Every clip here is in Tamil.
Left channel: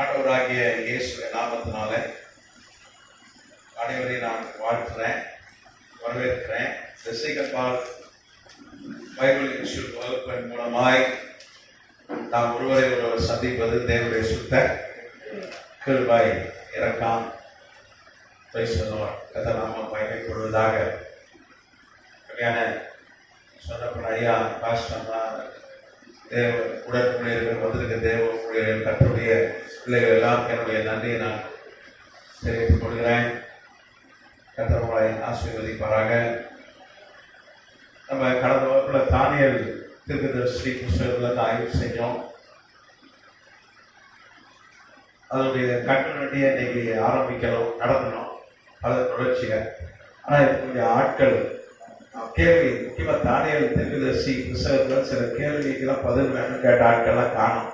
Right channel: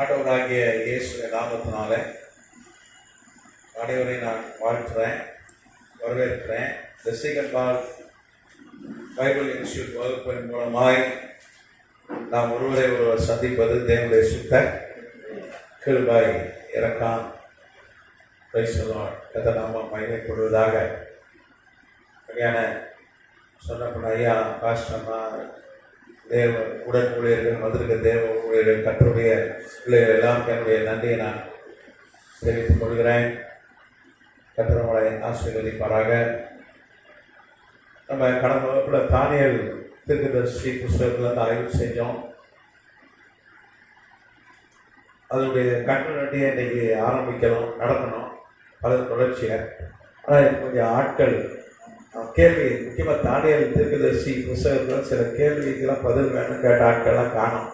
ஆண்டவராகிய இயேசுவின் நாமத்தினால அனைவரை நான் வாழ்த்துறேன், வரவேற்கிறேன். இந்த சீகன்பால் பைபிள் இன்ஸ்டியூட் வகுப்பின் மூலமாய் நாம் ஒருவரை ஒருவர் சந்திப்பது தேவனுடைய சுத்த கிருபை. இறக்காம் கதை நாமம் பயன்படுவதாக சொன்னப்பட ஐயா பாஸ்டர்மா தேவ உடன்குடியர்கள் வந்திருக்க தேவ ஊழியர்கள் கர்த்தருடைய பிள்ளைகள் எல்லாம் என்னுடைய நன்றியை நான் தெரிவித்துக் கொள்கிறேன். கர்த்தரை ஆசீர்வதிப்பாராக. நம்ம கடந்த வகுப்பில் தானியேல் தீர்க்கதரிசி புஸ்தகத்தில் ஆய்வு செஞ்சோம். அதனுடைய கட்டுநட்டியை இன்னைக்கு ஆரம்பிக்கணும், நடத்தணும், அதன் தொடர்ச்சியை. ஆனால் என்னுடைய ஆட்கள் கேள்வி, முக்கியமாக தானியேல் தீர்க்கதரிசி புஸ்தகத்தில் சில கேள்விக்கெல்லாம் பதில் வேணும் கேட்ட ஆட்கள்லாம் காணும்.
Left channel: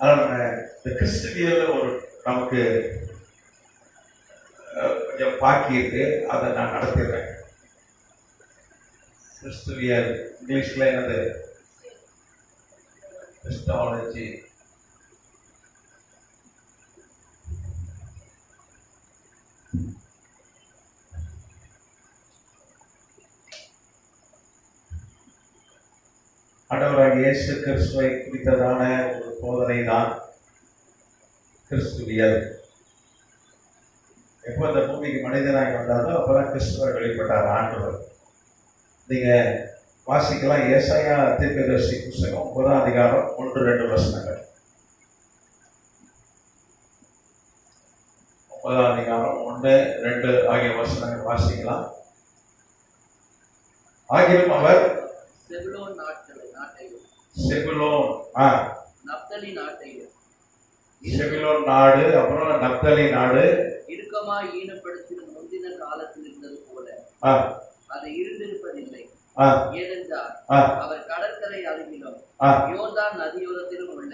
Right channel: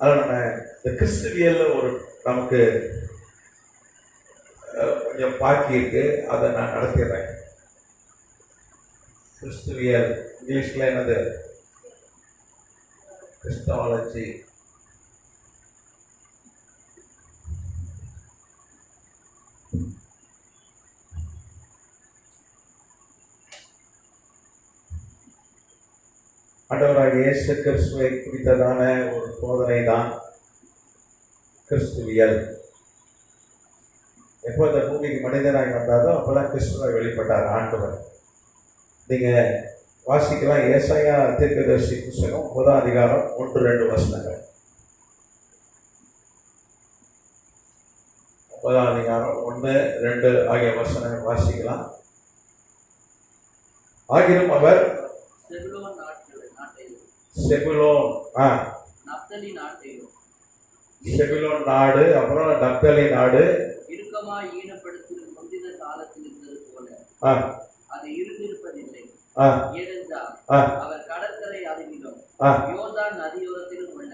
அதில் நம்ம இந்த கிறிஸ்துவியல் ஒரு நமக்கு கொஞ்சம் பாக்கி இருக்கு, அதை நான் நடத்திடுறேன். கிறிஸ்துவியல் இங்கிலீஷில் என்னது? கிறிஸ்டாலஜி. ஆண்டவராக இயேசு கிறிஸ்துவை குறித்ததான ஒரு போதனை தான் கிறிஸ்துவியல். எப்போ இந்த பூமிக்கு மனிதனாக வந்தாரோ அப்போதான் கிறிஸ்துவை வெளிப்பட்டார் ஆண்டவர். நீங்கள் வாசிக்கலாம், ஏசாயா தீர்க்கதரிசி புஸ்தகம் 9ஆம் அதிகாரம் 1-2 வசனங்கள். 9ஆம் அதிகாரம் 1-2 ஆகிய வசனங்கள் வாசிக்கலாம். ஆகிலும் அவர் செபுலோன் நாடு, அப்புறம் நப்தலி நாடு இறுக்கமாய் ஈனப்படுத்தின முந்தின காலத்தில் இருந்தது போல அது இருந்திருப்பதில்லை. ஏனென்றால் அவர் கடற்கரை அருகிலும் யோர்தான் நதியோரத்திலும் உள்ள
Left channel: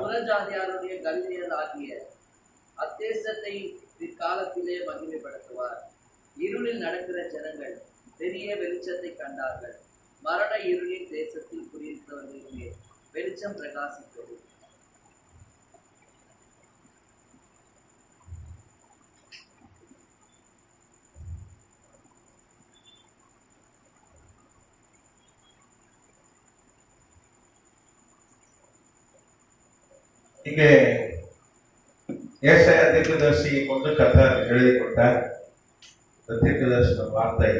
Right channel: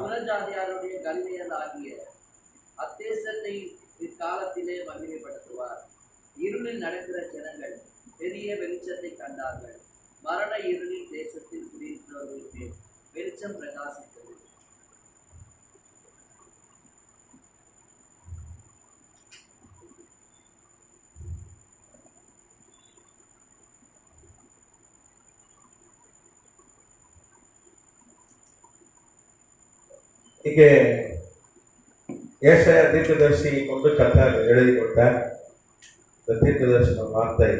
புறஜாதியாருடைய கலிலேயர் ஆகிய அத்தேசத்தை இக்காலத்திலே மகிமைப்படுத்துவார். இருளில் நடக்கிற ஜனங்கள் பெரிய வெளிச்சத்தை கண்டார்கள். மரண இருளின் தேசத்தில் குடியிருந்தவர்களுக்கு வெளிச்சம் பிரகாசித்தது. இங்கே ஏசாயா தீர்க்கதரிசியை கொண்டு கர்த்தர் எழுதி கொடுத்தார். இந்த தீர்க்கதரிசன வார்த்தை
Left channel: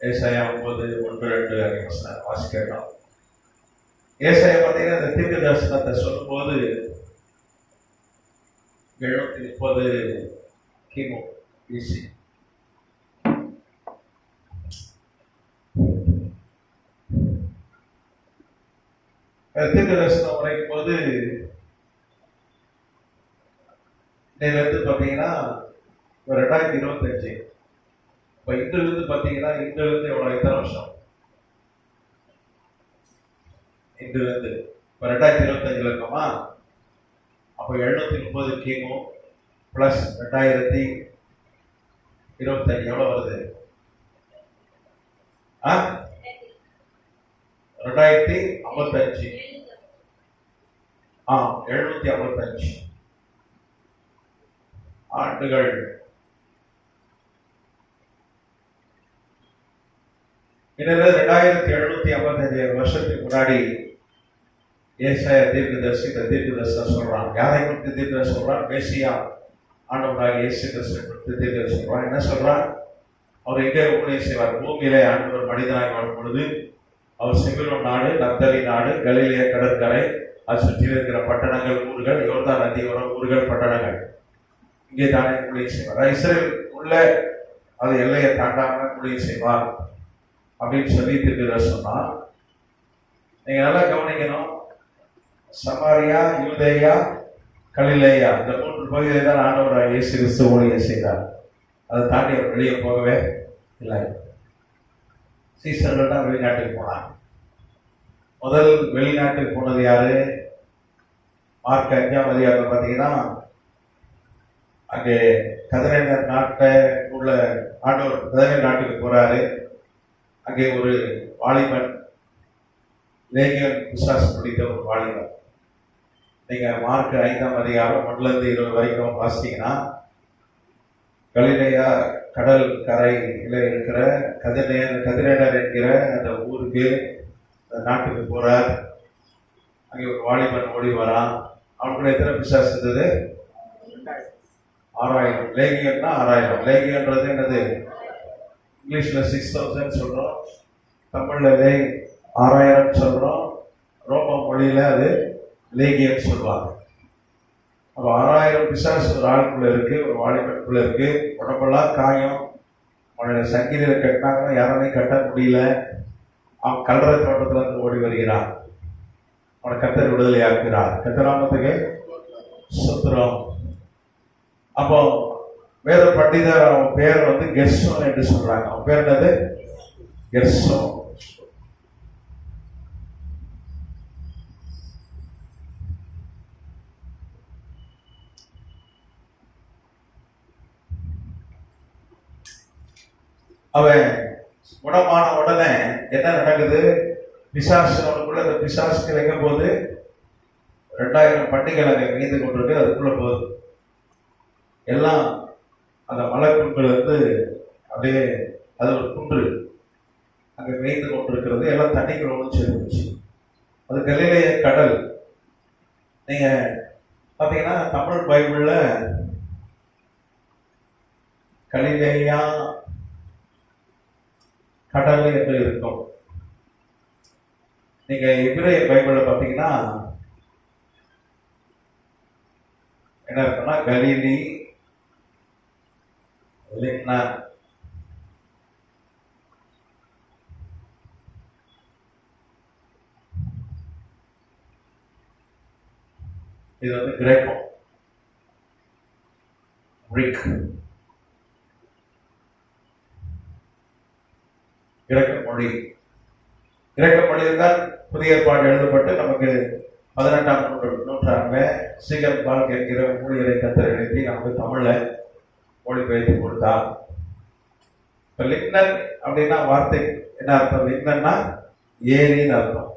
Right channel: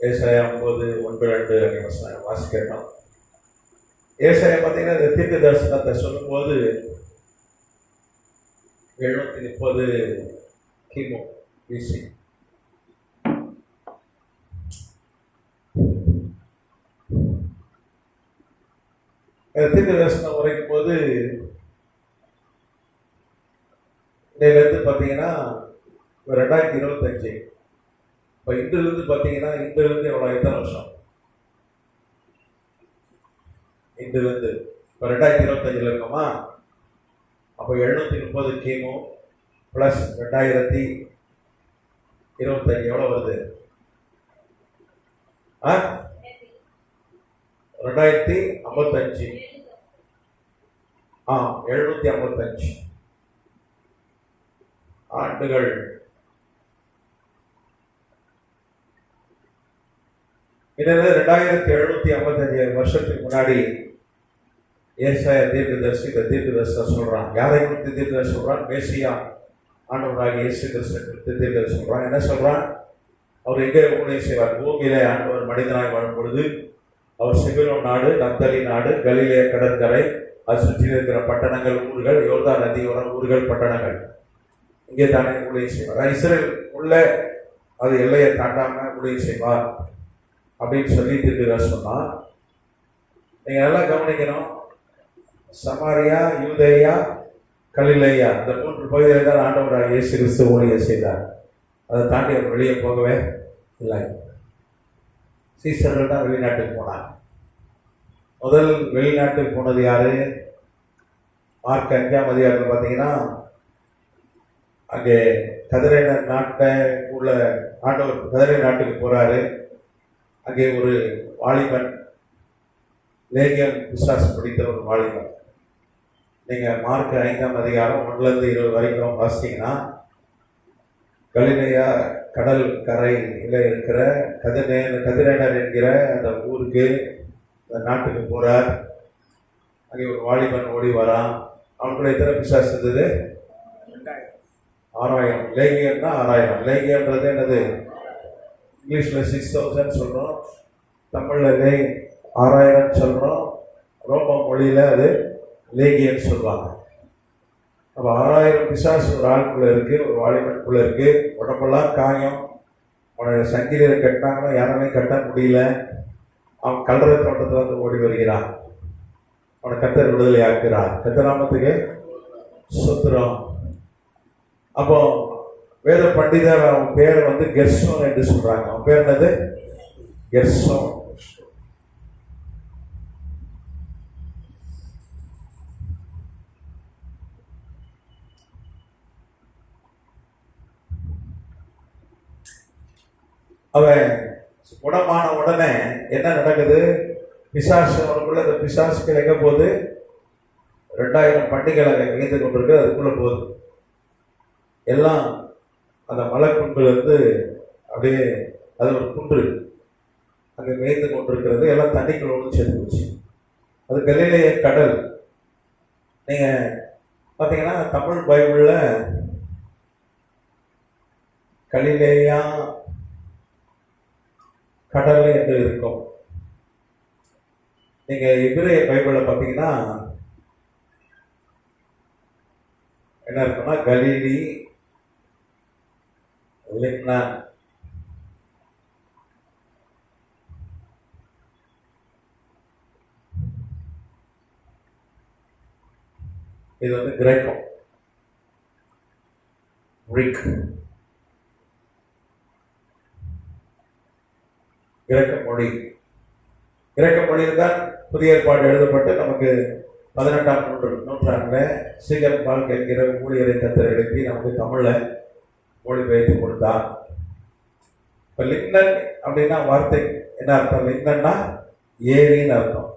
ஏசாயா 9:1-2 வாசிக்கணும். ஏசாயா பார்த்தீங்கன்னா இந்த தீர்க்க தரிசனத்தை சொல்லும்போது 730 கிமு பிசி. தீர்க்க தரிசனம் உரைக்கும் போது இதிலிருந்து பார்த்தீங்கன்னா 2025. இப்போ இந்திலிருந்து பார்த்தீங்கன்னா இந்திலிருந்து எத்தனை வருஷம்? இந்திலிருந்து இப்போ 2025 இருக்கோமா? அப்போ 730 கிமு ப்ளஸ் 2025 எவ்வளோ வருது? 2055. 755 ஆண்டுகள். இதனால 2755 வருஷத்துக்கு முன்னாடி ஏசாயா தீர்க்கதரிசி இந்த தீர்க்கதரிசனம் சொல்றான். யாரை குறித்து தீர்க்கதரிசனம் சொல்றான்? மேசியா ஆண்டவராக இயேசு கிறிஸ்துவை குறித்து தீர்க்கதரிசனம் சொல்றான். என்ன சொல்றான்? அவர் எங்கே ஊழியம் செய்வார்? பூமியிலே ஆண்டவர் மனிதனாக வரும் பொழுது அவர் செபுலோன் நாடு, நப்தலி நாடு, கலிலேய கடற்கரை, அது சுற்றில் இருக்கிற பட்டணங்கள், ஊர்கள், யோர்தான் நதியோர ஊர்கள், பட்டணங்கள், இங்கே தானே ஊழியம் செய்வார். இஸ்ரேல் உள்ள அது எல்லையை தாண்டாம ஊழியம் செய்வார் அப்படின்னு சொல்லி தீர்க்கதரிசனம் சொன்னா, நீங்க நல்லா கவனிக்கணும். சமாரியா, யூதேயா, கலிலேயா, இந்த 3 பகுதியில் தான் ஆண்டவராக இயேசு கிறிஸ்து ஊழியம் செய்தார். அதை தாண்டி அவர் வெளியே போகவே இல்லை. சீசர்கள் தான் வெளிநாட்டுக்கு போனார். முதல் வெளிநாட்டுக்கு போனது யாரு? மார்க் 5ஆம் அதிகாரம் பார்த்தீங்கன்னா அங்கே கதிரை நாட்டை உள்ள ஆண்டவர் கதிரை நாட்டுக்கு போறாரு. அங்கே ஒரு வாலிபன், லேகியன் பிசாசு பிடித்த ஒரு வாலிபன், நீங்க மார்க் 5ஆம் அதிகாரம் 1-20 வரைக்கும் வாசித்தீங்கன்னா, கலிலேயா கடல் கரையில இருக்கிற கதிரேனர் என்கிற அந்த ஊருக்கு, அந்த நாட்டுக்கு போறார். அங்கே ஒரு வாலிபன் ஓடி வரான். அவனுக்குள்ள எத்தனை பிசாசு இருந்தது? 6000. லேகியன்னா 6000. லேகியன்றது என்னது? இங்கிலீஷ்ல 6000 சொல்றோம், தமிழ்ல 6000 சொல்றோம், ரோம மொழியில அது லேகியன் சொல்லுவாங்க. அப்ப 6000 பிசாசு ஒரு ஆளுக்குள்ள இருக்கு, ஒரு வாலிபனுக்குள்ள இருக்கு. உடம்பெல்லாம் காயம். அவனை சங்கிலியில கட்டினாங்கன்னா யாராலையும் கட்ட முடியல. அவன் கல்லறை தோட்டத்துல இருந்து ஓடி வருகிறான். அவனை கத்தர் விடுதலை ஆக்குறார். கத்தராமத்துக்கு சுத்திரம். அப்போ வேத பண்டிதர் அவன் பேர் வந்து கெர்சோன் என்று சொல்றாங்க. அவன் பேர் என்னது? கெர்சோன். அவன் குணமான உடனே என்ன நடக்குது? பிசாசு அவனுக்குள்ள அந்த பிசாசு கிடைக்கும் போது 2000 பண்டிகைகள் அங்கே மீந்து கொண்டிருக்கு. அதுக்குள்ள போகுது எல்லாம். அந்த மலை குன்றுல இருந்து அப்படியே அது ஒரு குன்று அங்கே மேய்ந்து கொண்டிருக்கிறது. எல்லாம் தண்ணிக்குள்ள ஒன்று சேர்ந்துச்சு. அது கலிலேய கடல். நீங்க பார்த்தீங்கன்னா தமிழ் பைபிள்ல கலிலேயா கடல் என்று இருக்கும். நீங்க எபிரேய பைபிள பார்த்தீங்கன்னா என்ன இருக்குன்னா கலிலி, லிப்னா. இது வந்து கிரேக்கம், கிரீக், கிரேக்க மொழி. கிரேக்க மொழியில் தான் புதிய ஏற்பாடு எழுதப்பட்டு நமக்கு 18ஆம் நூற்றாண்டுல சீகர் பால் கேட்கிற ஊழியரை கத்தர் எழுப்பி நமக்கு தமிழ்ல மொழிபெயர்த்து கொடுத்தார். இப்ப லிப்னன் அப்படின்னா வார்த்தை என்ன அர்த்தம்? லிப்னன்னா ஏரின்னு அர்த்தம்.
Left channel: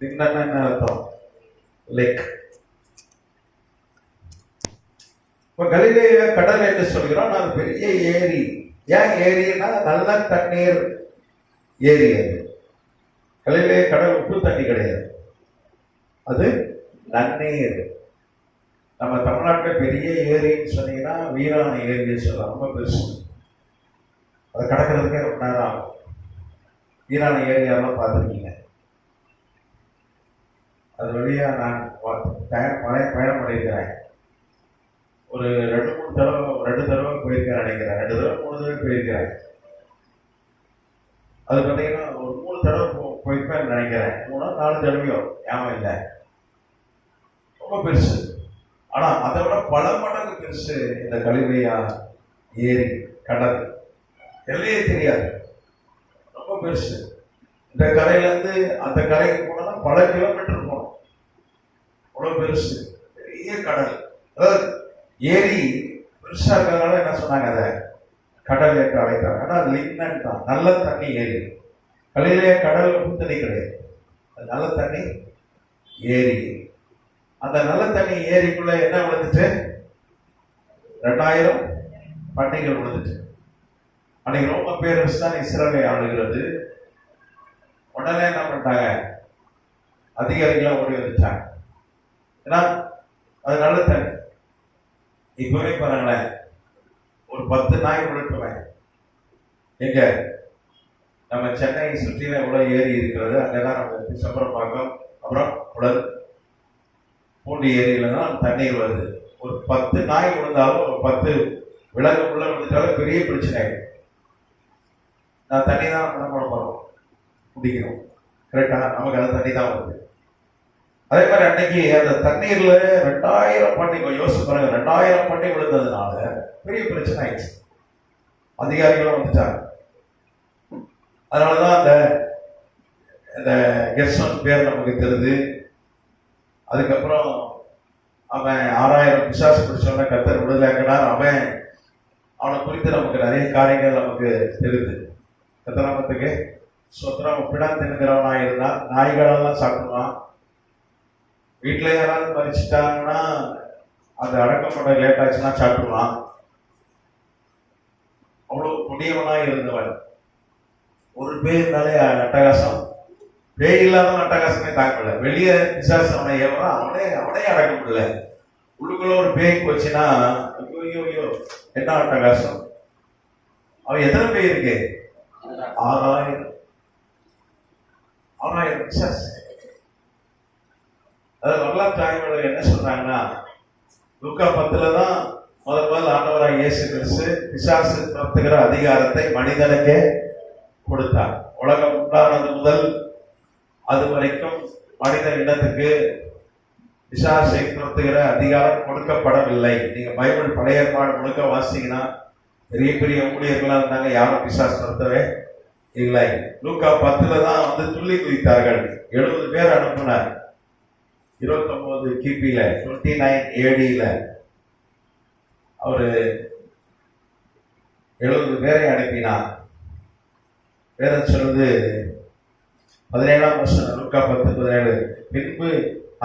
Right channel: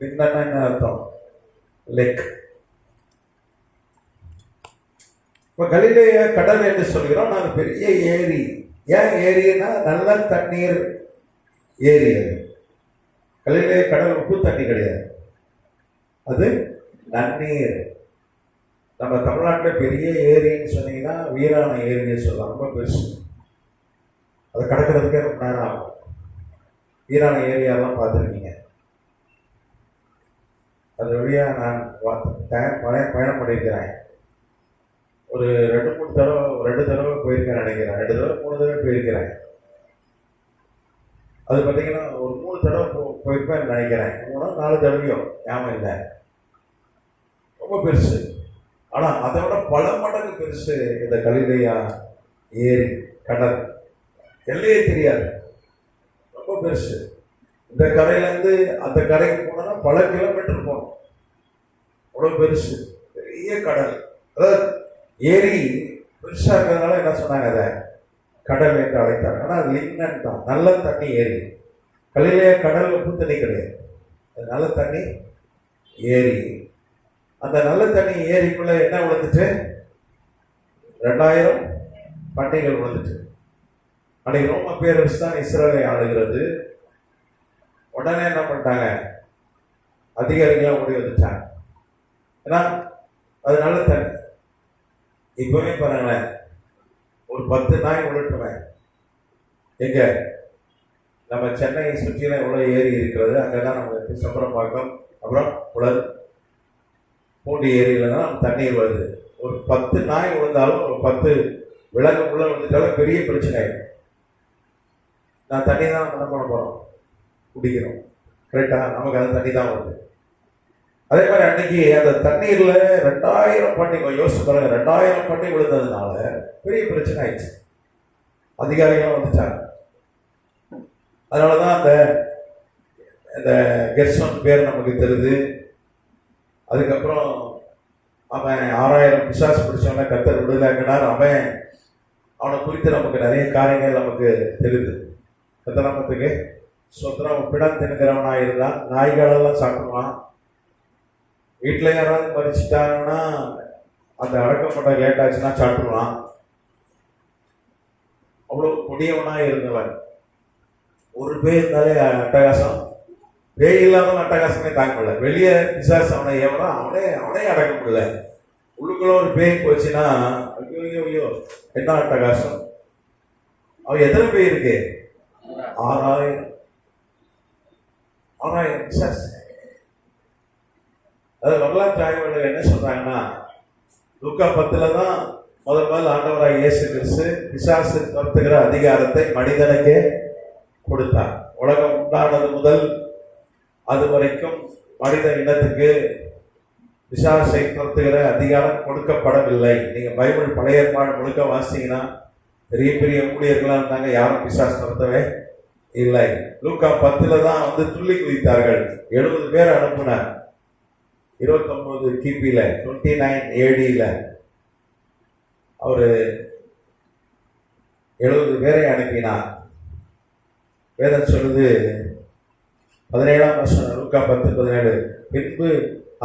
லிப்னன் என்ன அர்த்தம்? லேக். இப்ப கலிலேய கடல் என்று சொல்கிறோம். நான் பெரிய ஏரி. ஏன் ஏரின்னா நல்ல தண்ணீர் ஏரி. அது கலிலேய கடல் உப்பு தண்ணி கிடையாது, அது நன்னீர். நம்ம தமிழ்நாட்டில் பெரிய ஏரின்னு சொன்னீங்கன்னா வீராண ஏரின்னு சொல்லலாம். ரொம்ப பெருசு. அதை கடக்கிறதுக்கே ரொம்ப நேரம் ஆகும். வீராண ஏரியாவெல்லாம் பார்த்துருக்கீங்க. அது வழியா நான் பயணம் பண்ணியிருக்கிறேன். ஒரு 2-3 தடவை போயிருக்கிறேன் நினைக்கிறேன். 2 தடவை 3 தடவை போயிருக்கிறேன். அது பார்த்தீங்கன்னா ஒரு 3 தடவை போயிருப்பேன் நினைக்கிறேன். 3-4 தடவையோ ஞாபகம் இல்லை. ரொம்ப பெருசு. ஆனா அதை விட பல மடங்கு பெருசு இந்த கலிலேயா ஏரி கடல். எல்லையே தெரியாது, ரொம்ப பெருசு. இந்த கரையிலேருந்து அந்த கரைக்கு போனா பல கிலோமீட்டர் போகணும். அவ்வளவு பெருசு, பெரிய கடல். அதாவது ஏரி பெருசா இருக்கிறதுனால என்ன சொன்னாங்க, அதை கடல் என்று அழைத்தாங்க. ஆனால் அது லிப்னன் தான், நல்ல தண்ணி ஏரி. கலிலேய கடல் உப்பு தண்ணி கிடையாது, அது நல்ல தண்ணி ஏரி. அந்த நல்ல தண்ணி ஏரிக்குள்ள என்ன விழுந்துச்சு? 2000 பண்டிகைகள் விழுந்துச்சு. அன்னைக்கு ரோம பேரரசு தான் இஸ்ரேலை ஆளுகிறது. உடனே என்ன பண்ணிட்டாங்க? அதிகாரிகள் ஓடி வந்துட்டாங்க. ஏன்னா அது நல்ல தண்ணி. இப்பவே பாருங்களேன், ஒரு 10 நாய் விழுட்டுவேன். எங்க நம்ம சென்னை சுற்றின எவ்வளவு ஏரி இருக்கிறது, அங்கெல்லாம் நம்ம சம்பரம்பாக்கம், அப்புறம் புலர், பூண்டி ஏரியில தான் தண்ணீர் வருது. ஒரு 10 நாய் விழுந்தாலும், ஒரு 10 விலங்குக்குள்ள விழுந்தாலும் பெரிய பிரச்சனை. நான் தண்ணி தான் என்ன பண்ண போறோம்? குடிக்கிறோம். கரெக்டா? நமக்கு அது தண்ணி தான் வருது. அதே மாதிரி அன்னைக்கு அந்த தண்ணீர்ல 2000 பண்டிகை, யோசிச்சு பாருங்க, 2000 பண்டிகை விழுந்ததுனால பெரிய பிரச்சனை ஆயிடுச்சு. அதிகாரிகளும் வந்துட்டாங்க. அதனாலதான் அந்த கெர்சோன் பேர் நமக்கு தெரியுது. அதுக்கப்புறம் அவன் 6000 பிசாசு பிடிச்சவன கத்தர் விடுதலையாக்கினார். அவனை குறித்து நமக்கு நிறைய காரியங்கள் நமக்கு தெரியுது. கத்தராமத்துக்கு சொந்தம் பிடம் தின்கிறவனா இருந்தான், நாய்களெல்லாம் சாப்பிடுவான், வீட்டுல யாராவது மறிச்சிட்டாங்கன்னா அந்த அடக்கம் பண்ண லேட் ஆச்சுன்னா சாப்பிடலாம். அவ்வளவு கொடியவனா இருந்தவன். ஒரு பேருந்தாலே அட்டகாசம், பேய் இல்லாத அட்டகாசமே தாக்கல. வெளியே பிசாசு அவனை ஏவனா அவனே அடக்க முடியல. உள்ளுக்குள்ள ஒரு பேய் போச்சுன்னா ஐயோ என்ன அட்டகாசம். அவன் எத்தனை பேய் இருக்கு? 6000 பிசாசு. அதாவது வரலாற்று ஆய்வாளர்கள் என்ன சொல்றாங்கன்னா, லூக்கா 10 தான் முதல் ஆண்டவராக இயேசு கிறிஸ்து பிசாசு துரத்துகிற அதிகாரத்தை மனிதனுக்கே கொடுத்தார். உலகம் உண்டானது முதல் அது வரைக்கும் மனித இனத்துக்கு பிசாசை துரத்துகிற அதிகாரம் கொடுக்கப்படவில்லை. நீங்க பைபிள் பழைய ஏற்பாடு முழுக்க வாசிங்கன்னா பெரிய பெரிய ஊழியர்களா இருந்தாங்க, யாரும் பிசாசு துரத்தவே இல்லை. லூக்கா 10 தான் வந்து துள்ளி குதித்தார்கள். 70 பேர் அனுப்பினார். 29 கிபியில 29 AD அவரு 70 பேரை அனுப்பினார். வேதம் சொல்லுது 17ஆம் வருஷம் லூக்கா 10:17. பின்பு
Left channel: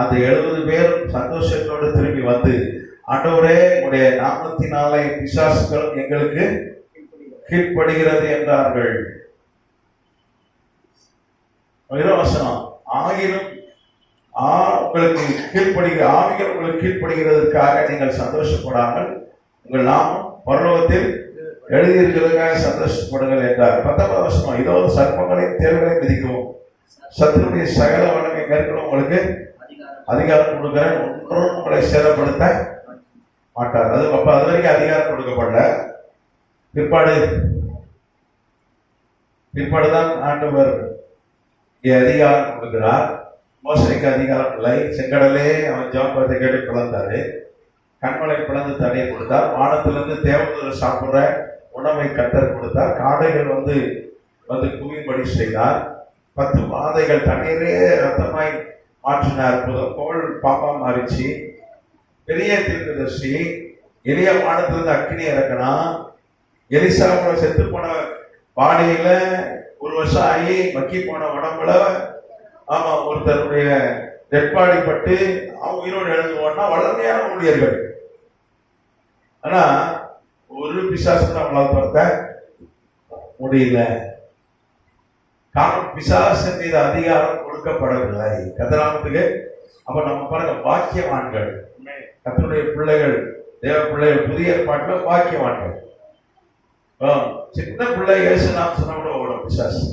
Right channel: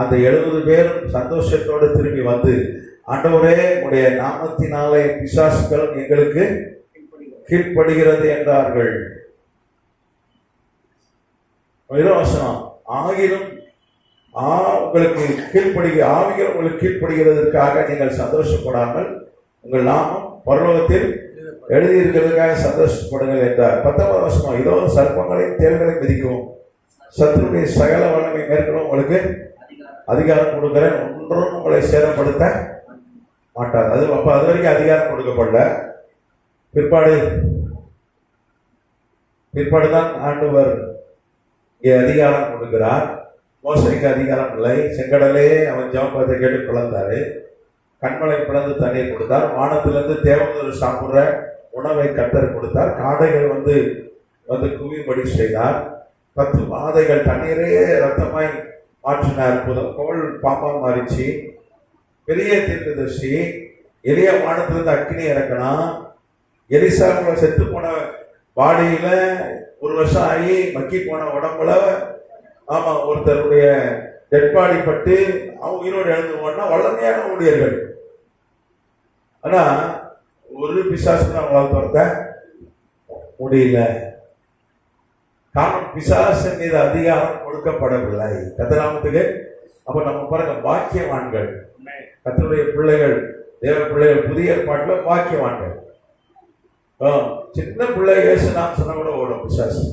அந்த 70 பேரும் சந்தோஷத்தோடு திரும்பி வந்து, ஆண்டவரே உடைய நாமத்தினாலே பிசாசுகளும் எங்களுக்கு கீழ்ப்படுகிறது என்றார்கள். வசனம் ஆகிலும் உங்களுக்கு ஆவிகள் உங்களுக்கு கீழ்ப்படுகிறதற்காக நீங்கள் சந்தோஷப்படாமல் உங்கள் நாமம் பரலோகத்தில் எழுதியிருக்கிறதுக்காக சந்தோஷப்படுங்கள் என்றார். 19ஆம் வசனம், இதோ சர்ப்பங்களையும் தேள்களையும் மிதிக்கவும் சத்துருடைய சகல வல்லமை மேற்கொள்ள உங்களுக்கு அதிகாரம் கொடுக்கிறேன், ஒன்றும் உங்களை சேதப்படுத்த மாட்டார். அது வரைக்கும் அதிகாரம் கொடுக்கப்படல. பிற்பாடுதான் ஆண்டவர் அதிகாரம் கொடுக்கிறார். மோசைக்கு அதிகாரம் இல்லை. செங்கடலே அவன் ஜெபத்தை கேட்டு பிளந்தாரு. கண்மலை பிளந்து தண்ணீர் கொடுத்தார். வானத்திலிருந்து தேவதூதர் சாப்பிடுற உணவை கத்தர் கொடுத்தார். காடைகள் வந்து குவியும்படி செய்தார். 10 மாதைகள் தண்ணீரே ரத்தமாய் மாற்றின அற்புதம். கோள் பாப்பா மாறிச்சு. பெரிய தீர்க்கதரிசி எளிய வானத்திலிருந்து அக்கினி இறக்கணும். எலிசாவோட செத்து போன பாடியில 1 வருஷம் ஆகி மக்கி போன உடம்புல ஒருத்தருடைய டெட்பாடி பட்டு அவன் உயிரோடு எழுந்து போனா வளர்மையான ஊழியர்கள். ஆனா ஒரு பிசாசு நம்மளால் துரத்த முடியல. காரணம் பிசாசு மீது அதிகாரம் கொடுக்கப்படவில்லை. கதிராமத்துக்கு அப்ப நம்ம பாருங்க, வாக்கியவான்கள், கர்த்தருடைய பிள்ளைகள், தேவ பிள்ளைகள், புதிய ஏற்பாட்டுல வாக்கியவான்கள். சின்ன பிள்ளை இயேசு நாம் சொன்ன கூட ஓடும் பிசாசு.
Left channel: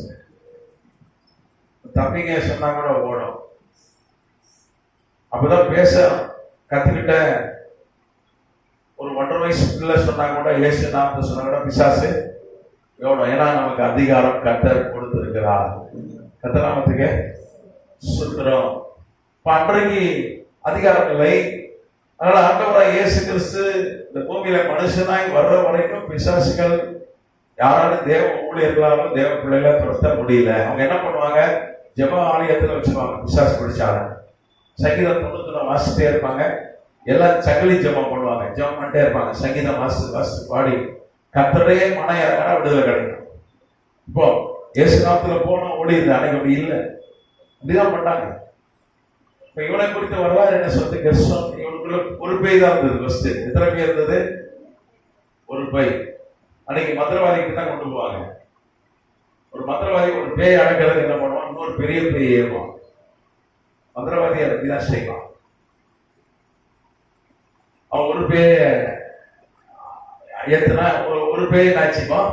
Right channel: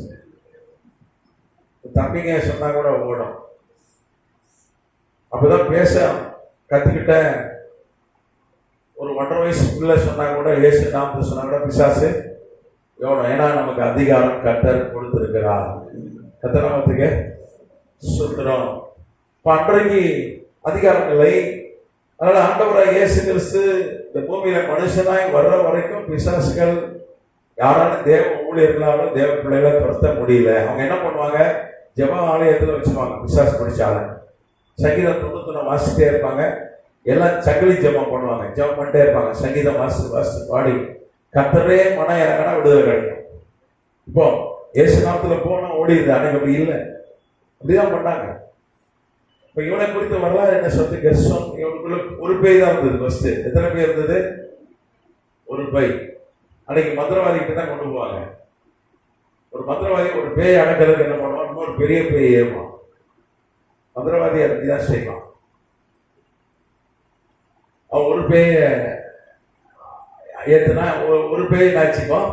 தம்பிங்க சொன்னா கூட ஓடும். அப்பதான் பேச கத்துக்கிட்ட ஒரு 1.5 வயசு பிள்ளை சொன்னா கூட இயேசு நாமத்தை சொன்னா கூட பிசாசு எவ்வளோ. ஏன்னா நமக்கு அதிகாரம் கர்த்தர் கொடுத்திருக்கிறார். கர்த்தராமத்துக்கு சுத்துறோம். அன்றைக்கு அதிகாரம் இல்லை. அதனால ஆண்டவராக இயேசு கிறிஸ்து இந்த பூமியில மனுஷனாய் வர்ற வரைக்கும் பிசாசுகள் யாராலும் தேவ ஊழியர்களாலும் தேவ பிள்ளைகளை துரத்த முடியல. அவங்க என்ன பண்ணுவாங்க, ஜெப ஆலயத்தில் வச்சுருவாங்க. பிசாசு பிடிச்சாலும் சங்கீதம் 91 வாசிட்டே இருப்பாங்க. எல்லாம் சகலி ஜெபம் பண்ணுவாங்க, ஜெபம் பண்ணிட்டே இருப்பாங்க. சங்கீதம் வாசித்து பாடி கர்த்தரே மன இறங்கினா விடுதலை கிடைக்கும். இப்போ இயேசு நாமத்துல போனோம் ஓடிடுது. அன்னைக்கு அப்படி இல்லை, அப்படிதான் பண்ணாங்க. இப்ப இவனை குறித்த வரலாறு என்ன சொல்றது? கெர்சோன் இவனுக்குள்ள ஒரு பேய் தான் இருந்தது. ஃபர்ஸ்ட் எத்தனை பேர் இருந்தது? ஒரு பேய். அன்னைக்கு மந்திரவாதி கிட்ட கொண்டு போவாங்க. ஒரு மந்திரவாதி ஒரு பேய் அடக்கிறதுக்கு என்ன பண்ணுவான், இன்னொரு பெரிய பேய் ஏறுவான். மந்திரவாதி அப்படிதான் செய்வான். அவன் ஒரு பேய ஏத்தனா ஒரு பேய் நாச்சிப்போம்,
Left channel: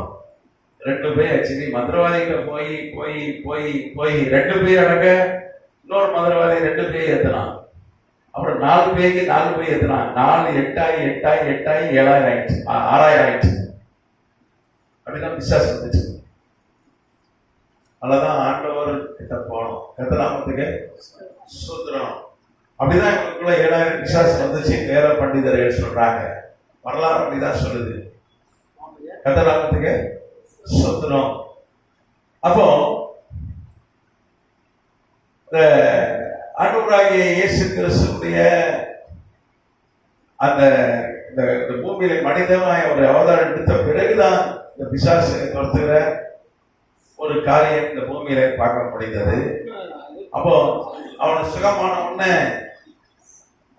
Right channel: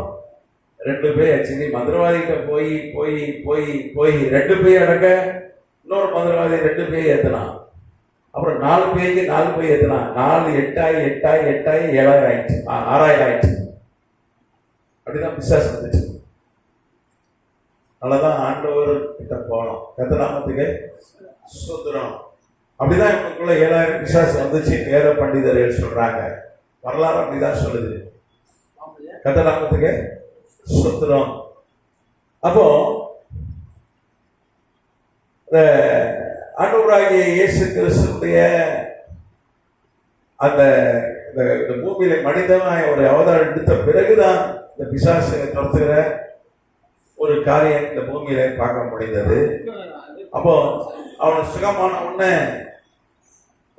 2 பேய் ஆச்சு. நீ மந்திரவாதிகிட்ட போய் போய் போய் போய் 2 பேய் அடக்க இன்னொரு மந்திரவாதி 2 பேய் ஏத்தலாம். அப்புறம் 4 பேய்க்கு 4 பேய் ஏத்தலாம். 4 8 7,000 ஆயிடுச்சு, 6,000 ஆயிடுச்சு. அப்படிதான் பிசாசு வந்துச்சு. அதனாலதான் ஆண்டவர் கிட்ட போனோம். கர்த்தராமத்துக்கு ஸ்தோத்திரம். அப்படிதான் இவங்களுக்குள்ள 7,000 பிசாசு வந்துச்சு. வேற பண்டிதர்கள் சொல்றாங்க, வரலாறு அப்படிதான் சொல்லுது. கர்த்தராமத்துக்கு ஸ்தோத்திரம். அப்போ இந்த ஆண்டவராகிய இயேசு கிறிஸ்துடைய அந்த இந்த பூமியில மனிதனாய் ஒரு அவதாரம் எடுத்த பிறகுதான் இந்த பிசாசை துரத்துகிற ஒரு காரியம் இந்த பூமியில பார்க்க முடிந்தது. அப்போ அவன் சுகமான உடனே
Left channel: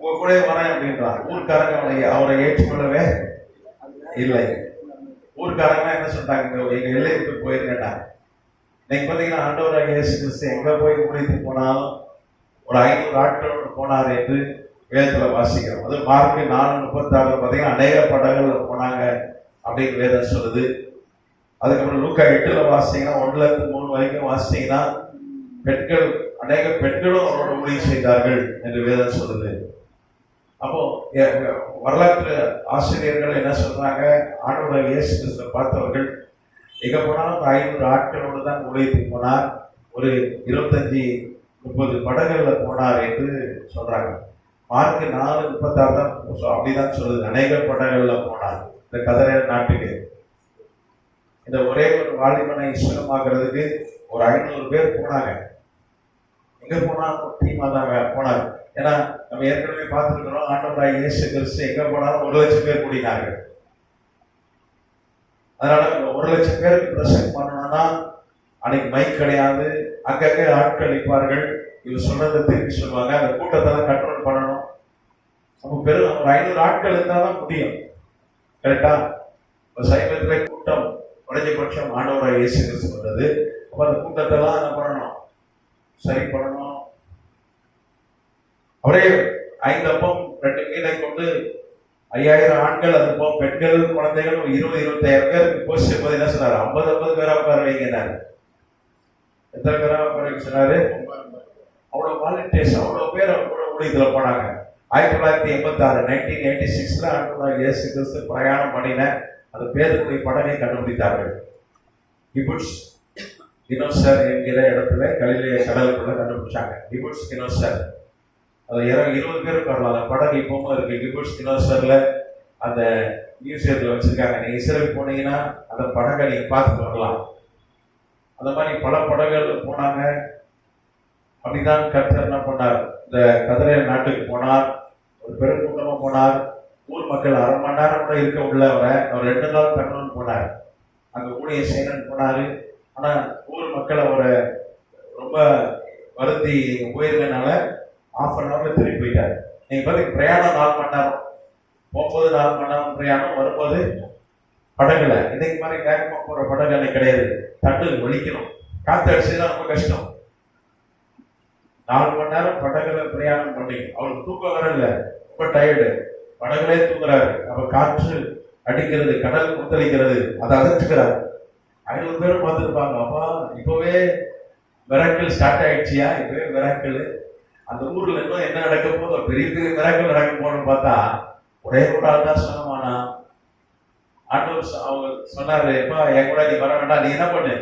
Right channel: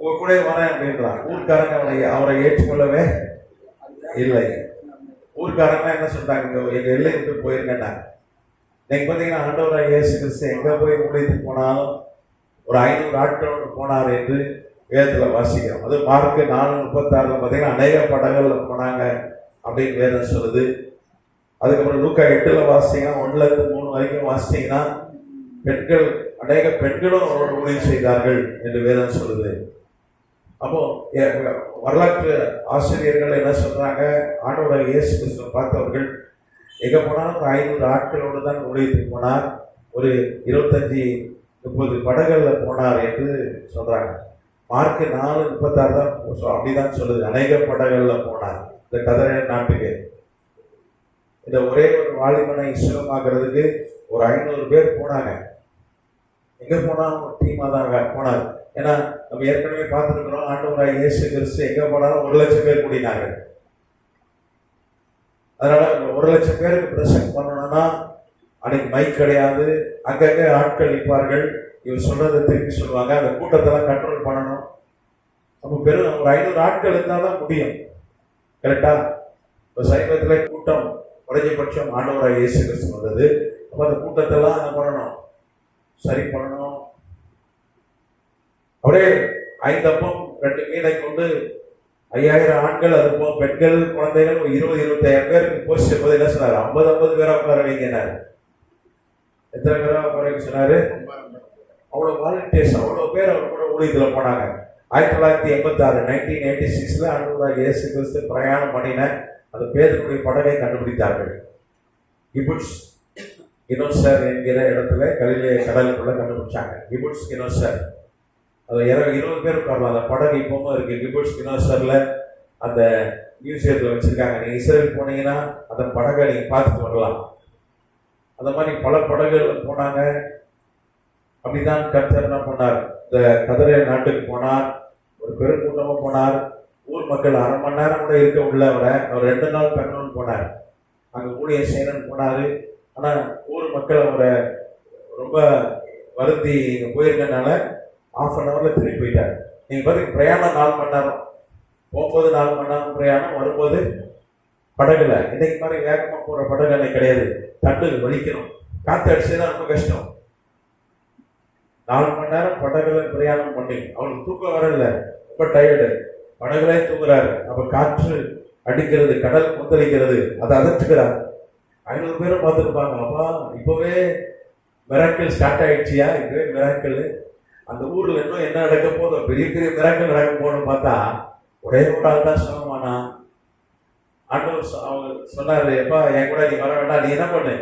உங்க கூட வரேன் அப்படின்றான். ஊர்க்காரங்க அவரை ஏற்றுக்கொள்ளவே இல்லை. ஊர்க்காரங்க என்ன சொல்றாங்க, எங்க எல்லை விட்டு போயிருங்கடா. நீங்க பாத்தீங்கன்னா ஆண்டவராக இயேசு கிறிஸ்து எங்க போய் முடித்து போனாலும் ஒரு 500 ஆட்களோடு போனார் என்று வேதத்துல வாசிக்கிறோம். அது மார்க்கு 4:36 பாத்தீங்கன்னா அநேக படங்கள்ல போனாங்க அப்படின்னு வேதம் சொல்லுது. அதுக்கப்புறம் லூக்கா 8 வாசிங்கன்னா 1-3 வரைக்கும் வாசிங்கன்னா பெண்கள் அநேக பெண்களும் அவரோட ஊழியம் செய்தார்கள் என்று வேதம் சொல்லுது. அப்போ வரலாற்று ஆசிரியர்கள் என்ன சொல்றாங்க, ஆண்டவராக இயேசு கிறிஸ்துவை பார்த்தவர்கள் எங்க போனாலும் 500 ஆட்களோடு தான் ஊழியத்துக்கு போனார், ஒரு 25-30 படகுல போனார் என்று சொல்றாங்க. மார்க் 4:36 தான் அப்படிதான் சொல்லுது, அநேக படகுல போனார் இந்த கதரை நாட்டுக்கு. இந்த ஒரே ஒரு வாலிபனை சுகமாக்குறதுக்கு ஒரு 500 பேர் போனாங்க. எங்க போனா டீமா தான் போனார். ஏன்னா நம்ம ஏற்கனவே பார்த்துருக்கிறோம், ஆண்டவராக இயேசு கிறிஸ்து எங்க போனாலும் 1,00,000 பேர் கூடினாங்க. அதனால 1,00,000 பேருக்கு பிரசங்கம் பண்ணணும்னா அன்னைக்கு மைக் கிடையாது, அங்கங்கே ஆட்கள் நிற்பார்கள், இவர் சொல்றதை திருப்பி சொல்லுவாங்க, அந்த கூட்டத்தெல்லாம் கண்ட்ரோல் பண்ணணும். நம்ம பெரும் ஒரு 500 ஆட்கள் இருந்தால் தான் முடியும். கரெக்டா? இப்போ சைவத்தில் கூட்டம் குறைஞ்சபட்சம் ஆண்டவராக இயேசு கிறிஸ்து வந்தது. அப்போ அந்த கூட்டத்தெல்லாம் என்ன பண்ணணும், சரி பண்ணணும். அப்படியே 5 அப்பம் 2 மீனை கொண்டு 5000 ஆண்கள் அனுப்போம், பெண்கள் குழந்தைகள் 20-25 பேருக்கு போய் சேர்ப்பது என்ன சொன்னார், 50 பேரா உட்கார வைக்கிறார். எத்தனை பேரா உட்கார வைக்க சொன்னாரு? அவ்வளோ வாலண்டியர்ஸ், அவ்வளோ பேர் அவ்வளோ ஊழியத்தில் போனாங்க. 1986 ஆண்டவராக இயேசு கிறிஸ்து பிரயாணம் பண்ணின அந்த பேருடைய படகை கண்டுபிடித்தார்கள். கிபுட்ஸ் கினோசர் என்கிற இடத்துல கலிலே கடலுக்குள்ள கண்டுபிடிச்சாங்க. கிபுட்ஸ் கினோசர், அதில் 20 பேர் உட்காரலாம். அந்த படகு இப்பவும் இருக்கு. கிபுட்ஸ் கினோசர்ல அந்த மியூசியத்தில் வச்சிருக்காங்க. நீங்க இஸ்ரேல் போனீங்கன்னா அந்த படகை நீங்க பார்த்துட்டு வரலாம். அந்த மாதிரி பல படகுகள் போனாங்க. அப்படிதான் கர்த்தர் என்ன பண்ணார், இந்த கதிரை நாட்டுக்கு போனார், ஒரு பெருங்கூட்டமா போனார். ஊர் மக்கள் 1/2 மணி நேரம் கூட இருக்க உள்ள அவர் 2 நாள் தங்கணும்னு போனார். அங்க ஊழியம் செய்யணும்னு போனாரு. ஆனா ஊர் மக்கள் அவரை ரொம்ப வருத்தி போயிருக்கனால 1/2 hour திரும்பி போயிட்டார். நீங்க பாத்தீங்க பிரயாணம் 4 மணி நேரம், போகும்போது 4 மணி நேரம் பிரயாணம், வரும்போது படகுல. இன்னைக்கு மாதிரி வேகமா போற படகு அன்னைக்கு கிடையாது. தட்டு வலிக்கணும், காத்து அடிச்சுதான் ரொம்ப கஷ்டம். 4 மணி நேரம் படகுல பிரயாணம் பண்ணி அவருக்கு தூக்கம் வர இல்லை, ரொம்ப டயர்டு, படகுலே தூங்குறாரு. அப்ப காற்று அடிக்கிறது, கடல் முத்தளிக்கிறது, அதை அதட்டுகிறார். 500 பேரும் பார்த்துருப்பாங்க. அப்பா இப்பவே மிராக்கிள் ஸ்டார்ட் ஆயிடுச்சியா, இப்பவே மிராக்கிள். அந்த ஊர்ல இன்னும் என்ன நடக்க போதும், பெரிய பெரிய மிராக்கிள் நடக்க போகணும்னு பார்த்தா ஒரே ஒரு ஆள் தான் சொன்னமானா. ஆண்டவர் அவங்க சொன்னாரு, எப்பா என் கூட நீ வர வேண்டாம், நீ என்ன பண்ணு,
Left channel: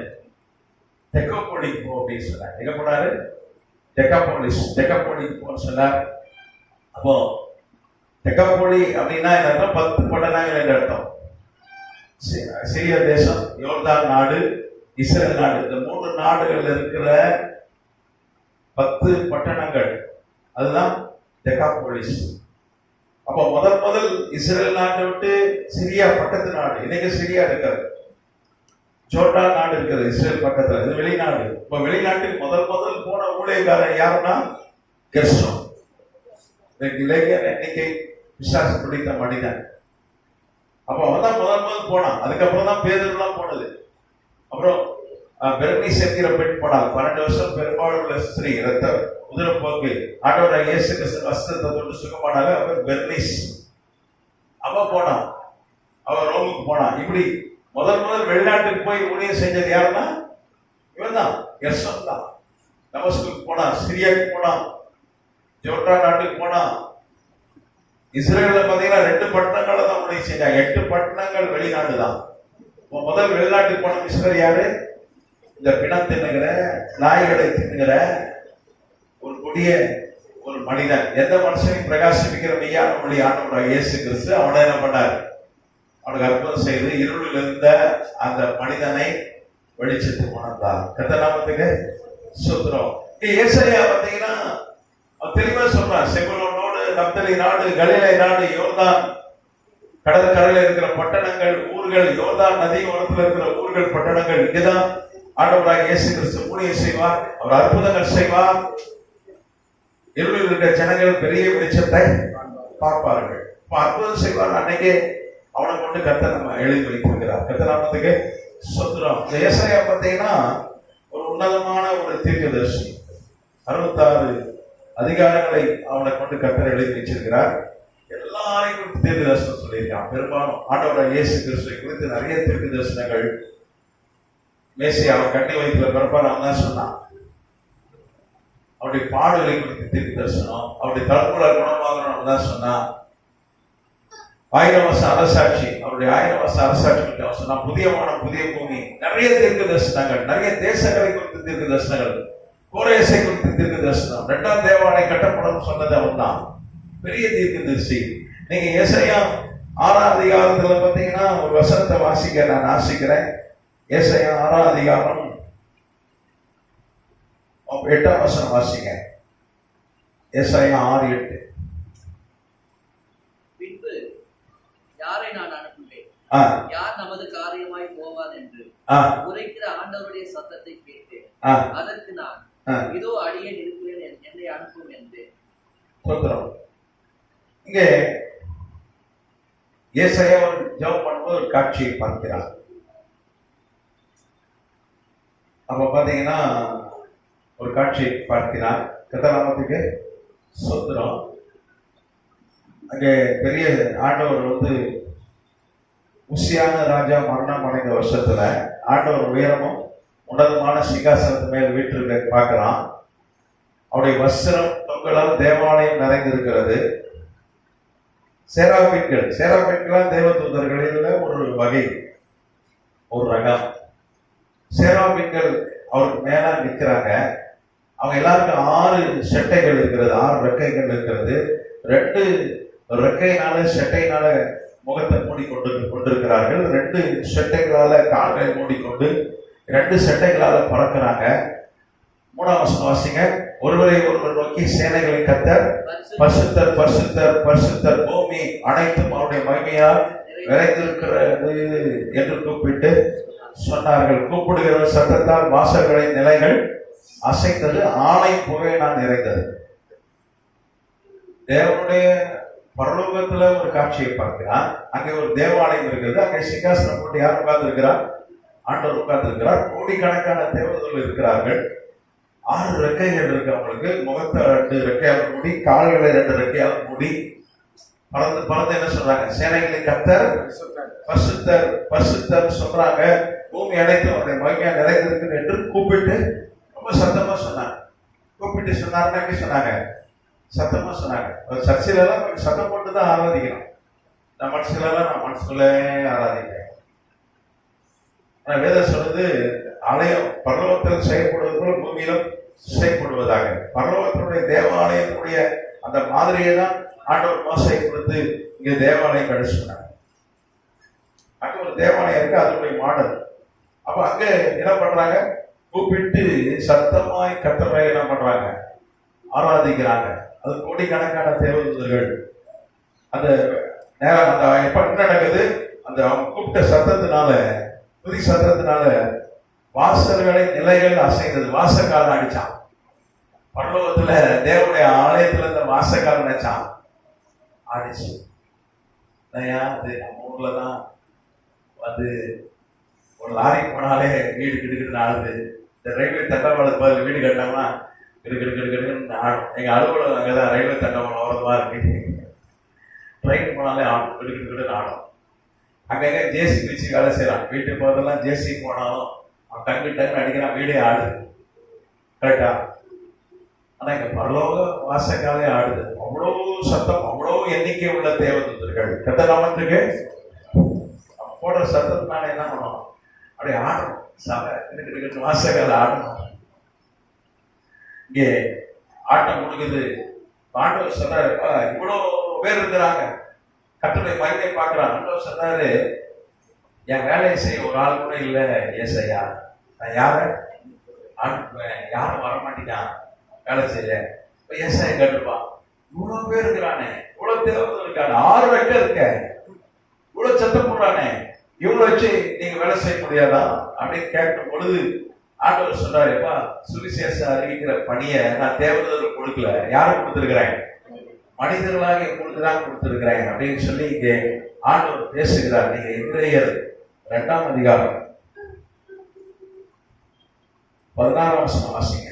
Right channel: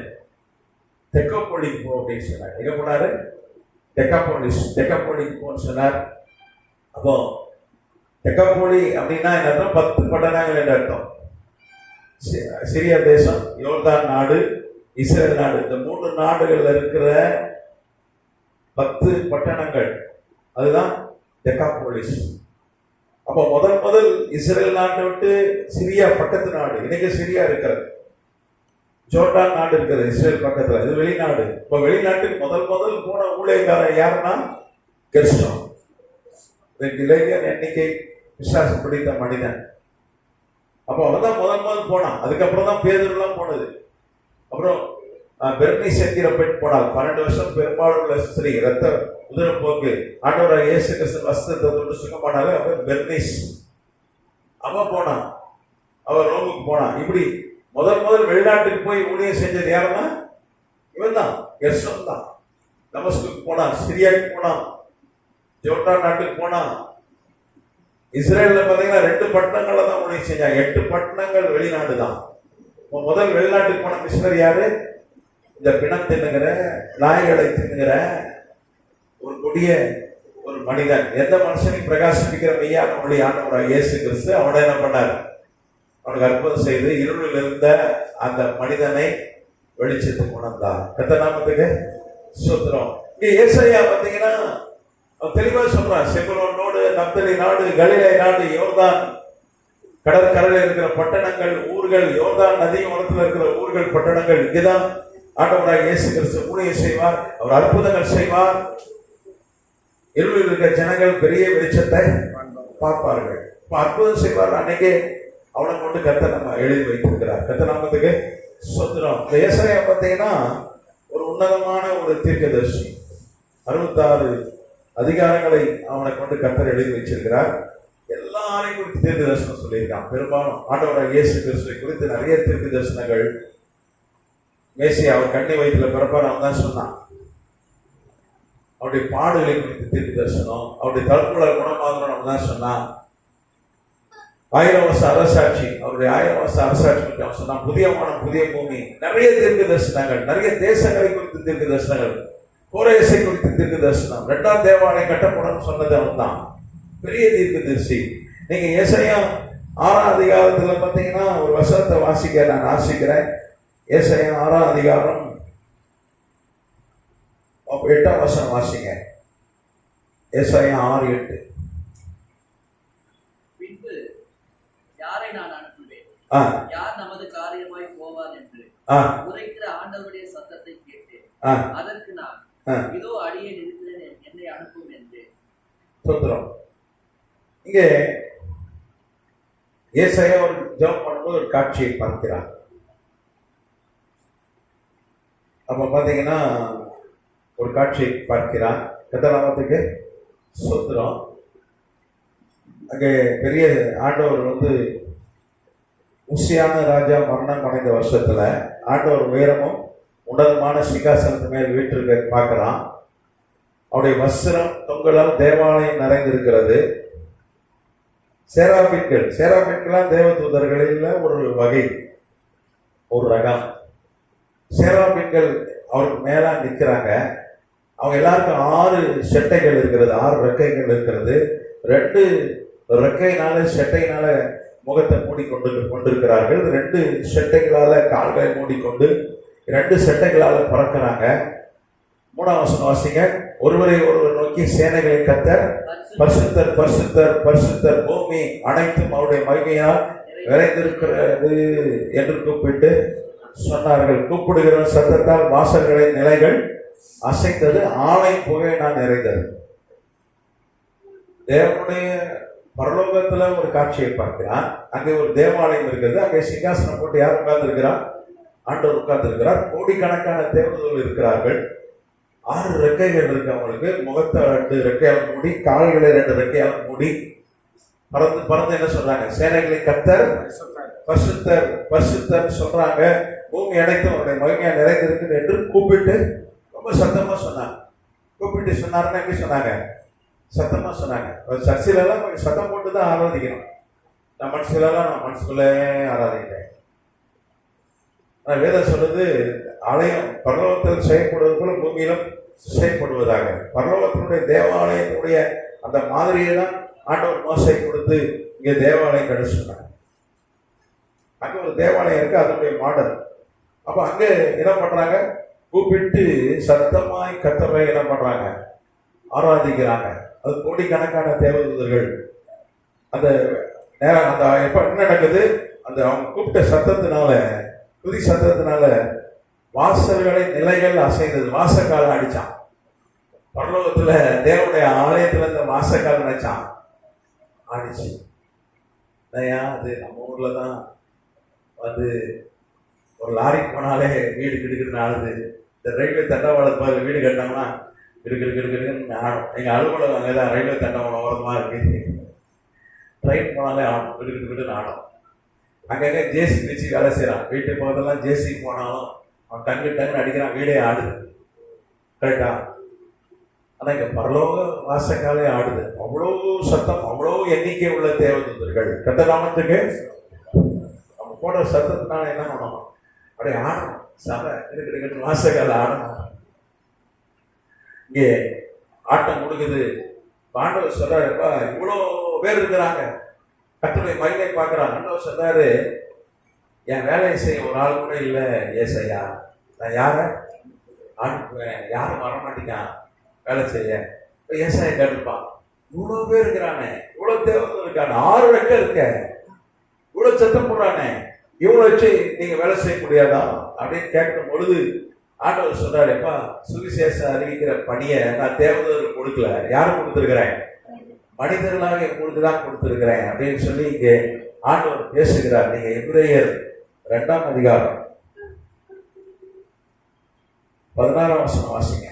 தெக்கப்போலிக்கு போ அப்படின்னு சொன்னார். எங்க போனாரு? தெக்கப்போலிக்கு போன்னு சொன்னார். அப்போ தெக்கப்போலி அப்படின்னா என்ன அர்த்தம்? 10 பட்டணங்கள் என்ற அர்த்தம். சிரியா தேசம், யோர்தான் நாடு, இஸ்ரேல் நாடு, இந்த 3 நாடுகள்ல இருக்கிற 10 பட்டணங்கள், அதுதான் டெக்காபோலிஸ். அப்போ முதல் இஸ்ரேல் நாட்டை விட்டு சிரியா பக்கத்து நாடு, இன்னைக்கு சிரியா இருக்கிறது, ஜோர்டான் நாடு இருக்குது இஸ்ரேல் பக்கத்துல, இது வெளிநாடு. இப்போ வெளிநாட்டுக்கு முதல் போன ஊழியக்காரன் யாருன்னா கெர்சோம். இளைஞர் எண்ணிக்கை விசுவாச பிடித்த மனிதன். அப்போ அவன் முதல் போனான். அதுக்கப்புறம் தான் பேதுருலாம் போனது. அப்புறம் பெர்னிஸ் என்கிற பெண் போனார். 12 வருஷம் பெரும்பாலுள்ள ஸ்திரீ, ரத்த உதிரப்போக்கு, ஆண்டவராக இயேசு கிறிஸ்து வஸ்திரத்தை தொட்டு சுகமானாங்க. அவர் பெர்னிஸ், அவன் போனான். அவர் ரோமுக்கு போனான். இப்படி முதல் வெளிநாட்டுக்கு போய் ஊழியம் செஞ்சது யாருன்னா இவன் தான், கெர்சோம் தான். தமஸ்குக்கு போனான், சிரியாவுக்கு போனான், ஜோர்டான் நாட்டுக்கு போனான். இஸ்ரேல்ல பாத்தீங்கன்னா 2 பட்டணங்களை தான் ஊழியம் செஞ்சாங்க. 8 பட்டணங்கள் வெளிநாடு தான். முதல் வெளிநாட்டுக்கு போன மிஷனரி யாரு? இந்த பிணம் தின்னுகிற, நாய்களை தின்னுகிற ஒரு கொடிய ஒரு மனிதன். எந்த மனுஷனையும் பிரகாசிப்பிக்கிற மெய்யா நம்முடைய ஆண்டவராக இயேசு கிறிஸ்து அவனை என்ன பண்ணார்? அவனுக்கு அற்புதம் செய்து இருளில் இருந்த அந்த மனிதனை வெளிச்சத்துக்கு கொண்டார். கர்த்தர் நாமத்துக்கு ஸ்தோத்திரம். இங்க ஏசாயா பாத்தீங்கன்னா தெளிவா சொல்றான், செபுலோனோடு நப்தலி நாடு, கலிலே நாடு, யோர்தான் கடற்கரையில் இருக்கிற பட்டணங்கள், ஊர்கள், யோர்தான் நதி ஓரத்தில் இருக்கிற ஊர்கள், பட்டணங்கள், இங்கதான் ஆண்டவராக இயேசு கிறிஸ்து ஊழியம் செய்வார். அவர் அற்புதங்கள் செய்வார். இருளில் இருக்கிற ஜனங்கள் பெரிய வெளிச்சத்தை பார்ப்பார்கள். அற்புதம் செய்வார். அன்னைக்கே அவனை கொண்டு கர்த்தர் நம்ம எழுதி வைத்திருக்கிறார். கர்த்தர் நாமத்துக்கு ஸ்தோத்திரம். ஏசாயா பார்த்தீங்கன்னா ஒரு உன்னதமான ஒரு தீர்க்கதரிசி. 66 அதிகாரங்களை அவனை கொண்டு கர்த்தர் எழுதி வச்சிருக்கிறார். எல்லாரையும் குறித்து தீர்க்க தரிசனம் சொல்லியிருக்கான். பெரும்பாலும் ஆண்டவராகிய இயேசு கிறிஸ்துவை குறித்து நிறைய தீர்க்க தரிசனங்கள். மேசியா அவன் கண்ணி வயிற்றுல பிறப்பார், அவன் தான் சொன்னான். அவருடைய பாடுகளை குறித்து தீர்க்க தரிசனம், அவருடைய தற்கொலை குணமாகணும் தான் சொன்னான். 1000 வருஷ அரசாட்சி, அவருடைய 1000 வருஷ அரசாட்சி பற்றி அவன் சொன்னான். புதிய வானம் புதிய பூமி, நிறைய தீர்க்க தரிசனங்கள், நிறைய தேசங்களை குறித்து தீர்க்க தரிசனங்கள், கோரேசை குறித்து தீர்க்க தரிசனம், 2ஆம் தேவாலயம் கட்டப்படும் சொன்னது அவன் தான். பெரிய தீர்க்க தரிசி. நீங்க ஏசாயா 6ஆம் அதிகாரத்துல பார்த்தீங்கன்னா ஒரு வசனத்தை வாசிக்க நான் ஆசிக்கிறேன். ஏசாயா 6ஆம் அதிகாரம் 8ஆம் வசனம் வாசிங்க. ஏசாயா 6:8. பின்பு யாரை நான் அனுப்புவேன், யார் நமது காரியமாய் போவார் என்று உரைக்கிற ஆண்டவருடைய சத்தத்தை கேட்டேன். அதற்கு நான் இதோ அடியேன் இருக்கிறேன், என்னை அனுப்பும் என்றேன். ஸ்தோத்திரம். இங்கே ஏசாயா ஜெபம் பண்ணும்போது ஒரு காட்சியை பார்க்கிறார். அப்ப பாத்தீங்கன்னா ஒரு காட்சியை பார்க்கிறார். கதாநாமத்துக்கு ஸ்தோத்திரம். அங்கே பெரிய ஆண்டவர் உசியான ராஜா மரணம் அடைந்த வருஷத்துல ஆண்டவர் உயரமும் உன்னதமான சிங்காசனத்து மேல் வீட்டிற்கு பார்க்கலாம். அவருடைய வஸ்திரம் தொங்கலால் தேவாலயம் நிறைந்திருக்கிறது. சேராபீன்கள் தேவதூதர்களில் ஒரு வகை, ஒரு ரகம். சேராபீன்கள் அவருக்கு மேல நிற்கிறாங்க. அவங்க எல்லாருக்கும் 6 செட்டைகள் இருக்கிறது, 6 ரெக்கைகள் இருக்கிறது. 2 ரெக்கையினால செட்டையினால முகத்தை மூடிக்கொண்டிருக்கிறார்கள். 2 செட்டைகளால கால்களை மூடிக்கொண்டு 2 செட்டைகளால பறக்கிறாங்க. 3ஆம் வசனம் வாசிங்க. ஒருவரை ஒருவர் நோக்கி சேனைகளை கர்த்தர் பரிசுத்தர் பரிசுத்தர் பரிசுத்தர், பூமி அனைத்தும் அவருடைய மகிமையால் விளைந்திருக்கிறது என்று கூப்பிட்டு சொன்னார்கள். கூப்பிடுகிற சத்தத்தால் வாசல்களின் நிலைகள் அசைத்தது, ஆணை புகையினால் நிறைந்தது. தேவனுடைய பரலோகத்துல ஒரு காட்சியை பார்க்கிறார். அங்கே ஒரு தேவாலயம் இருக்கிறது. அங்கே சிங்காசனம் போட்டு யார் உட்கார்ந்து இருக்கிறார்? ஆண்டவர் உட்கார்ந்து இருக்கிறார். கோடிக்கணக்கான தேவதூதர்கள் இருக்கிறார்கள். 6 ரெக்கைகள் இருக்கு அவங்களுக்கு. முகத்தை 2 ரெக்கையால் மூடி, கால்களை 2 ரெக்கையால் மூடி பறந்து என்ன சொல்றாங்க? சேனைகளை கர்த்தர் பரிசுத்தர் பரிசுத்தர் சொல்றாங்க. பூமி அனைத்தும் அவருடைய மகிமையா நிறைந்திருக்கு என்று கூப்பிட்டு ரொம்ப சத்தமா சொன்னாங்க. கூப்பிட்டு சொன்னாருன்னா எப்படி சொன்னாங்க? சத்தமா சொன்னாங்க. சர்ச்சையில எல்லாம் சத்தம் போட்டு தான் ஆராதிக்கணும். நான் மனசுக்குள்ளே ஆராதிக்கிறேன். வேதம் சொல்றது ஆலயம் பரலோகத்தில் செயல்படுவது போல பூமியிலும் செயல்படுவதாக. பரலோகத்தினுடைய தேவாலயத்தினுடைய அந்த மாதிரியை தான் ஆண்டவர் மோசை கொடுத்து இங்க தேவாலயம் கிடை சொன்னாங்க. அங்க ஒரு தேவாலயம் இருக்கு, அதனுடைய மாடல். அப்ப அங்க என்ன பண்றாங்க? கூப்பிட்டு சத்தமாய் கர்த்தரை என்ன பண்றாங்க? ஆராதிக்கிறாங்க. அது கோடிக்கணக்கான தேவதூதர்கள். அந்த எப்ப என்ன நடக்குது? அந்த அவங்க கூப்பிட்ட சத்தத்தினால, துதி சத்தத்தினால வாசல்களின் நிலைகள் அசைந்தது. வாசக்காரன் அடிச்சான். பரலோகத்துல தேவனுடைய ஆலயத்துல இருந்த வாசக்காரன் அடிச்சான், ஆடிச்சு. அது நம்ம ஊர்ல தான் ஒரு லாரி போனாலே வீடு கிடுக்கிட்டு ஆடுது. இந்த ரயில்வே தண்டவாளத்து பதில் வீடு கட்டினோம்னா கிடுக்கிடுன்னு ஆடும். எங்க அலுவலகம் அங்கேதான் ரயில்வே தண்டவாளம் ஓரமா இருக்கு. ட்ரெயின் போனாலே ஆடும், கிடுக்கிட்டு ஆடும். அங்கங்க ஜேசி வச்சு வேலை செய்யறான். வீட்டுக்கு போதெல்லாம் ஜேசி போனாலும் அவன் டங்கு அடிக்கிறான், வீடே ஆடுது. கரெக்டா? ஆனா இங்க பரலோக வாசக்காலே ஆடுது. அவ்வளவு சத்தம், அவ்வளவு எண்ணிக்கை உள்ள தேவதூதர்கள். கட்டநாமத்துக்கு அவங்க போடுற சத்தத்தினால என்ன பண்ணணும்? அப்படியே ஆடணும். சபை இருக்கிற வாசக்கால ஆடணும். இங்கே ஆட்டம் முடிக்குது. ஆண்டவர் சொல்றாரு, இவ்வளவு பேர் இருக்கிறாங்க, கர்த்தருடைய மகிமை பார்க்கிறாங்க. ஆண்டவர் சொல்றாரு, என் வேலையை செய்ய ஒரு ஆள் கூட இல்லை ஏசையா, நான் யாரை அனுப்புவேன்? யாரும் வரமாட்டேங்கான் வேலை செய்ய. இப்ப ஏசாயா கேட்டுப்பான், இவ்வளவு பேர் இருக்கிறானே, இவ்வளவு தேவதூதர்கள் இருக்காங்க, 6 ரெக்கை இருக்க, இவ்வளவு சத்தம் போடுறானே, இவ்வளவு வச்சு நீங்க வேலை செய்ய முடியாதா அப்படின்னு கேட்கும் பொழுது ஆண்டவர் சொன்னாருப்பா, சுவிசேஷம் அறிவிக்கிற பணியை நான் தேவதூதருக்கு கொடுக்கல, யாரும் கொடுத்திருக்கிறேன், மனிதர்களாக உங்களுக்கு தான் கொடுத்திருக்கிறேன் அப்படின்னு சொல்லி இங்கே ஆண்டவர் பேசுகிறார். நீங்க எபிரேயர் 2ஆம் அதிகாரம் 16ஆம் வசனம் வாசிங்க.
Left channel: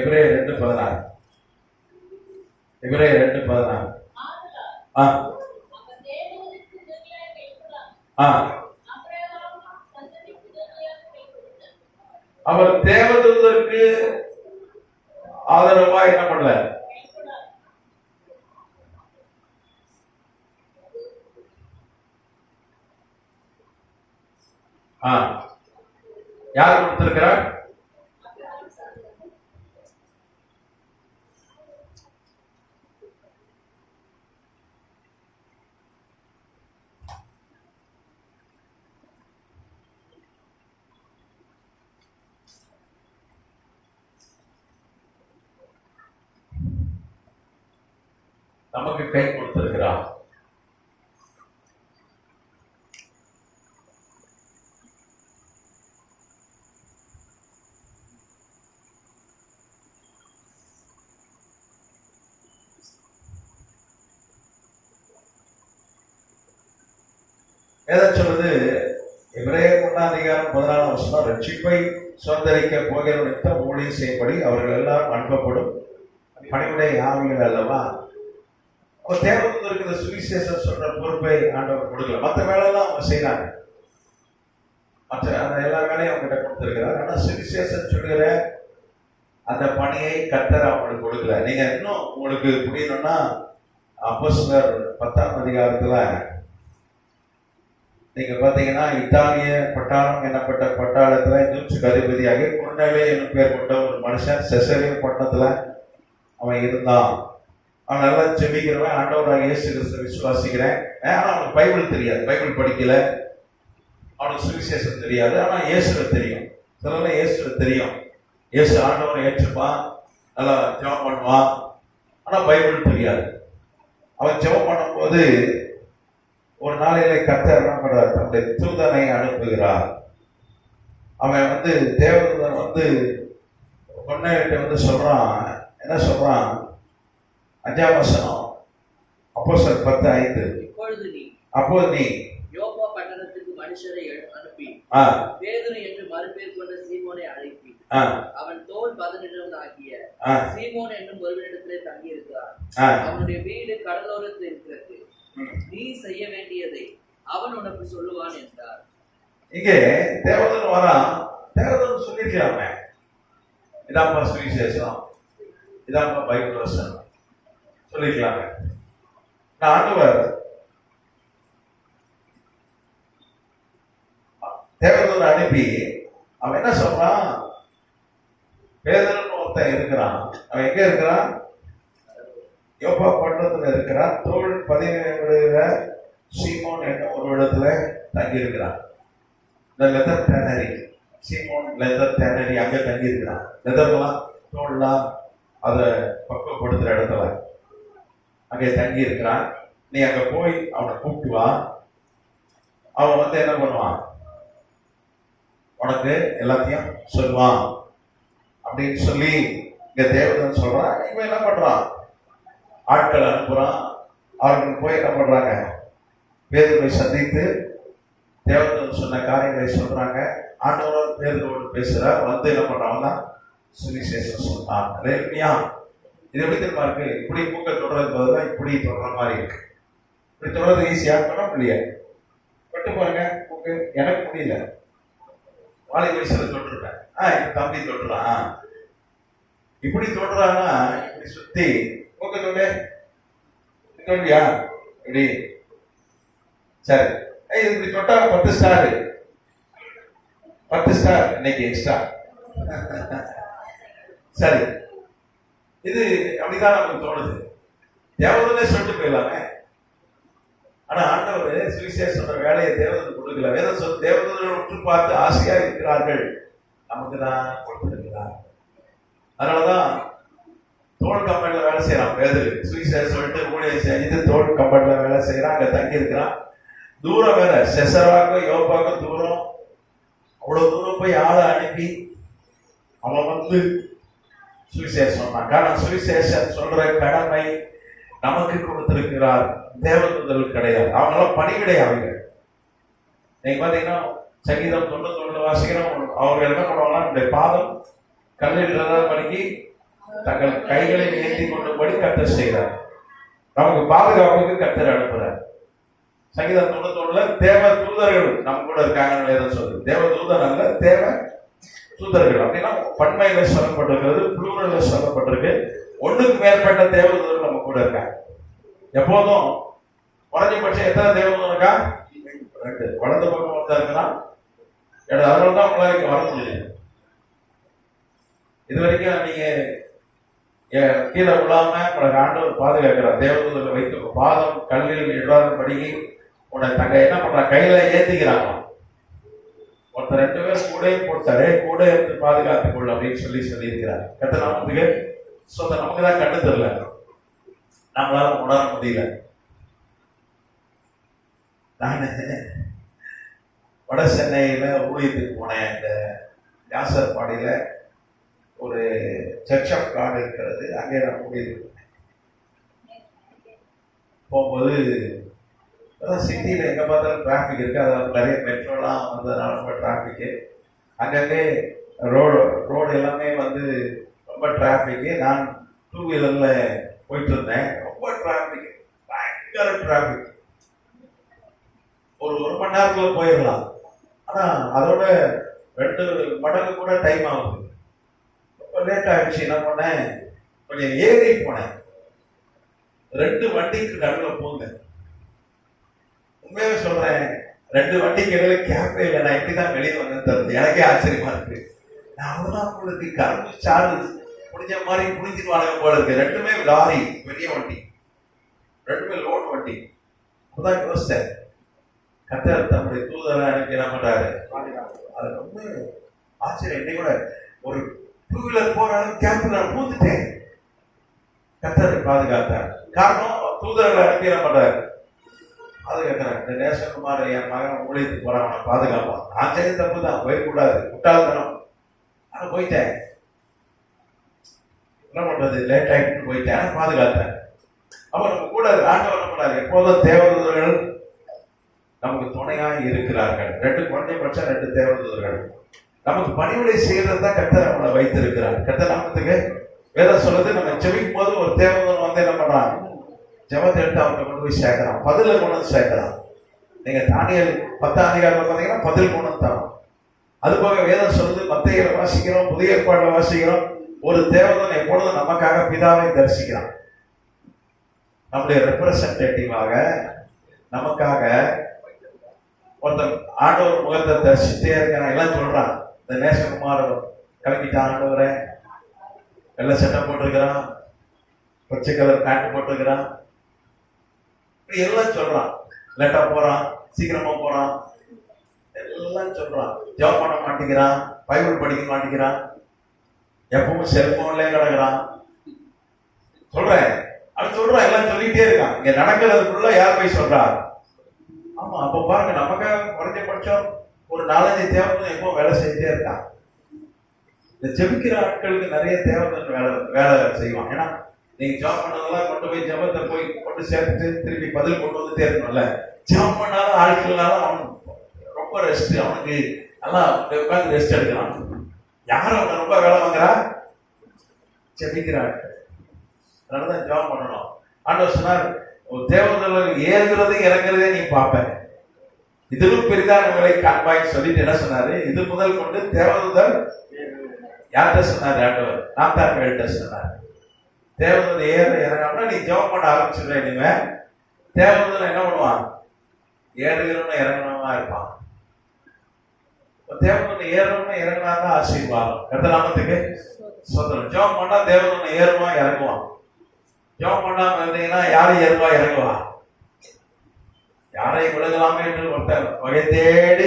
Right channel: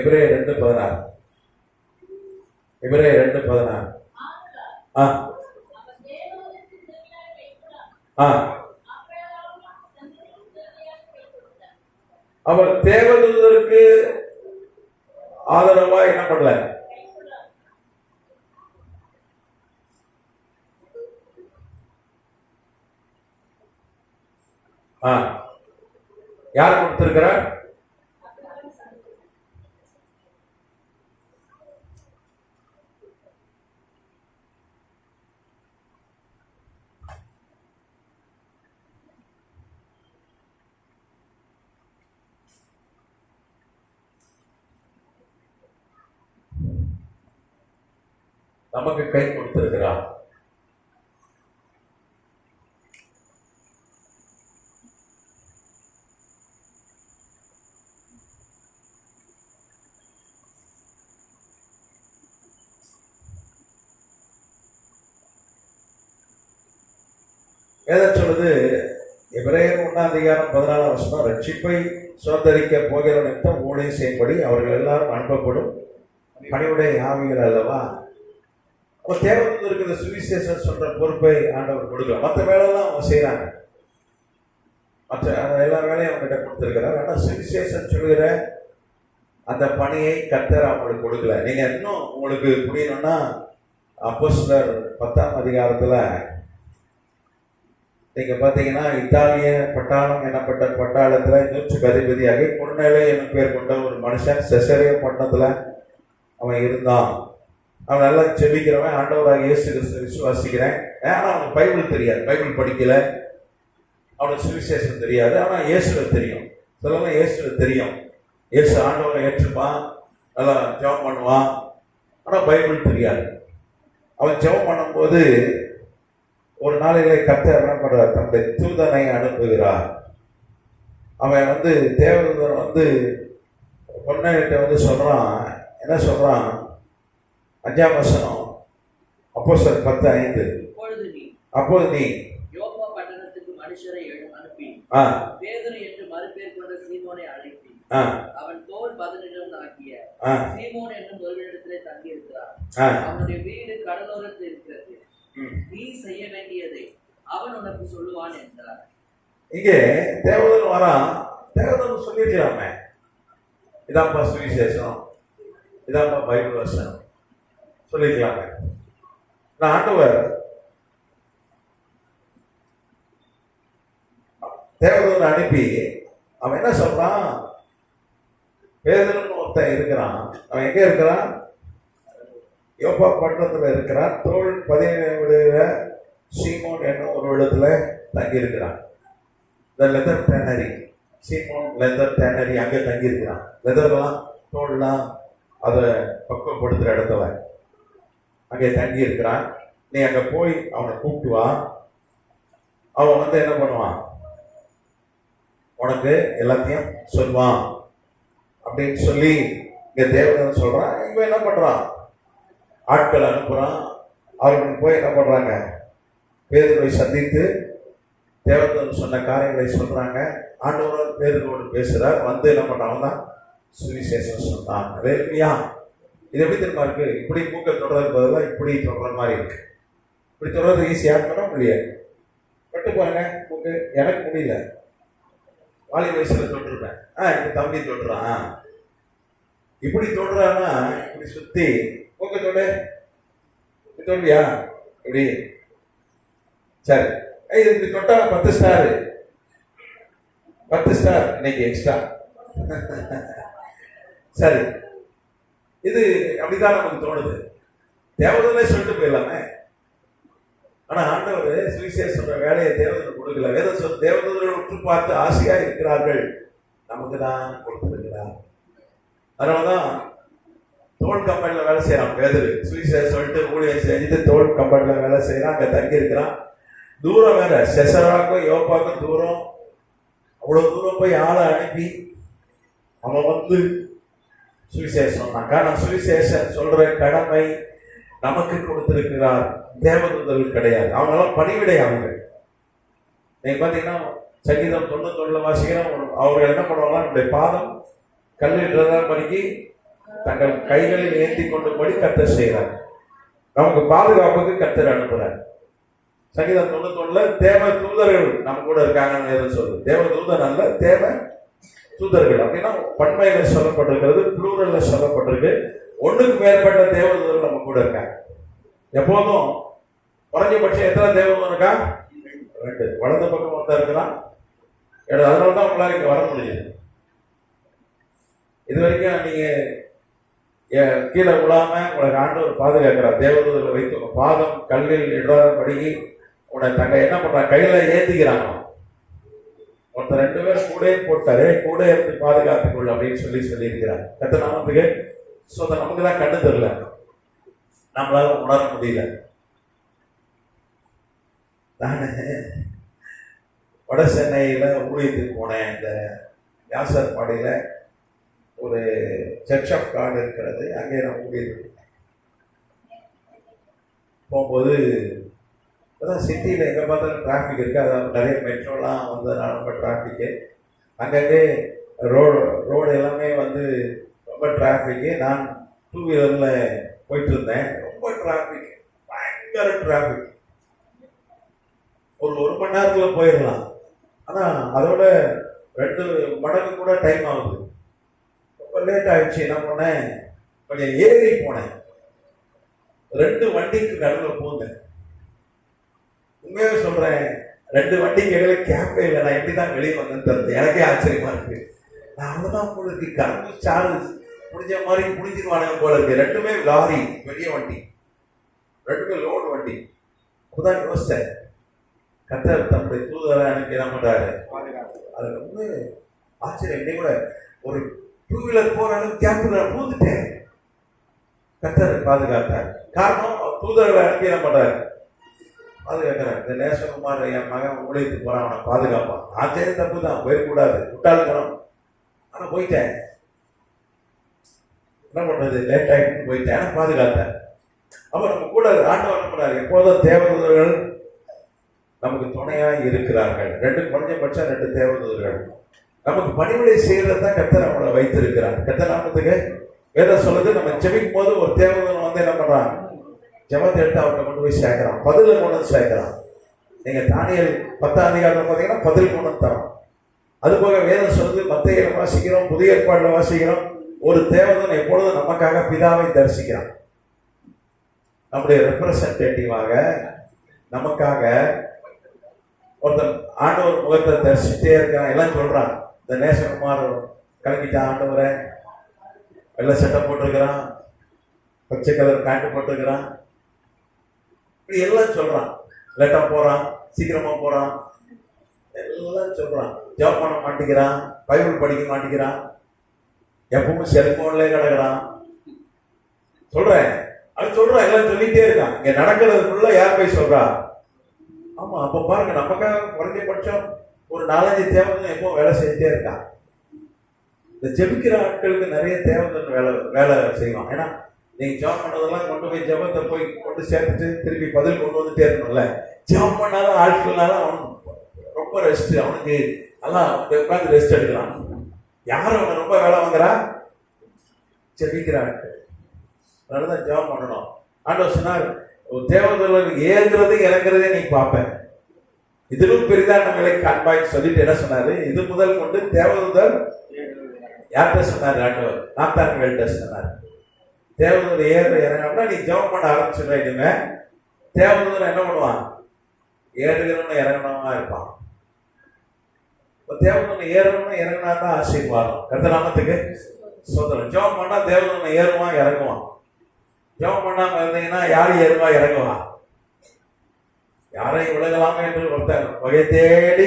எபிரேயர் 2:16. எபிரேயர் 2:16. அவர் தேவதூதருக்கு ஆதரவா என்ன பண்ணல, யார் கொடுத்திருக்கிறார்? நமக்கு கை கொடுத்திருக்கிறார். எதை சொல்லுது? எபிரேயர் 1ஆம் அதிகாரம் 14ஆம் வசனம், ரட்சிப்பை சுதந்திரிக்க போகிற நிமித்தம் ஊழியம் செய்யும்படி அவர்கள் எல்லாரும் அனுப்பப்படும் பணிவுடைய ஆவிகள் அல்லவா. தேவதூதருக்கு இந்த சுவிசேஷம் சொல்ற பொறுப்பை ஆண்டவர் கொடுக்கல. மற்ற வேலையெல்லாம் அவங்க செய்யறாங்க, மற்ற எல்லா வேலையும் அவங்க கிட்ட கொடுத்திருக்கிறார். ஆனா சுவிசேஷம் சொல்கிற அந்த பணியை கர்த்தர் அவங்களுக்கு கொடுக்கல. நீங்க இன்னும் உங்களுக்கு புரியணும்னா அப்போஸ்தலர் 10ஆம் அதிகாரத்துல நீங்க பாத்தீங்கன்னா, இத்தாலிய பட்டாளம் எனப்பட்ட பட்டாளத்துல நூற்றுக்கு அதிபதியாக கொர்நேலியு என்னும் பேர் கொண்ட ஒரு மனுஷன் செசரியா பட்டணத்துல அவன் இருந்தான். அவன் நல்லா செபிக்கிறவன், ஆண்டவராக இயேசு கிறிஸ்துவை விசுவாசிக்கிறேன். ஆனா அவனுக்கு பைபிள் தெரியாது, பைபிள் படிக்கல, அவனுக்கு சுவிசேஷம் தெரியாது. ஆனா இயேசுவை தெரியும், சொல்லலாம் இயேசுவை தெரியும், இயேசு ஆண்டவரை ஏற்றுப்பான், நல்லா ஜெபம் பண்ணுவான். ஆனா பைபிள் தெரியாது. அவன் ஜெபம் பண்ணும்போது ஒரு நாளிலே கர்த்தர் என்ன பண்றார், தன்னுடைய தூதனை அனுப்புகிறார். அவன் தேவதூதன் கொர்நேலியுட்ட சொல்றான், என்ன சொல்றான்? 5ஆம் வசனம், அப்போஸ்தலர் 10:5. அப்பொழுது நீ யோப்பா பட்டணத்துக்கு மனுஷரை அனுப்பி பேதுரு என்று மறுபேர் கொண்ட சீமோனை அழைப்பி அவன் தோல் 18 ஆகிய சீமோன் என்னும் ஒருவனிடத்திலே தங்கி இருக்கிறார். அவனுடைய வீடு கடலோரத்தில் இருக்கிறது. நீ செய்ய வேண்டியதை அவன் உனக்கு சொல்லுவான் என்றார். இங்கே தேவதூதன் வரான். தேவதூதன் சொல்லிருக்கலாமே, இதாப்பா சுவிசேஷம், இதாப்பா பைபிள் வசனம் சொல்லிருக்கலாமே. ஆண்டவர் தேவதூதன் அனுப்பி அவன் என்ன சொல்றான்? பேதுருன்னு ஒருத்தன் இருக்கிறான். அவன் எங்க இருக்கிறான்? யோப்பா பட்டணத்துல இருக்கிறான். தோல் 17 சீமோன் என்னும் ஒரு இடத்துல தங்கி இருக்கிறான். லெதர் டேனரி, சீமோன் லெதர் டேனரி, அங்க தங்கி இருக்கிறான். லெதர்லாம் தோல்லாம் அதை பக்குவப்படுத்துற இடத்துல அங்கே தங்கி இருக்கிறான். நீ அங்க போய் அவனை கூப்பிட்டு வா. அவன் என்ன பண்ணுவான்? உனக்கு எல்லாத்தையும் சொல்லுவான் அப்படின்னு சொல்லி இங்க தேவதன் சொல்றான். இவன் என்ன பண்றான்? ஆட்கள் அனுப்புறான். அவர்கள் போய் என்ன பண்றாங்க? பேதுருவை சந்தித்து தேவதன் சொன்ன காரியங்களை சொல்றாங்க. ஆண்டவர் பேதுருவோடு பேசுறார். என்ன பண்றாங்க? சுவிசேஷம் சொன்னான். இது எப்படி தெரியுமா இருக்கு? இப்படி மூக்க தொடர்றது பதிலாக இப்படி தொடர மாதிரி இருக்கு. இப்படி தொடர்றது ஈஸியா பண்ண முடியாது. பட்டு பாருங்க, மூக்கு எனக்கு முடியல. வாழை வயசுல தொட்டுருப்பேன். என் தம்பி தொட்டுறான். இப்படி தொடுறான்னா இப்படி சுத்தி மூக்க தொண்டியா இப்படி. சரி, இப்படி தொட்டா 10 ஸ்டார், 10 ஸ்டார் இன்னைக்கு எக்ஸ்ட்ரா. சரி, இது அப்படிதான் நமக்கு தோணுது. தேவதூதனே சொல்லிட்டு போயிடலாமே. ஆனா ஆண்டவர் சுவிசேஷ வேலையை தேவதூதன் கொடுக்கல. வேதம் சொல்ல தேவதூதர்கள் உற்று பார்த்து ஆசையா இருக்கிறார்கள், நமக்கு தான் கொடுத்திருக்கிறார். அதனாலதான் தோல் கம்பெனில வேலை செய்யறான் பேதுரு. சுவிசேஷம் சொல்லிட்டு ஊழியம் செஞ்சுட்டு தோல் கம்பெனில வேலை செய்யறான். அங்க தங்கி இருக்கிறான். தூரம் வேற, செசராக்கும் யோப்பாக்கும் தூரம். அவ்வளவு தூரம் போய் ஆளை அனுப்பி அவன் வந்து சுவிசேஷம் சொன்னான். காரணம் சுவிசேஷம் சொல்ற கடமை நமக்கு கொடுத்திருக்கிறார், தேவதூதர்கள் கிடையாது. அவங்களாம் பணிவிடையாளர்கள். நீங்க பாத்தீங்கன்னா சங்கீதம் 91 வாசிக்கிறோம். அவங்க என்ன பண்ணுவாங்கன்னா நம்முடைய பாதம் கல்லில் படிக்கு தங்கள் கைகளை ஏற்றி கொண்டபடி கர்த்தர் செய்கிறார். நமக்கு பாதுகாப்புக்கு கர்த்தர் அனுப்புறார். சங்கீதம் 91 தேவ தூதர்கள் நம்ம கூட இருக்காங்கன்னு சொல்லுது. தேவ தூதர் அல்ல, தேவ தூதர்கள் அப்படின்னா பன்மையில சொல்லப்பட்டிருக்கிறது, புளூரல்ல சொல்லப்பட்டிருக்கு. ஒண்ணுக்கு மேற்பட்ட தேவதூதர்கள் நம்ம கூட இருக்காங்க. எப்போதும் குறைஞ்சபட்சம் எத்தனை தேவதூதர் இருக்கா? 2. வலது பக்கம் ஒருத்தர் இருக்கலாம், அதனால தான் உங்களால வர முடியும். இது வரைக்கும் நீங்க கீழே விழாம உங்களுக்கு ஆண்டவர் பாதுகாக்கிறார். தேவதூதரை வைத்து பாதம் கல்லில் இடாதபடி உன்னை தங்க என்ன பண்ற கையில ஏத்துக்கிறாங்க. ஒருத்தர் 2 பேரும் கூட போட்டாரு, கூட இருந்து பாதுகாத்துக் கொள்ள அப்படின்னு சொல்லி இருக்கிறார். கர்த்தர் நாமத்துக்கு நமக்கு தான் கண்டு தெரியல, நம்மளால உணர முடியல. நான் வட சென்னையில ஊழியத்துக்கு போனேன். இந்த வியாசர்பாடியில ஒரு சர்ச் ஆஃப் காட் இருக்கிறது, அங்கே நான் ஊழியத்துக்கு போனேன். போகும்போது சிட்டியில் எங்கே பார்த்தாலும் டிராஃபிக் இருக்குது. அதாவது நிறைய மெட்ரோலாம் வந்ததுனால ரொம்ப டிராஃபிக்கு. அங்கங்கே ரோடு எல்லாமே வந்து ரொம்ப டிராஃபிக்கு. நான் 2 வீலரில் போயிட்டு இருந்தேன். ரொம்ப டிராஃபிக், பயங்கர டிராஃபிக். ஒரு மணி நேரத்தில் போயிடலாம். ஆனால் அதோட 2 மடங்கு கூட டைம் ஆகுது. ரொம்ப லேட் ஆகிடுச்சு. என்ன பண்ணேன், கொஞ்சம் ஏறி போனேன். 2 வண்டிக்கு நடுவில் போந்தேன். உண்மையாக சொல்றேன், 2 வண்டிக்கு இடையில கேப்பே இல்லை. நான் இப்படிதான் வெளியே வந்து எனக்கே ஆச்சரியமா இருக்கு. நான் அவ்வளவுதான் போல இருக்கு, கரண்டு சார்ஜ் புடிஞ்ச மாதிரி புடிஞ்சிருவானுங்க போல இருக்கு. 2மே லாரி, பெரிய வண்டி, 2மே லோடு வண்டி. அப்பதான் யோசிச்சேன், கர்த்தர் தன்னுடைய தூதரை அனுப்பி என்ன பண்றாரு. அது ரொம்ப ஆச்சரியம். இன்னைக்கு கூட ஒரு 2 வீலர் போற அளவுக்கு கேப்பு நான் பூந்துட்டேன். கர்த்தர் பாதுகாத்தார். காரணம் தூதர்களை அனுப்பி என்ன பண்றாரு, பாதுகாக்கிறார். இந்த நேசகுமார் என் மகன் ஊழியத்துக்கு போறான், அவனை பாதுகாப்பான். நான் செய்ய தப்பு தான், போயிடக்கூடாது, முட்டாள்தனம். ஆனா போயிட்டேன். என்ன பண்றது, லேட் ஆகிட்டு போயிட்டேன், பாதுகாத்தேன். அப்ப நம்ம கூட ஆண்டவர் என்ன பண்ணாரு, எப்போதும் தேவதூதர்கள் நமக்கு துணையாக இருக்கிறார்கள். 2 குறைஞ்சபட்சம் 2 தேவதூதர்கள் நமக்கு பணிவிடை செய்யறது தான் கர்த்தர் நம்மளை வைத்திருக்கிறார். கர்த்தர் நாமத்துக்கு வேதம் சொல்லுது, நம்ம ஜெபிக்கும் போது ஒரு தேவதூதன் வந்து என்ன பண்றான், ஜெபத்தை எடுத்து அவர்கிட்ட கொண்டு போய் சேர்க்கிறான், பதில கொண்டு வந்து சேர்க்கிறான். நீங்க தானியேல் 10ஆம் அதிகாரத்தில் பார்த்தீங்கன்னா பதில் கொண்டு தரோம். அது போக வேதம் சொல்லுது, மத்தேயுல வாசிக்கிறோம், புதிய ஏற்பாடுல வாசிக்கிறோம், ஒரு தேவதூதன் எப்பொழுதும் நமக்காக பிதாவை தரிசிக்கிறான். நம்முடைய ரெப்ரசன்டேட்டிவாக நமக்காக ஒருத்தன் ஆண்டவர் முகத்தை தரிசித்தே இருக்கிறான். எல்லாம் சொல்றான், இந்த நேசகுமார் கிளம்பிட்டான், ஆண்டவரை எல்லாம் சட்டம் போட்டிருக்கிறான், பச்சை கலர் பேண்ட் போட்டிருக்கிறான், இப்படி எல்லாம் சொல்றான். லேட்டா போறான், சீக்கிரமா போறான், எல்லாம் சொல்றான். ஜாப் பண்ண மாட்டேங்கிறான், பைபிள் படிக்க மாட்டேங்கிறான், எப்பவும் செல்போன்ல கிடக்குறான். சொல்றேன், அவன் சொல்றான், எல்லாம் சொல்லிட்டே இருக்கான். இங்க நடக்கிறதுக்குள்ள யார் போய் சொல்றா? ஆமா. அப்ப பாருங்க, நமக்காக குறைஞ்சபட்சம் ஒரு 4-5 தேவதூதன் எப்போ வேலை செய்துட்டே இருக்கான். இந்த ஜெபிக்கிற ஆட்களுக்கு நிறைய தேவதூதன் வேலை செய்வான். ஏன்னா நீங்க ஜாப் பண்ணதெல்லாம் கொண்டு போய் ஜபத்தை போய் கொண்டு சேர்த்துட்டு திருப்பி பதில் கொண்டு வந்துட்டே இருக்கணும்ல. ஜாப் பண்ணாலும் ஆட்கள்னாலும் அவன் ரொம்ப ரெஸ்ட், அவனுக்கு நல்லா உட்காந்து ரெஸ்ட் எடுக்கிறான். யாரும் அவனை ரொம்ப வேலை வாங்குறா? ஜெபிக்கிற ஆட்கள். அதனாலதான் ஜாப் பண்ணணும். ஆண்டவர் சொன்னார், தேவதூதர்கள் ஏறுகிறது இறங்குறதே நீ பார்ப்ப, இதிலும் பெரிதான வேலை காண்பாய் சொல்லிட்டு என்ன சொன்னாரு, இது முதல் கொண்டு தேவதூதர் யார்கிட்ட சொன்னார், ஆண்டவர் நாத்தான்கிட்ட சொன்னார். தேவதூதர் ஏற இறங்கினா நீ ஜெபம் பண்ண ஆரம்பிச்சுட்ட. இனிமே தேவதூதர் என்ன பண்ணுவான், ஏறுகிறவன இறங்கினவனா இருப்பான். தேவதூதன் ஏறணும்னு இறங்கினா தான் ஆசீர்வாதம். கர்த்தர் நாமத்துக்கு ஸ்தோத்திரம். ஜெபம் பண்ணா தேவதூதன் ஏறுவான் இறங்குவான். ஜெபம் பண்ணாம இருந்தீங்கன்னா யாரும் ஏறுவா இறங்குவா? யாரை விலகலாமே என்று ஒருத்தர் வகை தேடி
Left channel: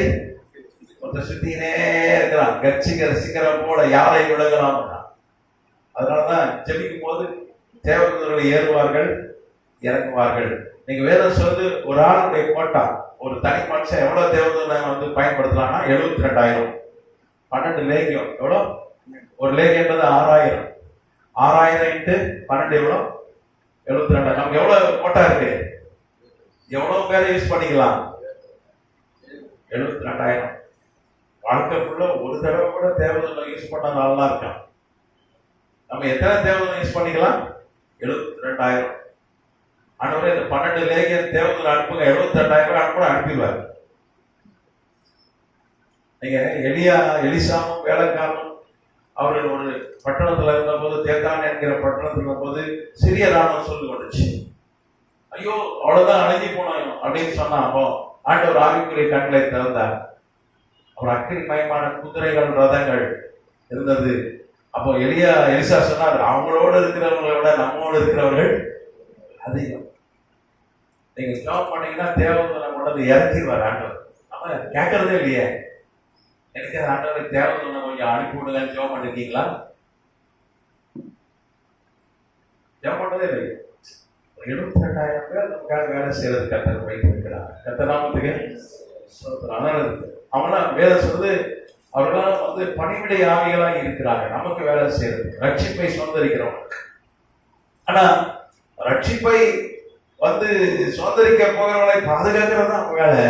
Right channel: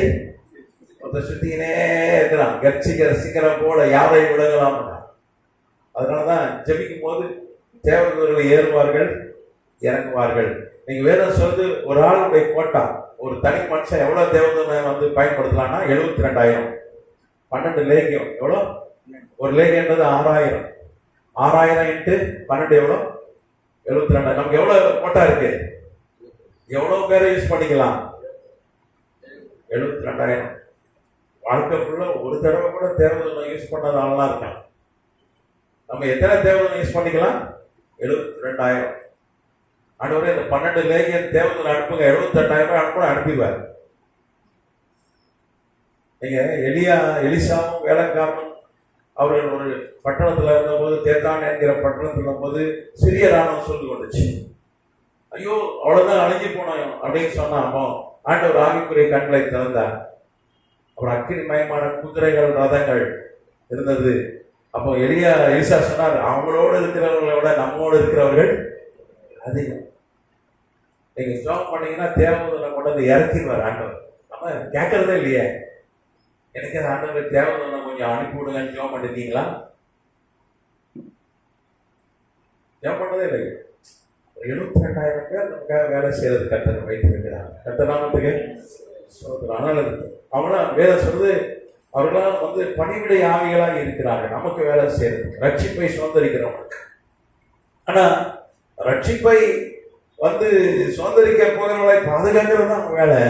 ஒருத்தர் சுத்தினே இருக்கிறான். கர்ச்சிக்கிற சிக்கிரம் போல யாரை விலகலாம். அதனாலதான் ஜெபிக்கும் போது தேவதூதர்கள் ஏறுவார்கள் இறங்குவார்கள். நீங்க வேதம் சொல்லு, ஒரு ஆளுடைய கோட்டா, ஒரு தனி மனுஷன் எவ்வளவு தேவதூதனை வந்து பயன்படுத்தலாம்னா 72,000. 12 லேகியம் எவ்வளவு ஒரு லேகியன்றது 6000. 6000 இன்ட்டு 12 எவ்வளோ? 72. நமக்கு எவ்வளவு கோட்டா இருக்கு? எவ்வளவு பேரை யூஸ் பண்ணிக்கலாம்? 72,000. வாழ்க்கைக்குள்ள ஒரு தடவை கூட தேவதூதனை யூஸ் பண்ணாத ஆள்லாம் இருக்கான். நம்ம எத்தனை தேவதூதனை யூஸ் பண்ணிக்கலாம்? 72,000. ஆனவரே இந்த 12 லேகியன் தேவதூதனை அனுப்புங்க, 72,000 அனுப்புங்க, அனுப்பிடுவார். நீங்க எலிசாவும் வேலைக்காரனும் அவர்கள் ஒரு பட்டணத்துல இருந்த போது, தேத்தான் என்கிற பட்டணத்துல போது சிறிய ராணுவம் சொல்லி வந்துச்சு. ஐயோ அவ்வளவுதான் அணைஞ்சு போனோம் அப்படின்னு சொன்னா, அப்போ ஆண்டவர் ஆவிக்குரிய கண்களை திறந்தார். அப்புறம் அக்கினி மயமான குதிரைகள் ரதங்கள் இருந்தது. அப்போ எலிசா சொன்னார், அவங்களோடு இருக்கிறவங்களை விட நம்மோடு இருக்கிறவர்கள் அதிகம். நீங்க ஜாப் பண்ணீங்கன்னா தேவதூதனை கொண்டு வந்து இறக்கிடுவார் ஆண்டவர். நம்ம கேட்கறதே இல்லையே. எனக்கு ஆண்டவர் தேவதூதனை கொஞ்சம் அனுப்பி விடுங்கன்னு ஜாப் பண்ணிருக்கீங்களா? ஜாப் பண்ணதே இல்லை. 72,000 பேர் நமக்காக வேலை செய்யறது கர்த்தர் வைத்திருக்கிறார். கர்த்தர் நாமத்துக்கு அதனால அவனா வேலை சொல்றது, அவர்களாம் வந்து பணிவிடை ஆவிகளாக இருக்கிறாங்க நமக்கு வேலை செய்யறது, ரட்சிப்பை சுதந்திரிக்கிறவங்க. ஆனா ரட்சிப்பை வந்து சுதந்திரிக்க போகிறவர்களை பாதுகாக்கிறது தான் அவங்க வேலை.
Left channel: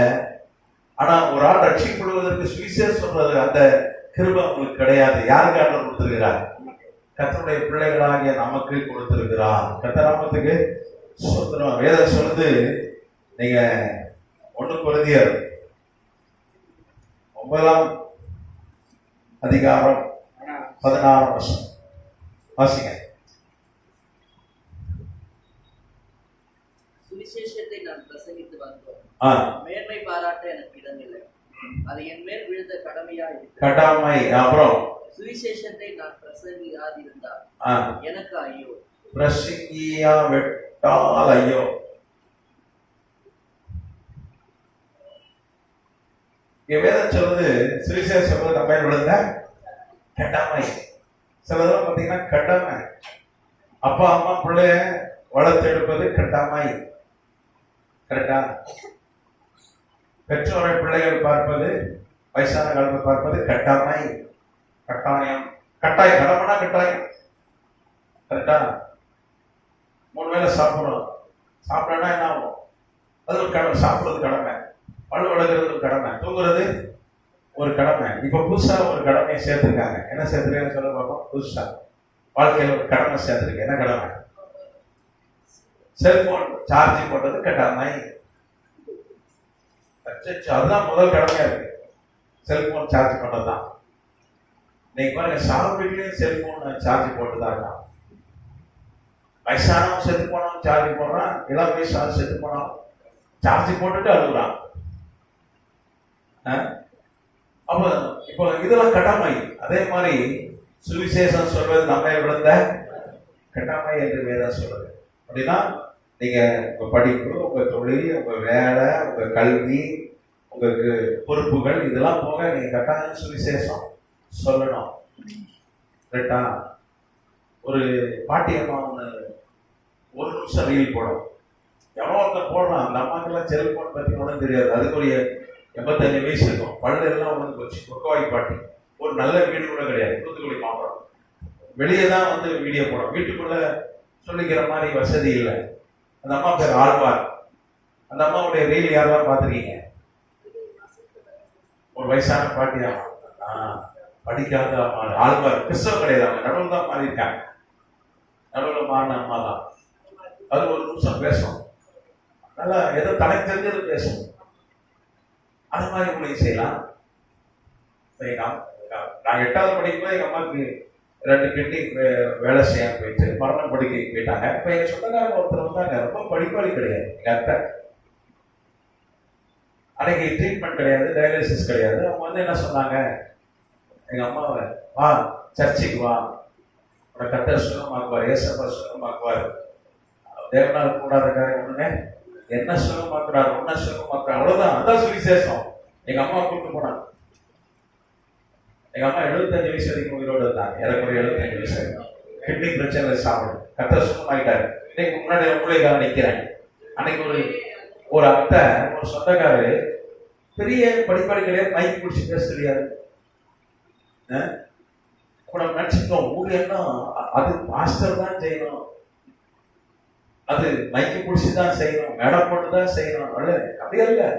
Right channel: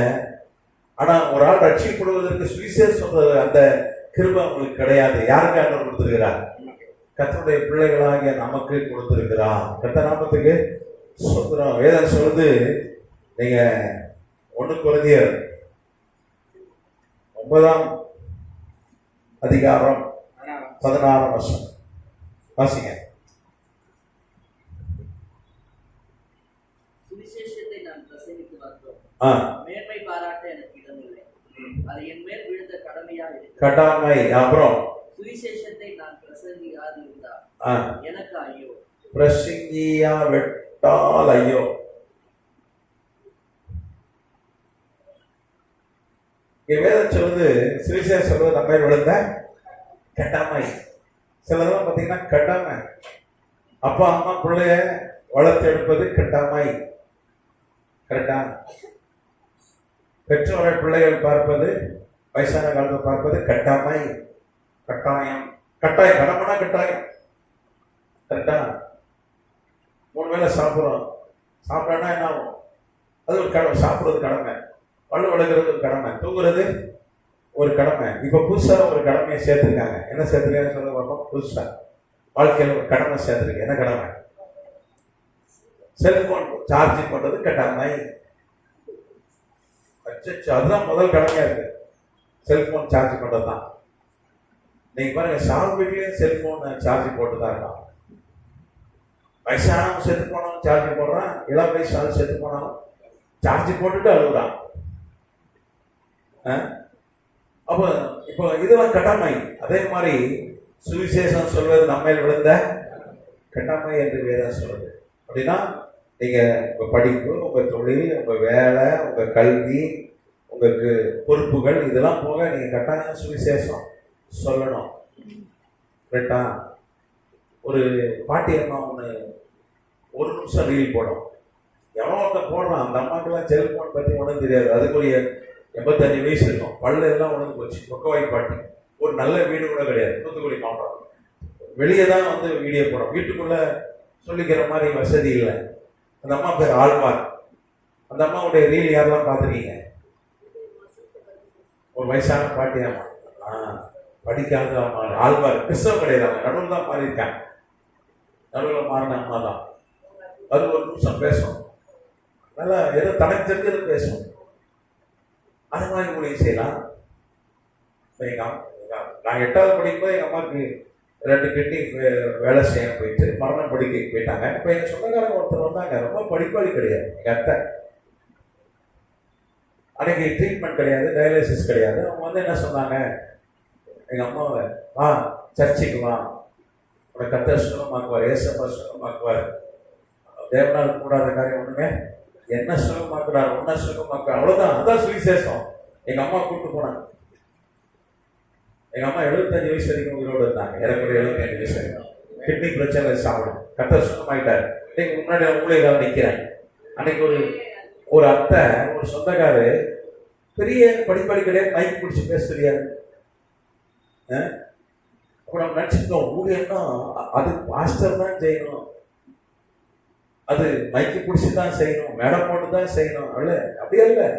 ஆனா ஒரு ஆள் ரட்சிக்கப்படுவதற்கு சுவிசேஷம் சொல்றது அந்த கிருபை அவங்களுக்கு கிடையாது. யாருக்கு ஆண்டவர் கொடுத்திருக்கிறார்? கர்த்தருடைய பிள்ளைகளாகிய நமக்கு கொடுத்திருக்கிறார். கர்த்தர் நாமத்துக்கு சுதந்திரம். வேதம் சொல்லுது, நீங்க 1 கொரிந்தியர் 9ஆம் அதிகாரம் 16ஆம் வசனம் வாசிங்க. சுவிசேஷத்தை நான் பிரசங்கித்து வந்தோம், மேன்மை பாராட்ட எனக்கு இடமில்லை, அது என் மேல் விழுந்த கடமையா இருக்கு. கடமை. அப்புறம் சுவிசேஷத்தை நான் பிரசங்கியாதிருந்தால் எனக்கு ஐயோ. பிரசங்கியா விட்டால் ஐயோ. வேதம் சொல்லுது, சுவிசேஷம் சொல்றது நம்ம விழுந்த கடமை. சிலதெல்லாம் பார்த்தீங்கன்னா கடமை. அப்பா அம்மா பிள்ளைய வளர்த்து எடுப்பது கடமை. கரெக்டா? பெற்றோரை பிள்ளைகள் பார்ப்பது, வயசான காலத்தை பார்ப்பது கடமை. கட்டாயம். கட்டாயம். கடமைனா கட்டாயம். கரெக்டா? 3 வேளை சாப்பிட்றோம். சாப்பிடனா என்ன ஆகும்? அது ஒரு கடமை. சாப்பிட்றது கடமை, பல்லு விளக்குறது ஒரு கடமை, தூங்குறது ஒரு கடமை. இப்ப புதுசா ஒரு கடமையை சேர்த்துருக்காங்க. என்ன சேர்த்துருக்காங்க சொல்ல பார்ப்போம். புதுசா வாழ்க்கையில ஒரு கடமை சேர்த்துருக்கு. என்ன கடமை? செல்போன் சார்ஜ் பண்றது கடமை. அதுதான் முதல் கடமையா இருக்கு, செல்போன் சார்ஜ் பண்றதுதான். நீங்க பாருங்க, சார் வீட்லயும் செல்போன் சார்ஜ் போட்டுதான் இருக்கான். வயசானவன் செத்து போனவன் சார்ஜ் போடுறான், இளம் வயசான செத்து போனவன் சார்ஜ் போட்டுட்டு அழுகுறான். அப்ப இப்போ இதெல்லாம் கடமை. அதே மாதிரி சுவிசேஷம் சொல்வது நம்ம விழுந்த கடமை என்று வேதம் சொல்றது. அப்படின்னா நீங்க உங்க படிப்பு, உங்க தொழில், உங்க வேலை, உங்க கல்வி, உங்களுக்கு பொறுப்புகள், இதெல்லாம் போக நீங்க கட்டாயம் சுவிசேஷம் சொல்லணும். கரெக்டா? ஒரு பாட்டியம்மா ஒன்று 1 நிமிஷம் ரீல் போடும். எவ்வளோ ஒருத்தர் போடுறான். அந்த அம்மாக்கெல்லாம் செல்போன் பற்றி ஒன்றும் தெரியாது. அதுக்குரிய 85 வயசு இருக்கும். பல்லு எல்லாம் உணர்ந்து போச்சு. பொக்கவாய் பாட்டி. ஒரு நல்ல வீடு கூட கிடையாது. தூத்துக்குடி மாவட்டம். வெளியே தான் வந்து வீடியோ போடும். வீட்டுக்குள்ள சொல்லிக்கிற மாதிரி வசதி இல்லை. அந்த அம்மா பேர் ஆழ்வார். அந்த அம்மாவுடைய ரீல் யாரெல்லாம் பார்த்துருக்கீங்க? ஒரு வயசான பாட்டியா, படிக்காத அம்மா ஆழ்வார். கிறிஸ்தவ கிடையாது, அவங்க நடுவில் தான் மாறி இருக்காங்க. நடுவில் மாறின அம்மா தான். அது 1 நிமிஷம் பேசும். நல்லா ஏதோ தனக்கு தெரிஞ்சது பேசும். அது மாதிரி உங்களுக்கு செய்யலாம். நான் 8வது படிக்கும்போது எங்க அம்மாவுக்கு 2 கிட்னி வேலை செய்ய போயிட்டு மரண படுக்கைக்கு போயிட்டாங்க. இப்போ எங்க சொந்தக்காரங்க ஒருத்தர் வந்தாங்க, ரொம்ப படிப்பாளி கிடையாது. எங்க அத்தை அன்னைக்கு ட்ரீட்மெண்ட் கிடையாது, டயாலிசிஸ் கிடையாது. அவங்க வந்து என்ன சொன்னாங்க, எங்க அம்மாவை, வா சர்ச்சைக்கு வா, உனக்கு கர்த்தர் சுகமாக்குவார், ஏசப்பா சுகமாக்குவார், தேவனால் கூடாத காரியம் ஒண்ணுங்க, என்ன சுகமாக்குறாரு, ஒன்ன சுகமாக்குறாரு, அவ்வளவுதான். அதுதான் சுவிசேஷம். எங்க அம்மா கூப்பிட்டு போனாங்க. எங்க அம்மா 75 வயசு வரைக்கும் உயிரோடு இருந்தாங்க. எனக்கு 75 வயசு வரைக்கும் கிட்னி பிரச்சனை சாப்பிடும். கர்த்தர் சுகமாயிட்டாரு. இன்னைக்கு முன்னாடி உங்களுக்காக நிக்கிறேன். அன்னைக்கு ஒரு அத்தை, ஒரு சொந்தக்காரு, பெரிய படிப்பாளி கிடையாது, மைக் பிடிச்சி பேச தெரியாது. கூட நினைச்சிருக்கோம் ஊழியர்னா அது பாஸ்டர் தான் செய்யணும், அது மைக்கு பிடிச்சி தான் செய்யணும், மேடை போட்டு தான் செய்யணும். அல்ல, அப்படியே இல்லை.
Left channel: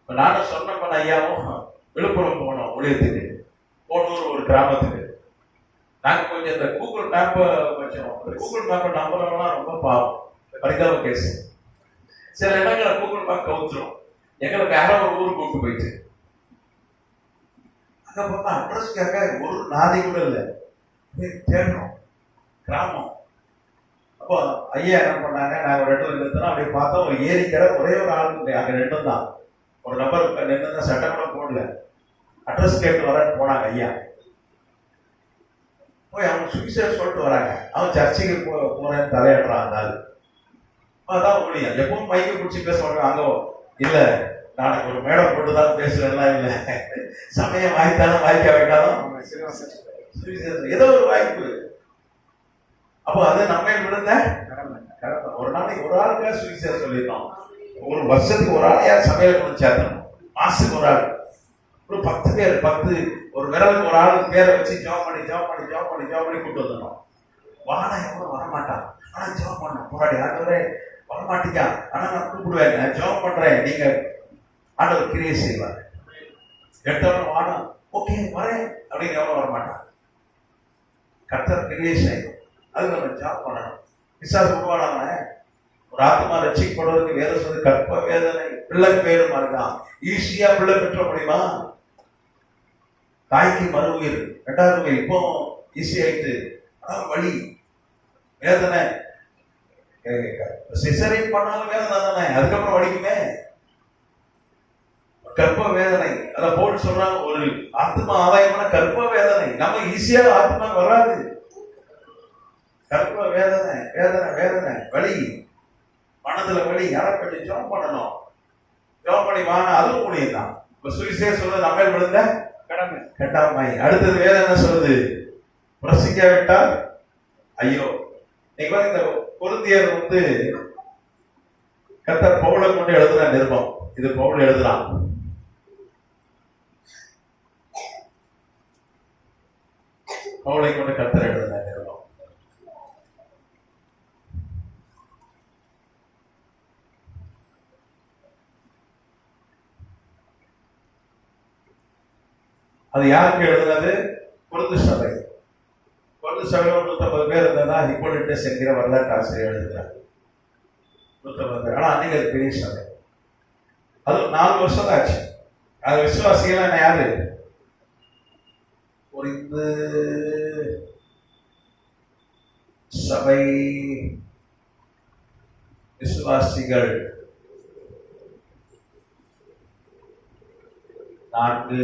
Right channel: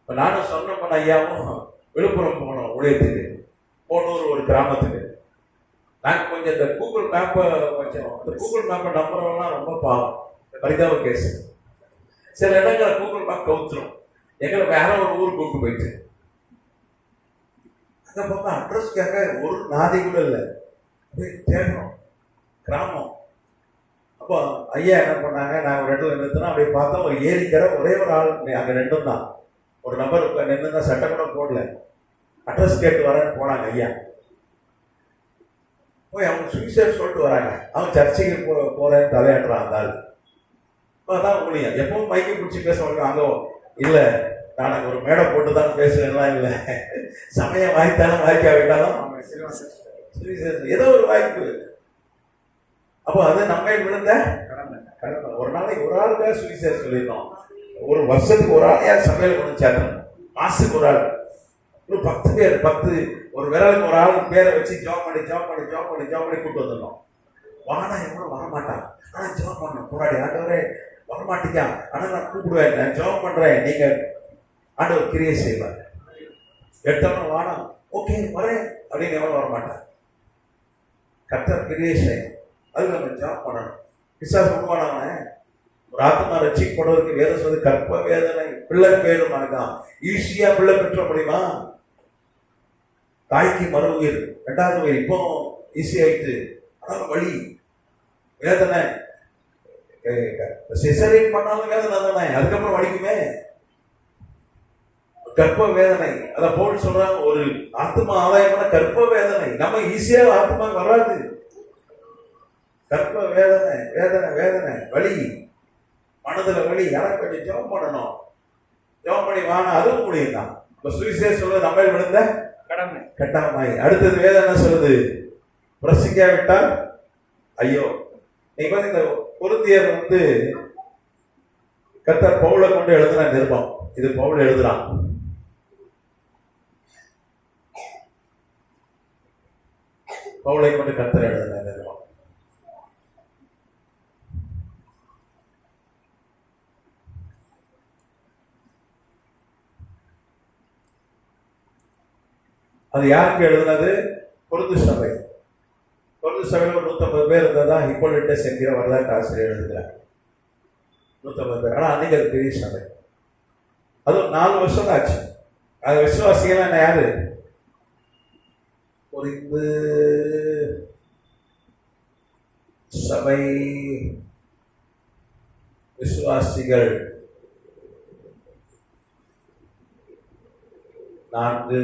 இப்போ நானும் சொன்ன ஐயாவும் விழுப்புரம் போனோம் ஊழியத்துக்கு, போனூர் ஒரு கிராமத்துக்கு. நாங்கள் கொஞ்சம் இந்த கூகுள் மேப்பை வச்சோம். இந்த கூகுள் மேப்பை நம்புறவங்களாம் ரொம்ப பாவம், பரிதாப கேஸ். சில இடங்களை கூகுள் மேப் கவுத்துரும். எங்களை வேற ஒரு ஊருக்கு கூப்பிட்டு போயிட்டு அங்கே பார்த்தா அட்ரஸ் கேட்க ஒரு நாதி கூட இல்லை, தேடணும் கிராமம். அப்போ ஐயா என்ன பண்ணாங்க, நாங்கள் ஒரு இடத்துல நிறுத்தினா அப்படி பார்த்தா ஒரு ஏரிக்கிற ஒரே ஒரு ஆள் அங்கே ரெண்டும் தான், ஒரு நம்பர் நின்று தான் சட்டம் கூட போடல, அட்ரஸ் கேட்டு வரேன்னு போனாங்க ஐயா. போய் அவங்க சுவிசேஷம் சொல்லிட்டு வராங்க. அவன் சர்ச்சைக்கு போறேன்னு தலையாடுறான் அந்த ஆள். அதான் முடியும், எப்பவும் மைக்கை பிடிச்சி பேச மாட்டாங்க. அங்கே இல்லை, நாளைக்கு ஒரு மேடை போட்டு தான் பேசுறேன்னா இல்லை, சமயம் வாய்த்தாலும் வாய்க்க வைக்காலும் ஏதோ ஒரு வாய்ப்பு. அப்போ அது நம்ம விழுந்த கடமை. ஒரு நாளைக்கு ஒரு ஆளுக்காக சுவிசேஷம் சொல்லிடணும். ஒரு வருஷத்துக்கு ஒரு ஆள் யார் சமையல் கொண்டு சேர்த்தணும், மாசுக்கு ஒரு ஆள், ஒரு 10 பேர், 10 ஒரு விரலுக்கு ஒரு ஆள் பேரை வச்சு ஜாப் பண்ணி கூப்பிட்டு வந்துடணும். வாடா எவ்வளோ வரமாட்டான், ஆனால் ஜாப் பண்ண போராடி ஆண்டவரே வரமாட்டீங்க, ஆனால் நான் கூப்பிடுவேன், நான் ஜாப் பண்றேன், நீங்க ஆண்டவர் கிரியை செய்வார். எடுத்தவன வாடா ஓகே வரேன் அப்படிங்கிற வரமாட்டான். கர்த்தர் கிரியை செய்யணும், அதுக்கு நம்ம ஜாப் பண்ணணும். பிசாசு உருவானவன ஒரு ஆத்மா ரட்சிக்கப்படுவதற்கு வேத சொல்லி கற்ப வேதனை பிள்ளை பேரு மாதிரிதான். ஈஸியா பிள்ளை பெற்ற முடியுமா? தாய்க்கு மறு உயிர் 2வது உயிர் இப்போ ஈஸி ஆயிட்டு, அதான் வழி வேதனை. சிசரின் பண்ணாலும் வேதனை தானே, அதுக்கப்புறம் வலிக்குமே. கற்ப வேதனை, அதை போட்டு சொல்றாங்க, ஒரு ஆத்மா ஆதாயமான கற்ப வேதனை. நம்ம ஈஸியாக ஆத்மா வராது. கற்ப வேதனை வேதனை வேதனை வலி, மனதுல வலி. யாரை கொஞ்சம் ஜெபம் பண்ணணும், ஜெபம் பண்ணி வாங்க, அதுவும் முடியும் தான். இப்ப சுவிசேஷம் சொல்றது நம்ம விழுந்த கடமை. அடுத்தது வேதனை சொல்லுது, பிரசிக்காவிட்டால் ஐயோ. நீங்க இந்த கொரிந்தியர் கர்த்தர் பவுலை கொண்டு எழுதுன நிருபம், இது பவுல் எழுதுறான். பவுலை கொண்டு கர்த்தர் எழுதுன நிருபம். அது யாருக்கு எழுதுனது? கொரிந்து சபை. கொரிந்து சபையில் 150 பேர் இருந்ததா ஹிப்போலிட்டஸ் என்கிற வரலாற்று ஆசிரியர் எழுதுகிறார். 150 பேர். ஆனால் அன்னைக்கு அது பெரிய சபை. அது 4 வருஷம் ஆச்சு. அது விசுவாசிகள் யாரு? கொரிந்து சபை விசுவாசிகள் 4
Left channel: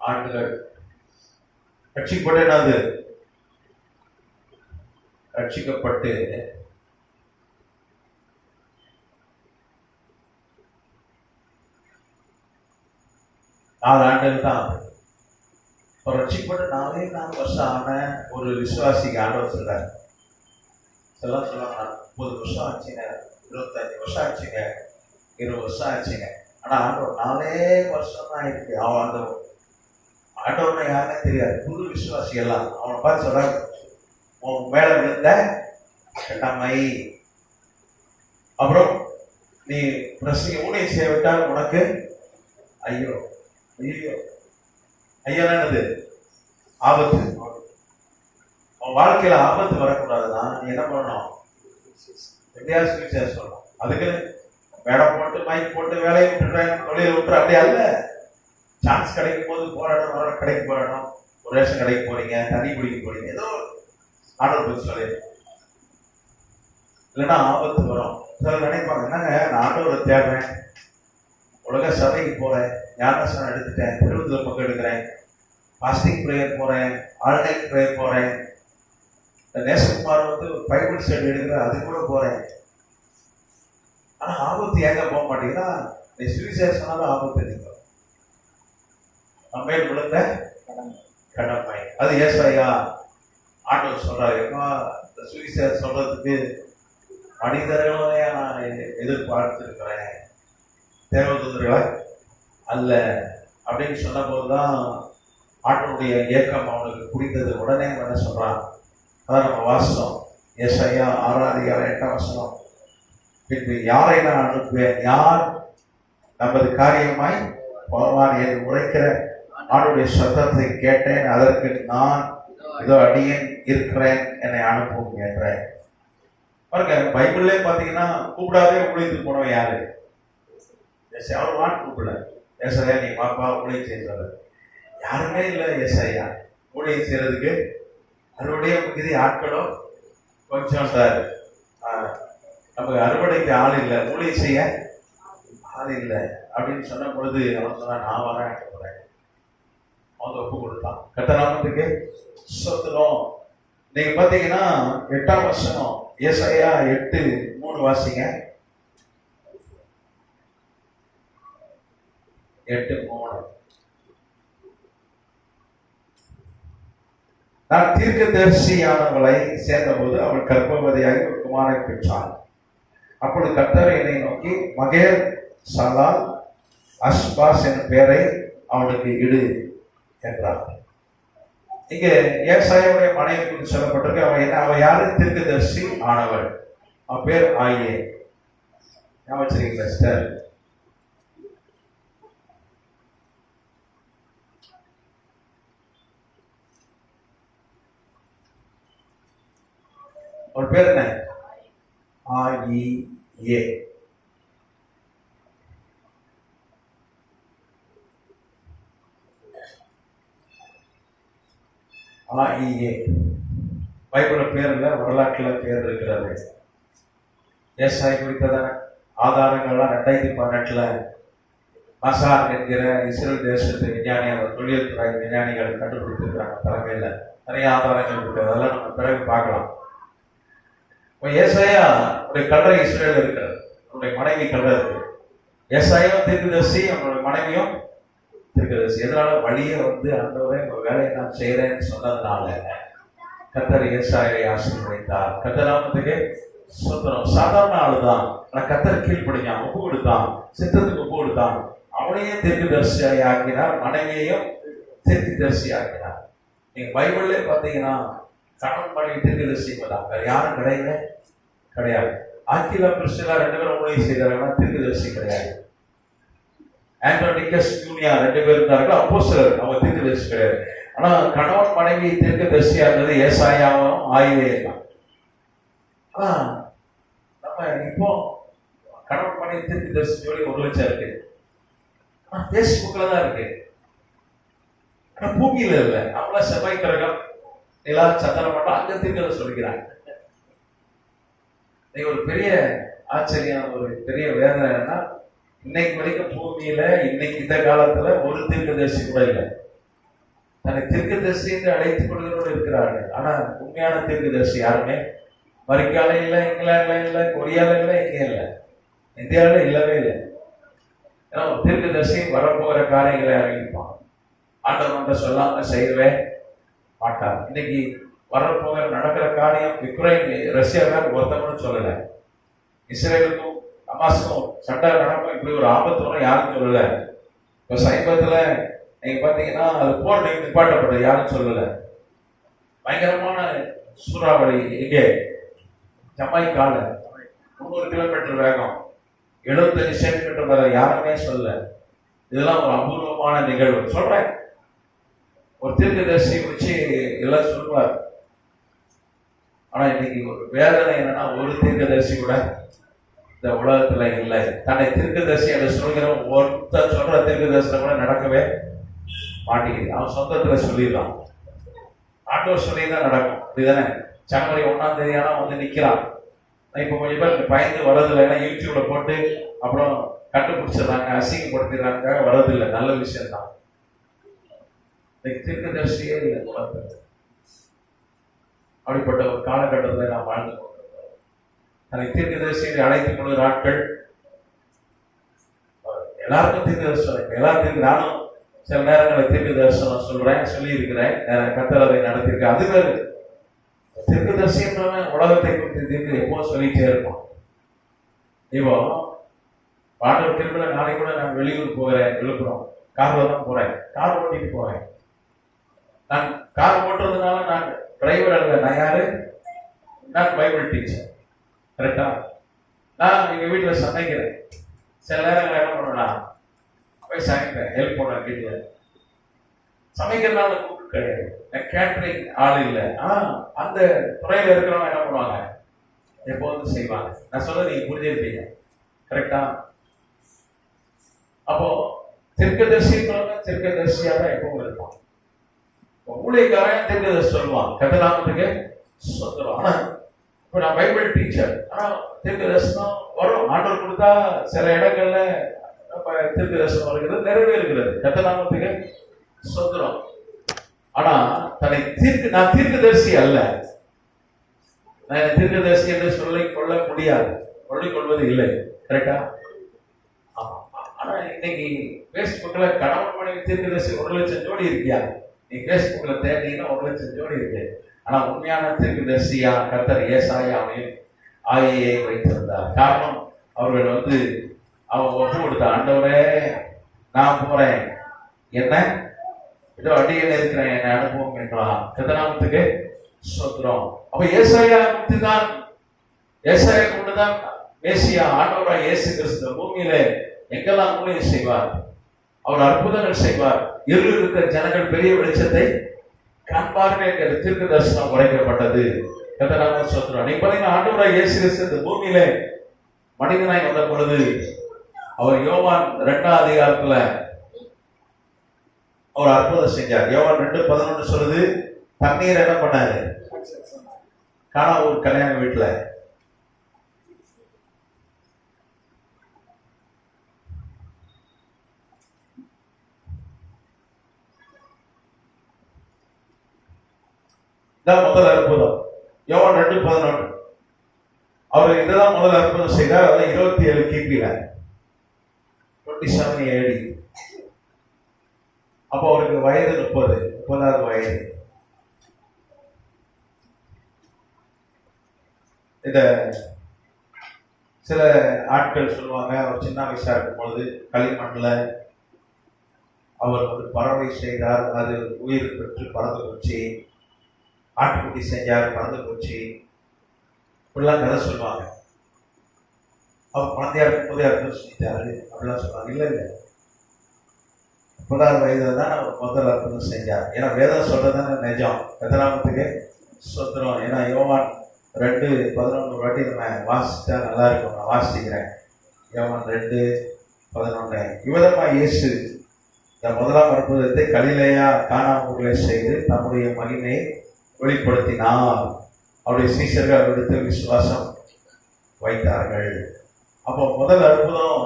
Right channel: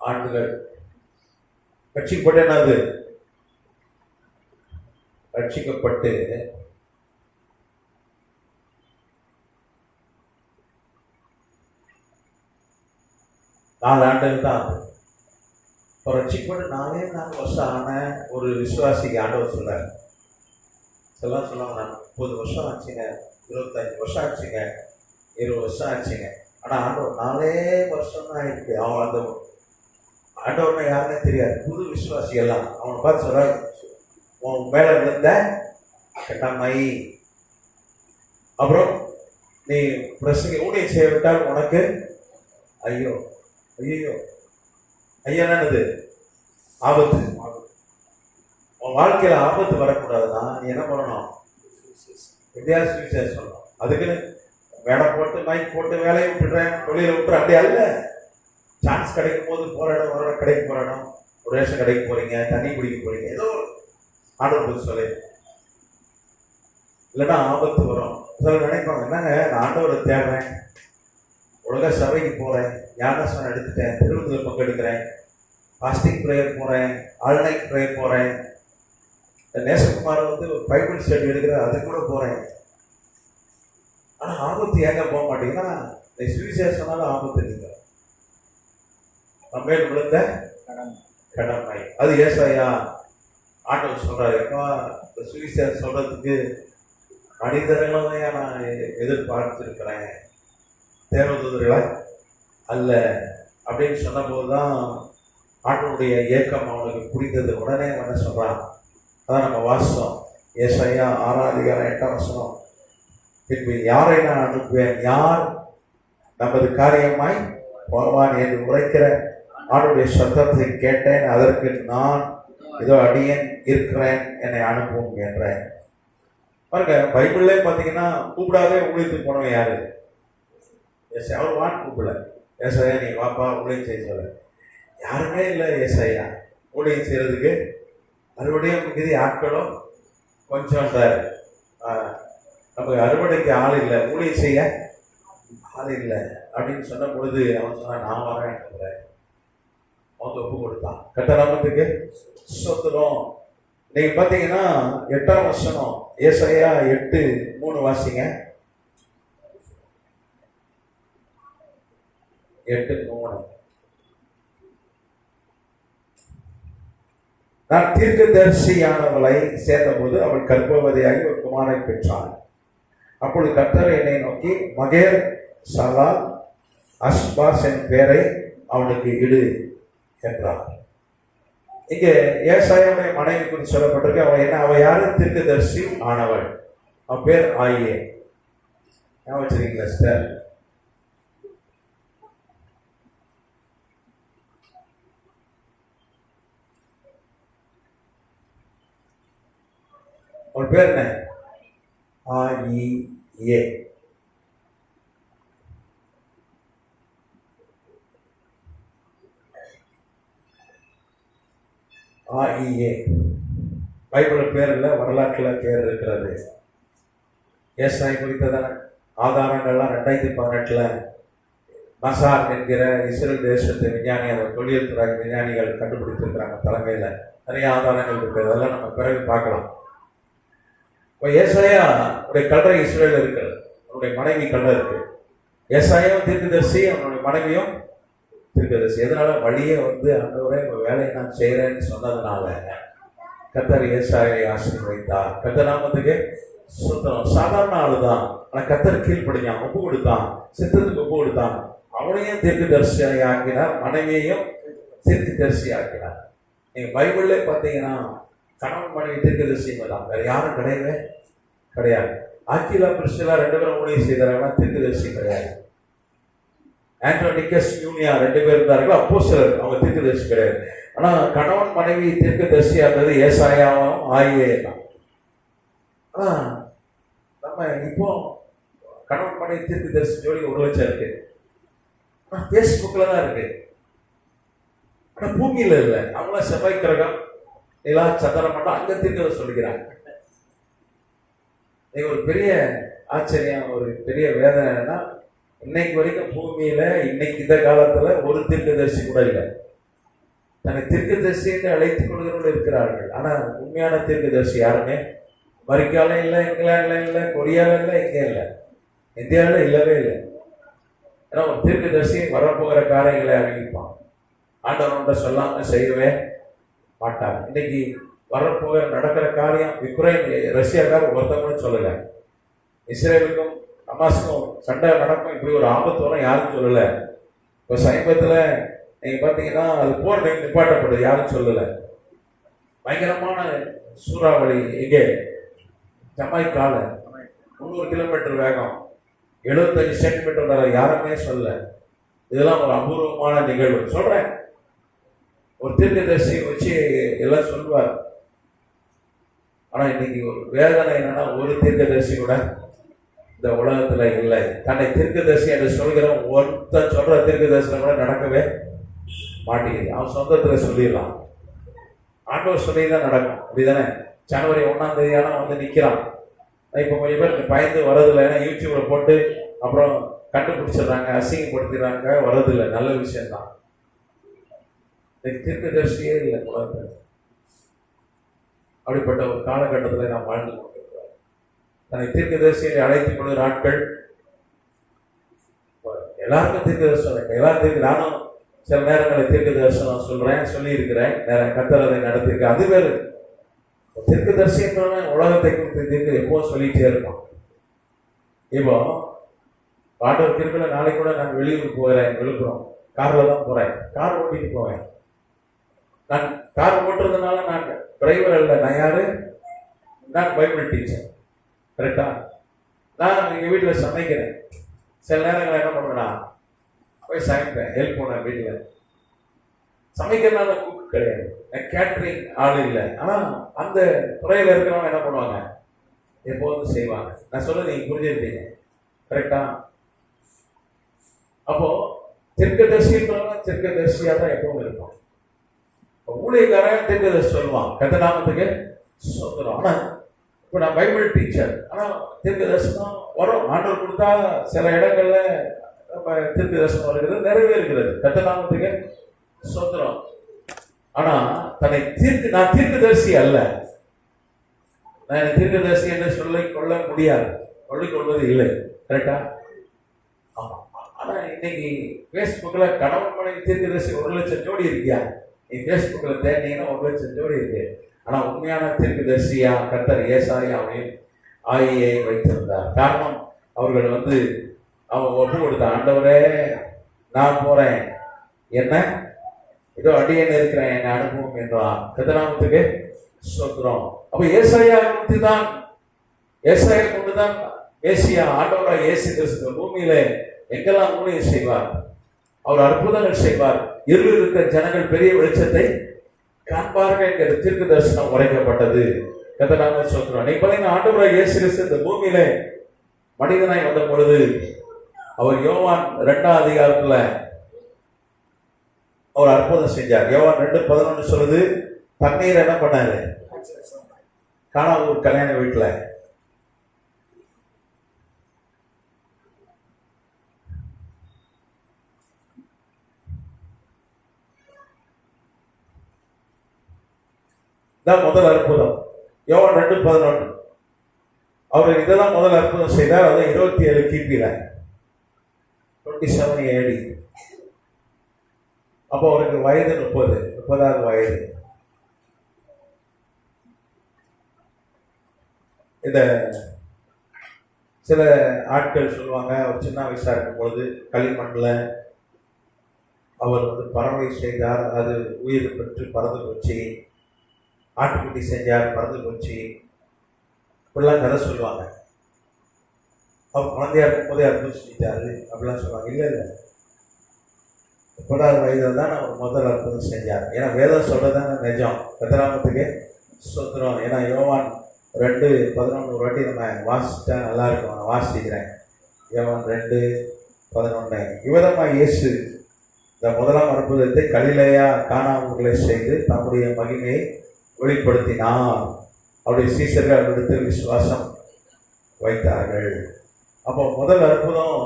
ஆண்டுகள் ரட்சிக்கப்பட்டு என்னது? ரட்சிக்கப்பட்டு 4 ஆண்டுகள் தான். இப்போ ரட்சிக்கப்பட்டு 4 வருஷம் ஆன ஒரு விசுவாசிக்கு ஆண்டவர் சொல்றார். சொல்லாங்க 30 வருஷம் ஆச்சுங்க, 25 வருஷம் ஆச்சுங்க, 20 வருஷம் ஆச்சுங்க. ஆனால் ஆண்டவர் 4 வருஷம் தான் இருக்கு. அவன் அந்த ஆண்டவனை யாருன்னு தெரியாது, புது விசுவாசி எல்லாம் அவனை பார்த்து சொல்றாங்க, உன் மேல விழுந்த கடமை. அப்புறம் நீ பிரசங்க ஊழியம் செய்ய விட்டால் உனக்கு ஐயோ ஐயோ ஐயானது ஆபத்து. உன் வாழ்க்கையில ஆபத்து வரக்கூடாதுன்னா நீ என்ன பண்ணணும்? எப்படியாவது சுவிசேஷம் சொல்லணும். அதுக்குன்னு மேடம் போட்டு மைக் போட்டு வேலையை விட்டுறேன், தொழிலை விட்டுற அப்படியா இல்லை. சான்ஸ் கிடைக்கும் போது போராடணும், வர கடைக்கு போராடணும், ஒரு ரேஷன் கடைக்கு போறீங்க, தண்ணி குடிக்க போறீங்க, ஏதோ ஆண்டவர் சொல்லி இல்லைன்னா ஆபத்து வரும். சிலர் நினைப்பாங்க, என்னங்க நான் ஆண்டவரை தேடுறேன், உலக சபைக்கு போறேன், ஞானஸ்நானம் எடுத்துட்டேன், திருவிழா பக்கம் எடுக்கிறேன், பாஸ்டிங் ப்ரேயர் போறேன், ஆன்லைன் ப்ரேயர் போறேன், நேசகுமார் பைபிள் ஸ்டடி எடுக்கிற அது கூட போறேன். ஆனா ஆபத்து ஏங்க போக மாட்டீங்கன்னா, நீ சுவிசேஷனால ஆபத்து நீங்க நம்ம விழுந்த கடமை. அது ஏசாயா ஆண்டவர் சொல்றாரு, எப்பா இந்த சுவிசேஷம் சொல்றதுக்கு மனிதர்களே நான் எதிர்பார்த்திருக்கிறேன், தேவதூதர்களை அல்ல அப்படின்னு சொன்ன போதுதான் ஆண்டவருடைய ஏக்கம் அவனுக்கு புரிந்தது. உடனே என்ன சொல்றான், அதான் நம்ம வாசம் ஏசாயா 6:8 பின்பு யாரை நான் அனுப்புவேன், யார் நமது காரியமாய் போவான் என்று உரைக்கிற ஆண்டுடைய சத்தத்தை கேட்டேன், அதற்கு நான் இதோ அடியேன் இருக்கிறேன், என்னை அனுப்பும் என்றேன். பாருங்க, பைபிள்லே பார்த்தீங்கன்னா கூப்பிடாதே ஊழியத்துக்கு போனவன் யாரு? அவர் கூப்பிடல. ஏசாயா நீ பாப்பா ஊழியம் செய்ய யாருமே இல்லை. ஏசாயா ஊழியம் செய்யறதுக்கு அறுவடைய மிகுதி ஆட்களும் கொஞ்சம் இருந்தார். நமக்கு அறுவடைக்கு ஆள் இல்லை, ஊழியம் செய்ய ஆள் இல்லை அப்படின்னு சொன்ன பொழுது அவன் சொன்னான், நான் வரேன் போறேன். அவன் ஒப்பு கொடுத்தான். கர்த்தராமத்துக்கு ஸ்தோத்திரம். நீங்க பாத்தீங்கன்னா 8ஆம் வசனம் ஏசாயா 8:3 வாசிங்க. 8:3 நான் தீர்க்கதரிசியானவளை சேர்ந்தபோது அவள் கர்ப்பவதியாக ஒரு குமாரை பெற்றாள். அப்பொழுது கர்த்தர் என்னை நோக்கி மகேர் சலால் அஸ்பாஸ் என் பெயரை அவனுக்கு இடு என்றார். இங்க ஏசாயாவுடைய மனைவி குறித்து சொல்லப்பட்டிருக்கு. அவன் யாரு? தீர்க்கதரிசி ஆனவள். அவன் பேர் ஆயே. ஞாபகம் வச்சிருக்கீங்களா சிஸ்டர்? ஒரு பேர் என்ன? ஆயே. ஆயே பைபிள்ல பேர் இல்லை, வரலாற்றுல பேர் இருக்கிறது. ஏசாயா குறித்ததான ஆதாரங்கள்லாம் 2018 மசார் என்கிற இஸ்ரேல் தேசத்து விஞ்ஞானி, அவர் தொழில் துறை விஞ்ஞானிகள் கண்டுபிடித்திருக்கிறாங்க. தலைமையில் நிறைய ஆதாரங்கள் இருக்குது, அதெல்லாம் நம்ம பிறகு பார்க்கலாம். இப்போ ஏசாயா உடைய கல்லறை இஸ்ரேல் இருக்கிறது, அவருடைய மனைவி கல்லறை இருக்கு. ஏசாயாவும் தீர்க்கதரிசி, அவனுடைய மனைவியும் தீர்க்கதரிசி. எதனால? வழியே அந்தவரை வேலையை நான் செய்யறேன்னு சொன்னதுனால கர்த்தர் ஏசாயாவை ஆசீர்வதித்தார். கர்த்தராமத்துக்கு சுத்தனம். சாதாரண ஆளுதான், ஆனா கர்த்தர் கீழ்ப்படிஞ்சான், ஒப்பு கொடுத்தான், சித்தத்துக்கு ஒப்பு கொடுத்தான். அவனையும் தீர்க்கதரிசியை ஆக்கினார், மனைவியையும் தீர்க்கதரிசி ஆக்கினார். நீங்க பைபிள்ல பாத்தீங்கன்னா கணவன் மனைவி தீர்க்கதரிசி தான், வேற யாரும் கிடையாது. ஆக்கிலா பிரிஸ்கில்லா 2 பேரும் ஊழியம் செய்தார்கள், தீர்க்கதரிசி கிடையாது. ஆண்டோனிகஸ் யூனியா 2 பேர் இருந்தார்கள், அப்போஸ்தலர், அவங்க தீர்க்கதரிசி கிடையாது. ஆனா கணவன் மனைவி தீர்க்கதரிசியா இருந்தது ஏசாயாவும் ஆயேயும் தான். ஆனா நம்ம இப்போ கணவன் மனைவி தீர்க்கதரிசி ஜோடி 1 லட்சம் இருக்கு, ஆனா பேஸ்புக்ல தான் இருக்கு, ஆனா பூமியில இல்லை. அவங்கள செவ்வாய் கிரகம் நிலா சந்திரன் மட்டும் அங்க தீர்க்கதரிசி சொல்லிக்கிறாங்க. ஒரு பெரிய ஆச்சரியம், ஒரு பெரிய வேதனை என்னன்னா, இன்னைக்கு வரைக்கும் பூமியில இன்னைக்கு இந்த காலத்துல ஒரு தீர்க்கதரிசி கூட இல்லை. தன்னை தீர்க்கதரிசி என்று அழைத்துக் கொள்கிறோடு இருக்கிறார்கள். ஆனா உண்மையான தீர்க்கதரிசி யாருமே அமெரிக்கால இல்லை, இங்கிலாந்துல இல்லை, கொரியால இல்லை, இங்கே இல்லை, இந்தியாவில இல்லவே இல்லை. ஏன்னா ஒரு தீர்க்கதரிசி வரப்போகிற காரியங்களை அறிவிப்பான். ஆண்டவன் ஒன்றை சொல்லாம செய்யவே மாட்டார். இன்னைக்கு வரப்போகிற நடக்கிற காரியம் யுக்ரைன் ரஷ்யாக்கார ஒருத்தவங்க சொல்லல, இஸ்ரேலுக்கும் ஹமாஸுக்கும் சண்டை நடக்கும், இப்படி ஒரு ஆபத்து வரும் யாரும் சொல்லல. இப்போ சமீபத்துல நீங்க பாத்தீங்கன்னா அது போர் நிப்பாட்டப்பட்டது, யாரும் சொல்லல. பயங்கரமான சூறாவளி இங்கே ஜமைக்கால 300 கிலோமீட்டர் வேகம், 75 சென்டிமீட்டர் வேகம், யாருமே சொல்லல. இதெல்லாம் ஒரு அபூர்வமான நிகழ்வு. சொல்றேன், ஒரு தீர்க்கதரிசி வச்சு எல்லாம் சொல்லுவார். ஆனா இன்னைக்கு ஒரு வேதனை என்னன்னா, ஒரு தீர்க்கதரிசி கூட இந்த உலகத்துல இல்லை. தன்னை தீர்க்கதரிசி அதை சொல்கிறவன் ஒருத்தர் சொல்ற தீர்க்கதரிசனம் கூட நடக்கவே மாட்டேங்குது. அவன் சொந்தத்துல சொல்லிடலாம், ஆண்டவர் சொல்லிதான் நடக்கும். அப்படிதானே? ஜனவரி 1ஆம் தேதி நிக்கிறான். இப்ப கொஞ்சம் பேர் பயந்து வரதில்லை, ஏன்னா யூடியூப்ல போட்டு அப்புறம் கண்டுபிடிச்சிடுறாங்க, அசிங்கப்படுத்திடுறாங்க, வரதில்லை. நல்ல விஷயம் தான். தீர்க்கதரிசியே இல்லை உலகத்துல. அப்படிப்பட்ட ஒரு காலகட்டத்தில் நாம் வாழ்ந்து கொண்டிருக்கிறோம். தன்னை தீர்க்கதரிசியை அழைத்துக் கொள்கிற ஆட்கள் எல்லாருக்கும் தீர்க்கதரிசனம், எல்லாத்துக்கும். நானும் சில நேரங்களில் தீர்க்கதரிசனம் சொல்றேன், சொல்லி இருக்கிறேன், கர்த்தர் அதை நடத்திருக்கேன். அது வேறு. தீர்க்கதரிசி என்றவன் உலகத்தை குறித்து தீர்க்க எப்போ சொல்லிட்டே இருப்பான். இப்போ ஆண்டவர் இருக்கிற நாளைக்கு கூட நான் வெளியூர் போகிறேன், விழுப்புரம் கார்ல தான் போறேன், கார் ஓட்டிட்டு போவேன். நான் கார் ஓட்டுறதுனால நான் டிரைவர் அல்ல, நான் யாரு? நான் பைபிள் டீச்சர். கரெக்டா? நான் எங்க வீட்டுல சமைக்கிறேன். சில நேரங்கள் என்ன பண்ணுவேன்னா போய் சமைப்பேன், ஹெல்ப் பண்ணுவேன் வீட்டுல. சமைக்கிறதுனால குக் கிடையாது, கேட்டரிங் ஆள் இல்லை. ஆனா அந்த துறையில இருக்கிறவங்க என்ன பண்ணுவாங்க, எப்போதும் செய்வாங்க. நான் சொல்றது நீங்க புரிஞ்சிருப்பீங்க. கரெக்டா? அப்போ தீர்க்கதரிசிங்கிறவங்க தீர்க்கதரிசியா தான் எப்பவும் இருப்பான். ஊழியக்காரன் தீர்க்கதரிசி சொல்லுவான், கத்தநாமத்துக்கு சொந்தம். ஆனா இப்ப நான் பைபிள் டீச்சர், ஆனா தீர்க்கதரிசனம் வரும். ஆண்டவர் கொடுத்தா சில இடங்கள்ல தீர்க்கதரிசனம் வருகிறது, நிறைவேறுகிறது, கத்தநாமத்துக்கு சொந்தம். ஆனா தன்னை நான் தீர்க்கதரிசி அல்ல, நான் தீர்க்கதரிசி என்று சொல்லிக் கொள்ள முடியாது, சொல்லிக் கொள்வது இல்லை. கரெக்டா? ஆனா இன்னைக்கு பேஸ்புக்ல கணவன் மனைவி தீர்க்கதரிசி 1,00,000 ஜோடி இருக்கியா? நீ பேஸ்புக்ல தேடினீங்கன்னா 1,00,000 ஜோடி இருக்கு. ஆனா உண்மையான தீர்க்கதரிசியா கர்த்தர் ஏசாயாவையும் ஆயியை வைத்திருந்தார். காரணம், அவர்கள் அவன் ஒப்பு கொடுத்த, ஆண்டவரே நான் போறேன், என்ன ஏதோ அடியேன்னு இருக்கிறேன், என்ன அனுபவம் என்றான். கர்த்தநாமத்துக்கு ஸ்தோத்திரம். அப்ப ஏசாயா கொண்டுதான் மேசியா ஆண்டவராக இயேசு கிறிஸ்து பூமியிலே எங்கெல்லாம் ஊழியம் செய்வார், அவர் அற்புதங்கள் செய்வார், இருள் இருக்கிற ஜனங்கள் பெரிய வெளிச்சத்தை காண்பார்கள் என்கிற தீர்க்க தரிசனம் உரைக்கப்பட்டது. கர்த்தராக ஸ்தோத்திரம். நீ பாருங்க, ஆண்டவராக இயேசு கிறிஸ்து இந்த பூமியிலே மனிதனாய் வந்த பொழுது அவர் யோவான் 2ஆம் அதிகாரத்துல அவர் அற்புதம் செஞ்சார். யோவான் 2:11 சொல்லுது, தண்ணீர் என்ன பண்ணாரு? காணா ஒரு கல்யாண வீட்டுல முதல் அற்புதம். யோவான் 2:11 அவர் இதெல்லாம் முதல் அற்புதம் செய்தார். அதான் 27 கிபியில 27 AD. அப்போ அவருக்கு வயது 30வது வயது. இந்த சில ஆட்கள் சொல்லுவாங்க, அவர் சின்ன வயசா இருக்கும் பொழுது களிமண்ணில் அவர் பறவை செய்தார், அது உயிர் பெற்று பறந்து போச்சு. ஆட்டுக்குட்டி செஞ்சார், பறந்து போச்சு. இப்படிலாம் கதை சொல்லுவாங்க. அவர் குழந்தையா இருக்கும்போதே அற்புதம் செஞ்சாரு அப்படிலாம் சொல்லுவாங்க. இல்லை 30வது வயதுல தான் அவர் முதல் அற்புதம் செஞ்சார். ஏன்னா வேதம் சொல்றதுதானே நிஜம். கர்த்தராமத்துக்கு ஸ்தோத்திரம். ஏன்னா யோவான் 2:11 வாட்டி நம்ம வாசிச்சா நல்லா இருக்கும். நான் வாசிக்கிறேன். யோவான் 2:11. இவ்விதமாக இயேசு இந்த முதலாம் அற்புதத்தை கலிலேயா கானாவுக்குள்ளே செய்து தம்முடைய மகிமையை வெளிப்படுத்தினார். அவருடைய சீஷர்கள் அவரிடத்தில் விசுவாசம் வைத்தார்கள். அப்போ முதல் அற்புதம்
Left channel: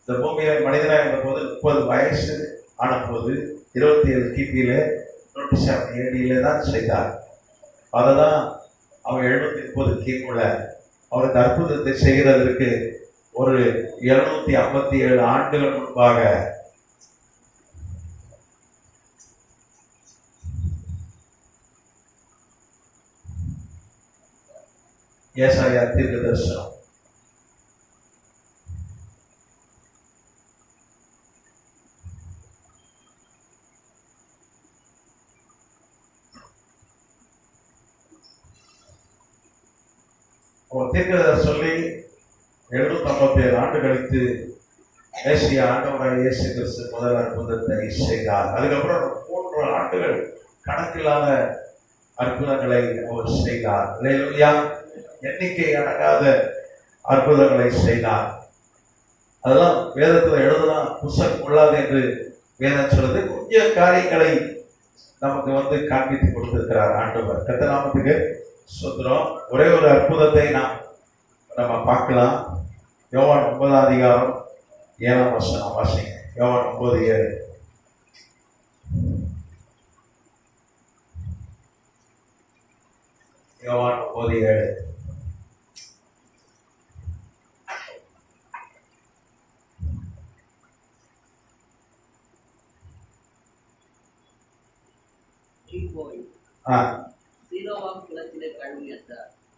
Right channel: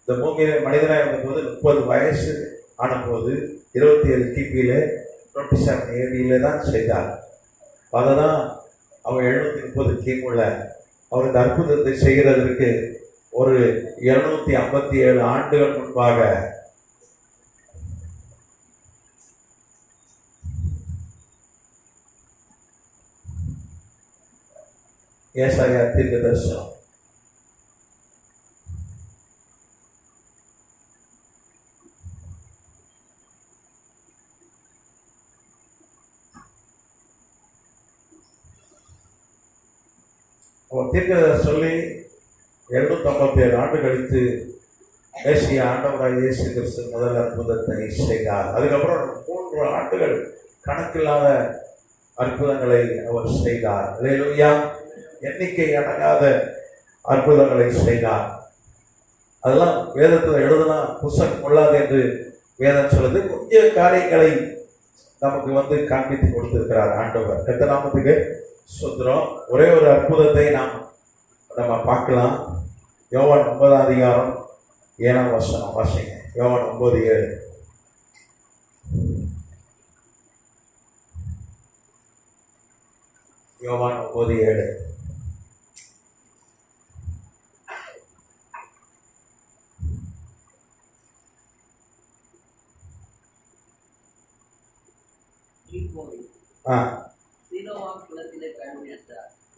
இந்த பூமியில மனிதனாக இருந்தபோது 30 வயசு ஆன போது 27 கிபியில 27 AD தான் செய்தார். அதுதான் அவர் 730 கிமுல அவர் இந்த அற்புதத்தை செய்கிறதற்கு ஒரு 257 ஆண்டுகள் முன்பாக ஏசாயா தீர்க்கதரிசனம் சொல்லி 757 ஆண்டு கழித்து மேசியா ஆண்டவராக இயேசு கிறிஸ்து முதல் அற்புதத்தை செய்தார். அதுக்கப்புறம் 3 ஆண்டுகள் கணக்கில்லாத அற்புதங்களை அவர் செய்தார். அல்லேலூயா. எண்ணிக்கை அடங்காத அற்புதங்களை செய்தார். அதெல்லாம் வேதத்தில் எழுதுனா புஸ்தகம் கொள்ளாது என்று வேதம் சொல்லுது. கொஞ்சம் காரியங்களை நமக்கு காண்பித்து கொடுத்திருக்கிறார் ஆண்டவர். கர்த்தநாமத்துக்கு ஸ்தோத்திரம். ஒரே ஒரு அற்புதத்தை நம்ம பார்க்கலாம். யோவான் 9ஆம் அதிகாரம் 7ஆம் வசனம் வாசிங்க. யோவான் 9:7. யோவான் 9:7.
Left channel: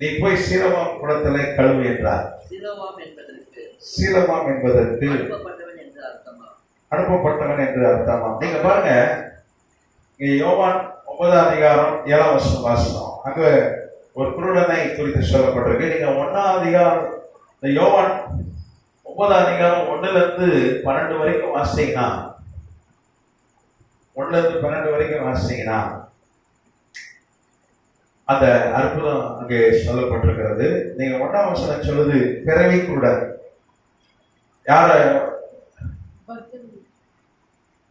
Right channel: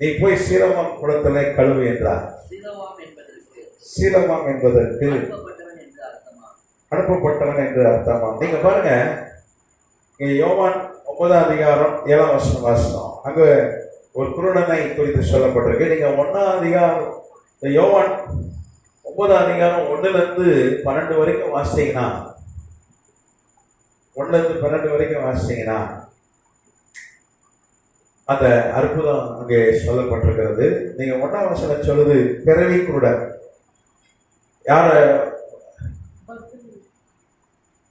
நீ போய் சீலோவாம் குளத்திலே கழுவு என்றார். சீலோவாம் என்பதற்கு சீலமாம் என்பதற்கு அனுப்பப்பட்டவன் என்று அர்த்தமா? அனுப்பப்பட்டவன் என்று அர்த்தமா? நீங்க பாருங்க, இங்க யோவான் 9ஆம் அதிகாரம் 7ஆம் வசனம் வாசனம், அங்க ஒரு குருடனை குறித்து சொல்லப்பட்டிருக்கு. நீங்க 1ஆம் அதிகாரம், இந்த யோவான் 9ஆம் அதிகாரம் 1-12 வரைக்கும் வாசிச்சீங்கன்னா, 1-12 வரைக்கும் வாசிச்சீங்கன்னா அந்த அற்புதம் அங்கே சொல்லப்பட்டிருக்கிறது. நீங்க 1ஆம் வசனம் சொல்லுது, பிறவி குருடன். யார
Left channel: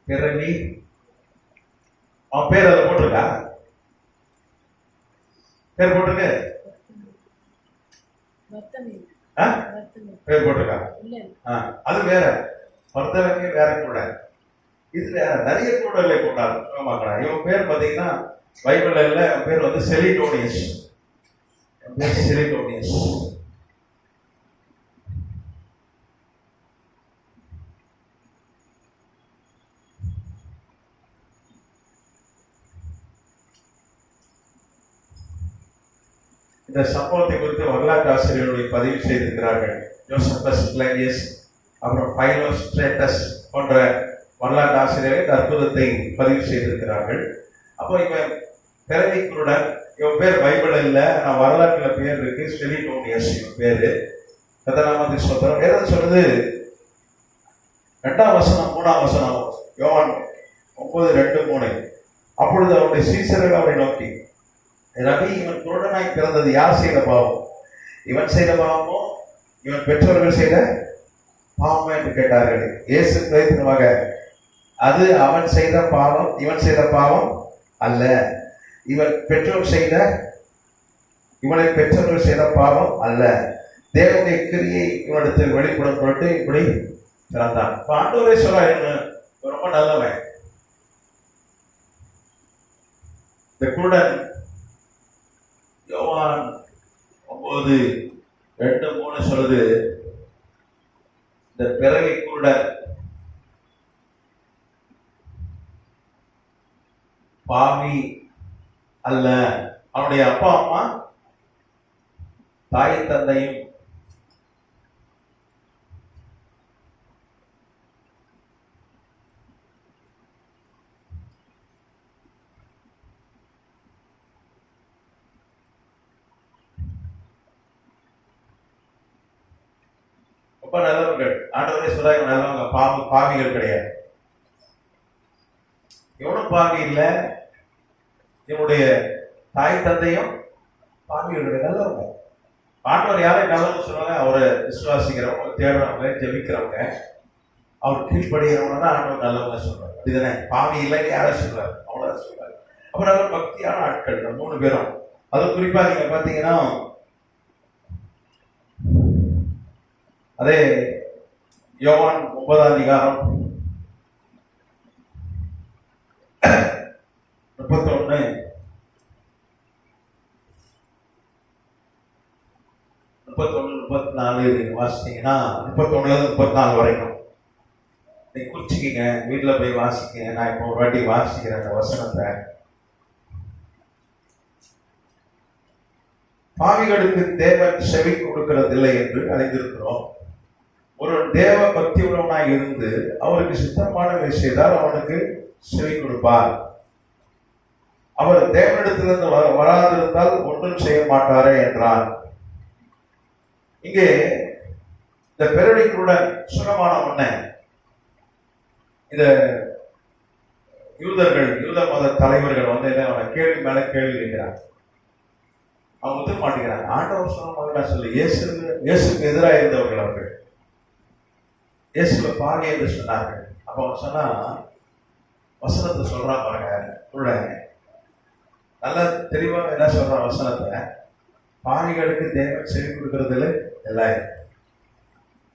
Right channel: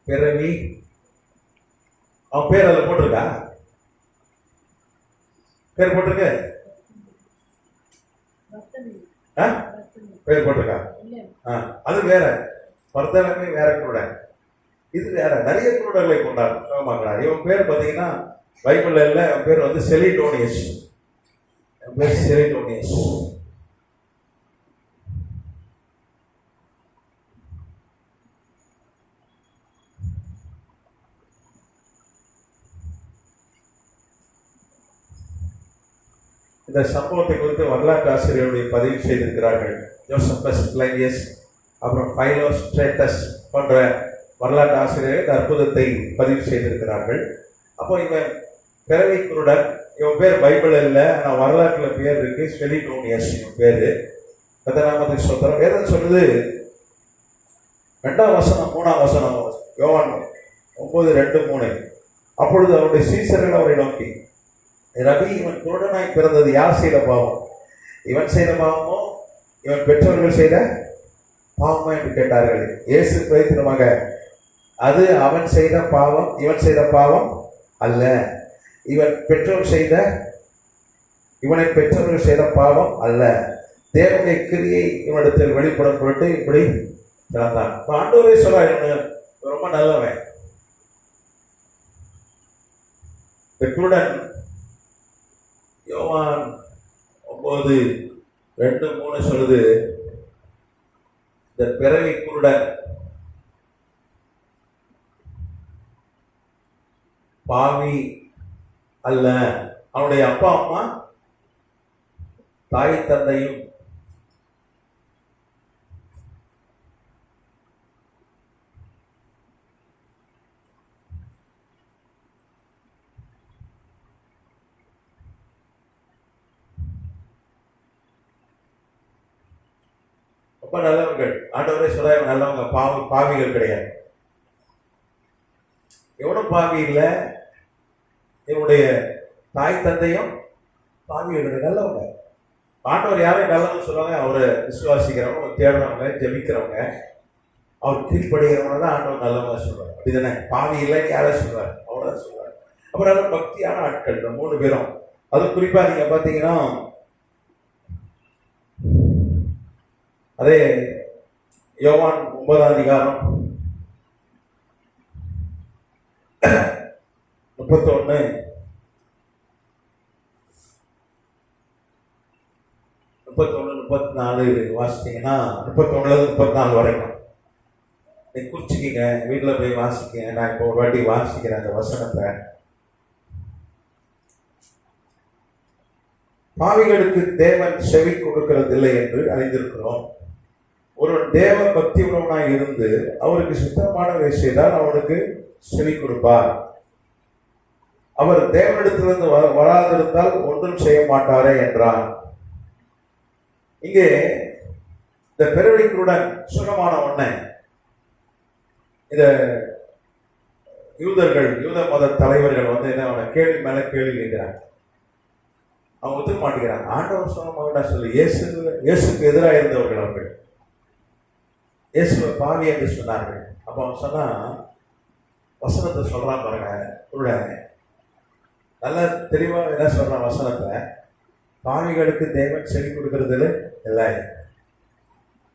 பிறவி? அவன் பேர் அதில் போட்டிருக்கா? பேர் போட்டிருக்கு? பேர் போட்டிருக்கா? அது வேற, பர்தலமே வேற கூட, இது வேற. நிறைய குருடர்களை கொண்டாடுறாங்க. இவன் பேர் பார்த்தீங்கன்னா பைபிள்ல இல்ல, பேர் வந்து செலிடோனியஸ். பேர் செலிடோனியஸ். இந்த சம்பவத்தை குறித்து வரலாற்று ஆசிரியர்கள் பதிவு செய்திருக்கிறார்கள். ஜோசப்பஸ் பிளானியஸ், அப்புறம் பைலோஸ்ட்ரேட்டஸ் போன்ற வரலாற்று ஆசிரியர்கள் இந்த அற்புதத்தை பதிவு செய்திருக்கிறார்கள். அப்போ இவன் பிறவி குருடன், இவன் பேர் பைபிள் இல்லை, நான் வரலாற்றுல பேர் இருக்கு, செலிடோனியஸ் இவன் பேரு. கதராமதி சோதரம் வேதம் சொல்லுது, 2ஆம் வசனம் 3ஆம் வசனம், யோவான் 9:2-3. அப்பொழுது அவருடைய சீசர்கள் அவரை நோக்கி, ரவி, இவன் குருடனாய் பிறந்தது யார் செய்த பாவம்? இவன் செய்த பாவமோ இவன் பெற்றோர்கள் செய்த பாவமோ என்று கேட்டார்கள். இயேசு பிரதித்திரமாக, அது அவன் செய்த பாவம், இவன் செய்த பாவம் அல்ல. இவனை பெற்றோர்கள் செய்த பாவம் அல்ல. தேவனுடைய கிரியை இவனிடத்தில் வெளிப்படும் பொருட்டு இப்படி பிறந்தான். ஆண்டவரே சொல்ல, ரொம்ப நல்லவன். இந்த குருடன் யோவான் 9:2-3 சொல்லுது, இந்த பிறவி குருடன் பாவி அல்ல. அவனுடைய அப்பா அம்மா, தாய் தந்தையும் ரொம்ப நல்லவர்கள். ஆண்டவரே சொல்ல, நல்லவங்க, பாவிகள் கிடையாது. எவனும் பாவி இல்லை. இவனுடைய தாய் தந்தையும் பாவிகளுடைய நல்லவங்க. ஆண்டவர் யாரையும் நல்லவங்க சொல்லுவாங்க? அவரை விசுவாசிக்கிறவங்க, தேடுறவங்க, ஜெபிக்கிறவங்க, அவர் கீழ்படுகிறவங்க தான் ஆண்டவர் நல்லவங்க சொல்றாரு. இதுதானே? பாவி இல்லைன்னு யாரை சொல்றாரு? அவ்வளோதான் சொல்றாரு. அப்புறம் அவர் பக்தியான ஆட்கள், இந்த 3 பேரும். அது குறிப்பா நீங்க பாத்தீங்கன்னா, அதே யோவான் 9ஆம் அதிகாரம் 31, 34 வாசித்தீங்கன்னா, 31-34 வரைக்கும் நீ குறிச்சிக்கிங்க, வீட்டில் போய் வாசிக்கங்க. நான் இப்போ ஒரு வாட்டி வாசிக்கிறேன் அந்த வசனத்தை. பாவிகளுக்கு தேவன் செவி கொடுக்கிறதில்லை என்று அறிந்திருக்கிறோம். ஒரு தேவ பக்தி உள்ளவனாய் இருந்து அவருக்கு சித்தமானவை செய்தால் அவனுக்கு செவி கொடுப்பார். அவர் தேவனிடத்திலிருந்து வராதிருந்தால் ஒன்றும் செய்ய மாட்டாரே என்றார். இங்கே இந்த பிறவிக்குடன் சுகமான உடனே இந்த யூத மத தலைவர்கள் வந்து என்ன கேள்வி மேல கேள்வி கேட்கிறாங்க. அவங்க ஒத்துக்க மாட்டேங்கிறாங்க. ஆண்டவர் சொன்ன சொல்லு, இயேசுக்கு எதிராக இருந்தவர்கள் அவர்கள் இயேசுவை பாவி என்று சொன்னார்கள். அப்ப அவன் சொன்னா, வசனத்தை சொல்றான் பாருங்க, உள்ள நல்ல தெளிவா என்ன சொல்றான் வசனத்துல, பாவிகளுக்கு தேவன் செவி கொடுக்கறதுல இல்லை.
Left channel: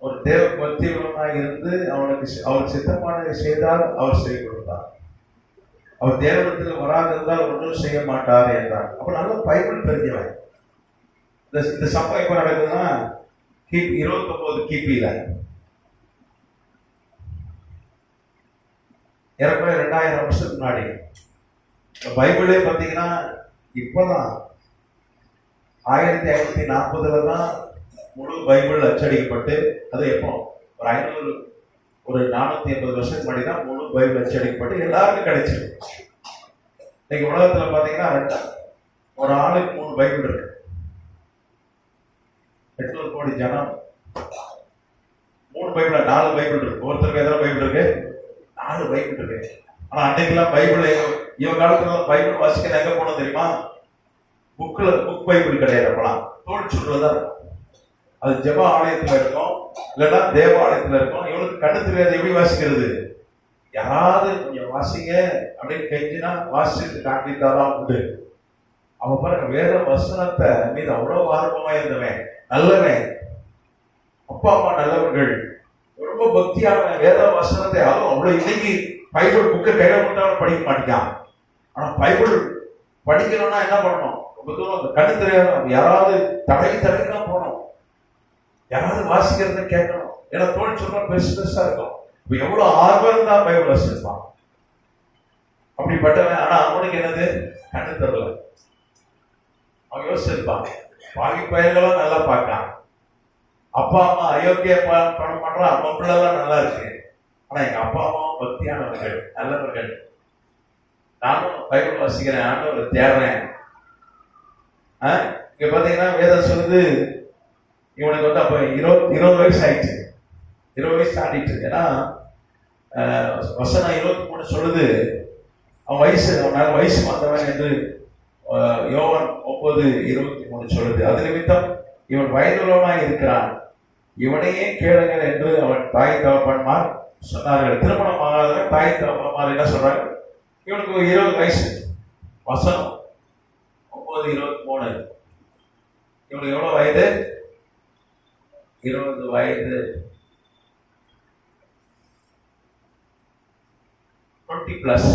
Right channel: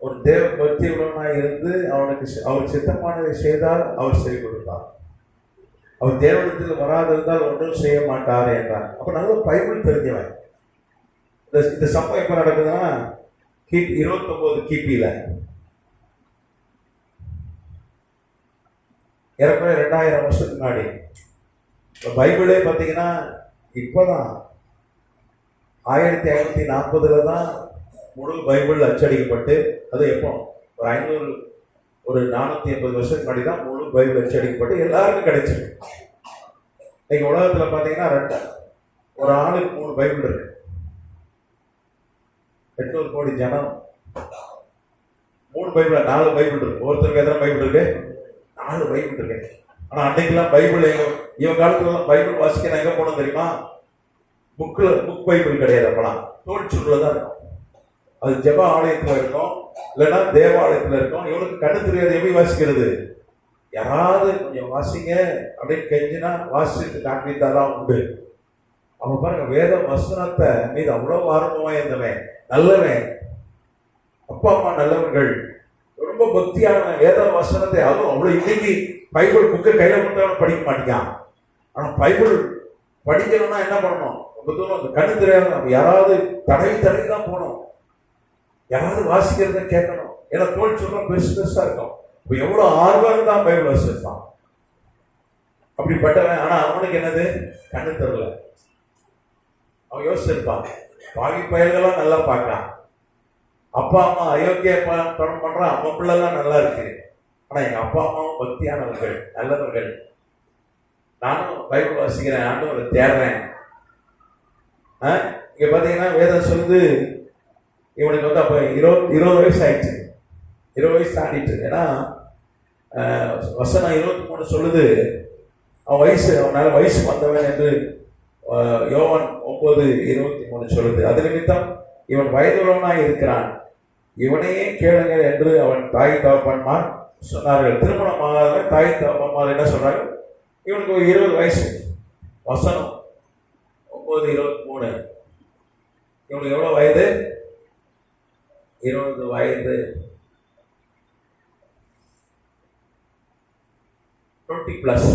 ஒரு தேவ பக்தியுள்ளவனாய் இருந்து அவர் சித்தமானதை செய்தால் அவர் செவி கொடுத்தார். அவர் தேவனத்தில் வராதிருந்தால் ஒன்றும் செய்ய மாட்டார் என்றார். அப்ப நல்ல பைபிள் தெரிஞ்சவன். இந்த சம்பவம் எப்ப நடக்குதுன்னா, 29 கிபியில, ஏறக்குறைய 2000 வருஷத்துக்கு முன்னாடி. பைபிளே பார்த்தீங்கன்னா இப்பதான் 1540 தான் முழு பைபிள் அச்சடிக்கப்பட்டு, அது எப்போ ஒரு 500 ஒரு 480 வருஷத்துக்கு முன்னாடி தான் முழு பைபிள் அச்சடிக்கப்பட்டு எல்லாருக்கும் கிடைச்சிருக்கு. இன்னைக்கு உலகத்துல பாத்தீங்கன்னா ஒரு ஆளுக்கு 3 பைபிள் இருக்கு. 800 கோடி ஜனம் 3 பைபிள் 4 பைபிள் இருக்கு. ஒருத்தருக்கு எத்தனை பைபிள் இருக்கு? 4 பைபிள் இருக்கு. ஆனா அன்னைக்கெல்லாம் பைபிள் இவங்க காலத்துல பைபிள் வாசிக்க எங்க போனோம் தெரியுமா? புக் பைபிள் கிடையாது. அப்பலாம் தோல் சொல்றதா அது ஜெப ஆலயத்துல இருக்கும், இல்லைன்னா தேவாலயத்துல இருக்கும். இவனுக்கு கண்ணு தெரியாது, எப்படி வாசிக்கிறது? யாராவது கொஞ்சம் வாசிங்க அப்படின்னு கெஞ்சினா வாசிட்டு காட்டிட்டாதான் உண்டு. அவன் பாருங்க, வேத வசனத்தை மீது அவ்வளவு ஆர்வமா இருந்தவன், நல்லவன், அப்பா அம்மா நல்லவர்கள், ரொம்ப பக்தியான வேத வசனத்தை. அதுவும் அவ்வளவு இன்னைக்கு பைபிள் புக்கை கையில கொண்டாட படிக்க மாட்டேங்கான். ஆனா பைபிள் படிக்கணும்னா என்ன பண்ணணும்? ரொம்ப தூரம் கண்ணு தெரியாது, யாராவது தடவி தான் போகணும், யாராவது வாசிக்கிறத கேட்கணும். ஏன்னா தோல் சொல்ற பெருசு பெருசா இருக்கும். இப்ப எவ்வளவு ஆர்வம் தான் பைபிள் வாசிப்பான் அப்படிப்பட்டவன். ஆனா அவனுக்கு என்னது? கண்ணு தெரியல. அவன் யோசிச்சிருப்பான், பாவி பயிர்களும் நல்லா பார்க்கலாம், அப்பா அம்மா அயோக்கிய பணம் பண்றான், அம்மா பிள்ளைலாம் நல்லா இருக்கு. ஆனா எங்க அப்பா அம்மாவும் பக்தியானவர்கள், நல்லவர்கள், நானும் பைபிள் வாசிக்கிறேன், ஆண்டவரை தேடுறேன். இங்க பாத்தீங்கன்னா வேதம் சொல்லுது, இவனுக்கு வந்து அப்ப 20 வயசு ஆயிடுச்சு, 20 வயசு தாண்டிட்டு. ஏன்னா வசனம் 23 சொல்லுது, அவன் வயசு வந்தவன் என்று யோவான் 9:23 சொல்லுது. அது நிமித்தம் இவன் வயதுள்ளவனா இருக்கிறான், இவனையே கேளுங்க என்று அவன் தாய் தகப்பன்மார் சொன்னார்கள். திருமணம் ஆகாத தாய் தகப்பன்மார் என்ன சொல்றாங்க? இவனுக்கு 20 வயசு. வசனம் 9:23. இவனுக்கு எவ்வளவு வயது? 20 வயது. 20+.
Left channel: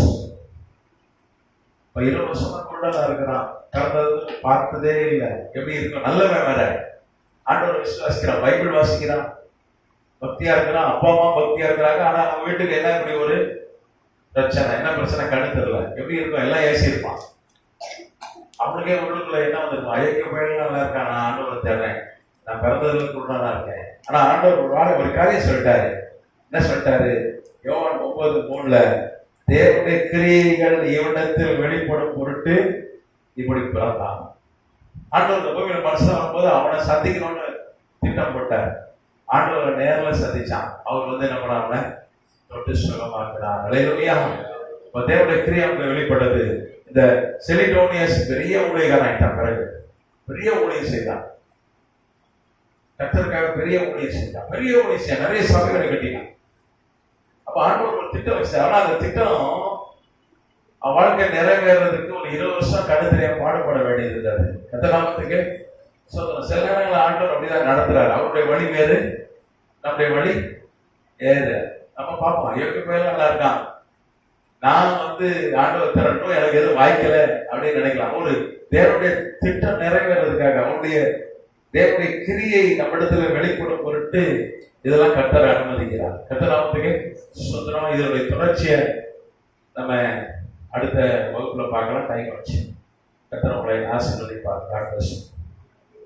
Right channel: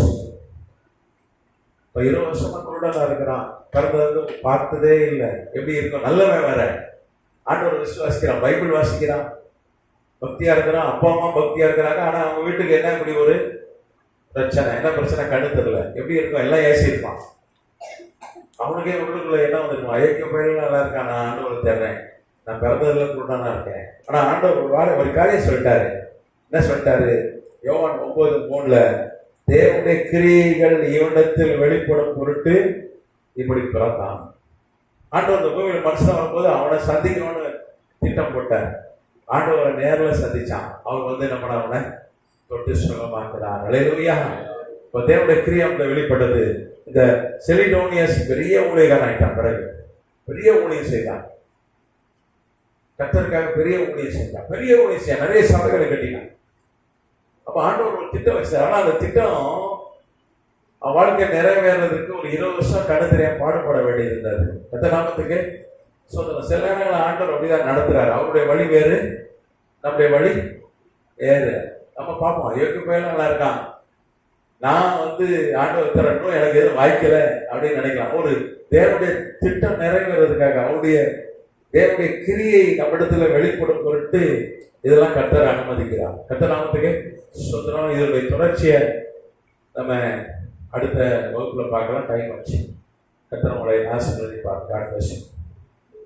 இப்ப 20 வருஷமா குருடனா இருக்கிறான், பிறந்தது பார்த்ததே இல்லை. எப்படி இருக்கும்? நல்லவன் வேற, ஆண்டவரை விசுவாசிக்கிறான், பைபிள் வாசிக்கிறான், பக்தியா இருக்கிறான், அப்பா அம்மா பக்தியா இருக்கிறாங்க. ஆனா அவங்க வீட்டுக்கு என்ன இப்படி ஒரு பிரச்சனை? என்ன பிரச்சனை? கண்ணு தெரியல. எப்படி இருக்கும்? எல்லாம் ஏசி இருப்பான். அவனுக்கே உள்ளுக்குள்ள என்ன வந்திருக்கும்? ஐக்கிய பயிர்கள் நல்லா இருக்கான், நான் ஆண்டவரை தேடுறேன், நான் பிறந்ததுல குருடனா இருக்கேன். ஆனா ஆண்டவர் ஒரு காரியம் சொல்லிட்டாரு. என்ன சொல்லிட்டாரு? யோவான் 9:3 தேவனுடைய கிரியைகள் இவனிடத்தில் வெளிப்படும் பொருட்டு இப்படி பிறந்தான். ஆண்டவர் இந்த பூமியில மனுஷன் வரும்போது அவனை சந்திக்கணும்னு திட்டம் போட்டார். ஆண்டவரை நேரில் சந்திச்சான். அவர் வந்து என்ன பண்ண, அவனை தொட்டு சுகமாக்குறார். அல்லேலூயா. இப்ப தேவனுடைய கிரியை வெளிப்பட்டது. இந்த செலிடோனியஸ் பெரிய ஊழியக்காரன் ஆயிட்டான். பிறகு பெரிய ஊழியம் செய்தான், கர்த்தருக்காக பெரிய ஊழியம் செய்தான், நிறைய சபைகளை கட்டினான். அப்ப ஆண்டவர் ஒரு திட்டம் வச்சார். ஆனா அந்த திட்டம் அவன் வாழ்க்கை நிறைவேறதுக்கு ஒரு 20 வருஷம் கடுமையா பாடுபட வேண்டியது இருந்தது. கர்த்தர் நாமத்துக்கு சில நேரங்கள் ஆண்டவர் அப்படிதான் நடத்துறாரு. அவருடைய வழி வேறு, நம்முடைய வழி வேறு. நம்ம பார்ப்போம், யோகி பையன் நல்லா இருக்கான், நான் வந்து ஆண்டவர் தரட்டும், எனக்கு எதுவும் வாய்க்கல அப்படின்னு நினைக்கலாம். ஒரு தேவனுடைய திட்டம் நிறைவேறதுக்காக, அவருடைய தேவனுடைய கிரியை நம்மிடத்துல வெளிப்படும் பொருட்டு இதெல்லாம் கர்த்தர் அனுமதிக்கிறார். கர்த்தர் நாமத்துக்கு சுதந்திரம். இதனுடைய தொடர்ச்சியை நம்ம அடுத்த வகுப்புல பார்க்கலாம். டைம் ஆச்சு. கர்த்தர் உங்களை ஆசீர்வதிப்பார்.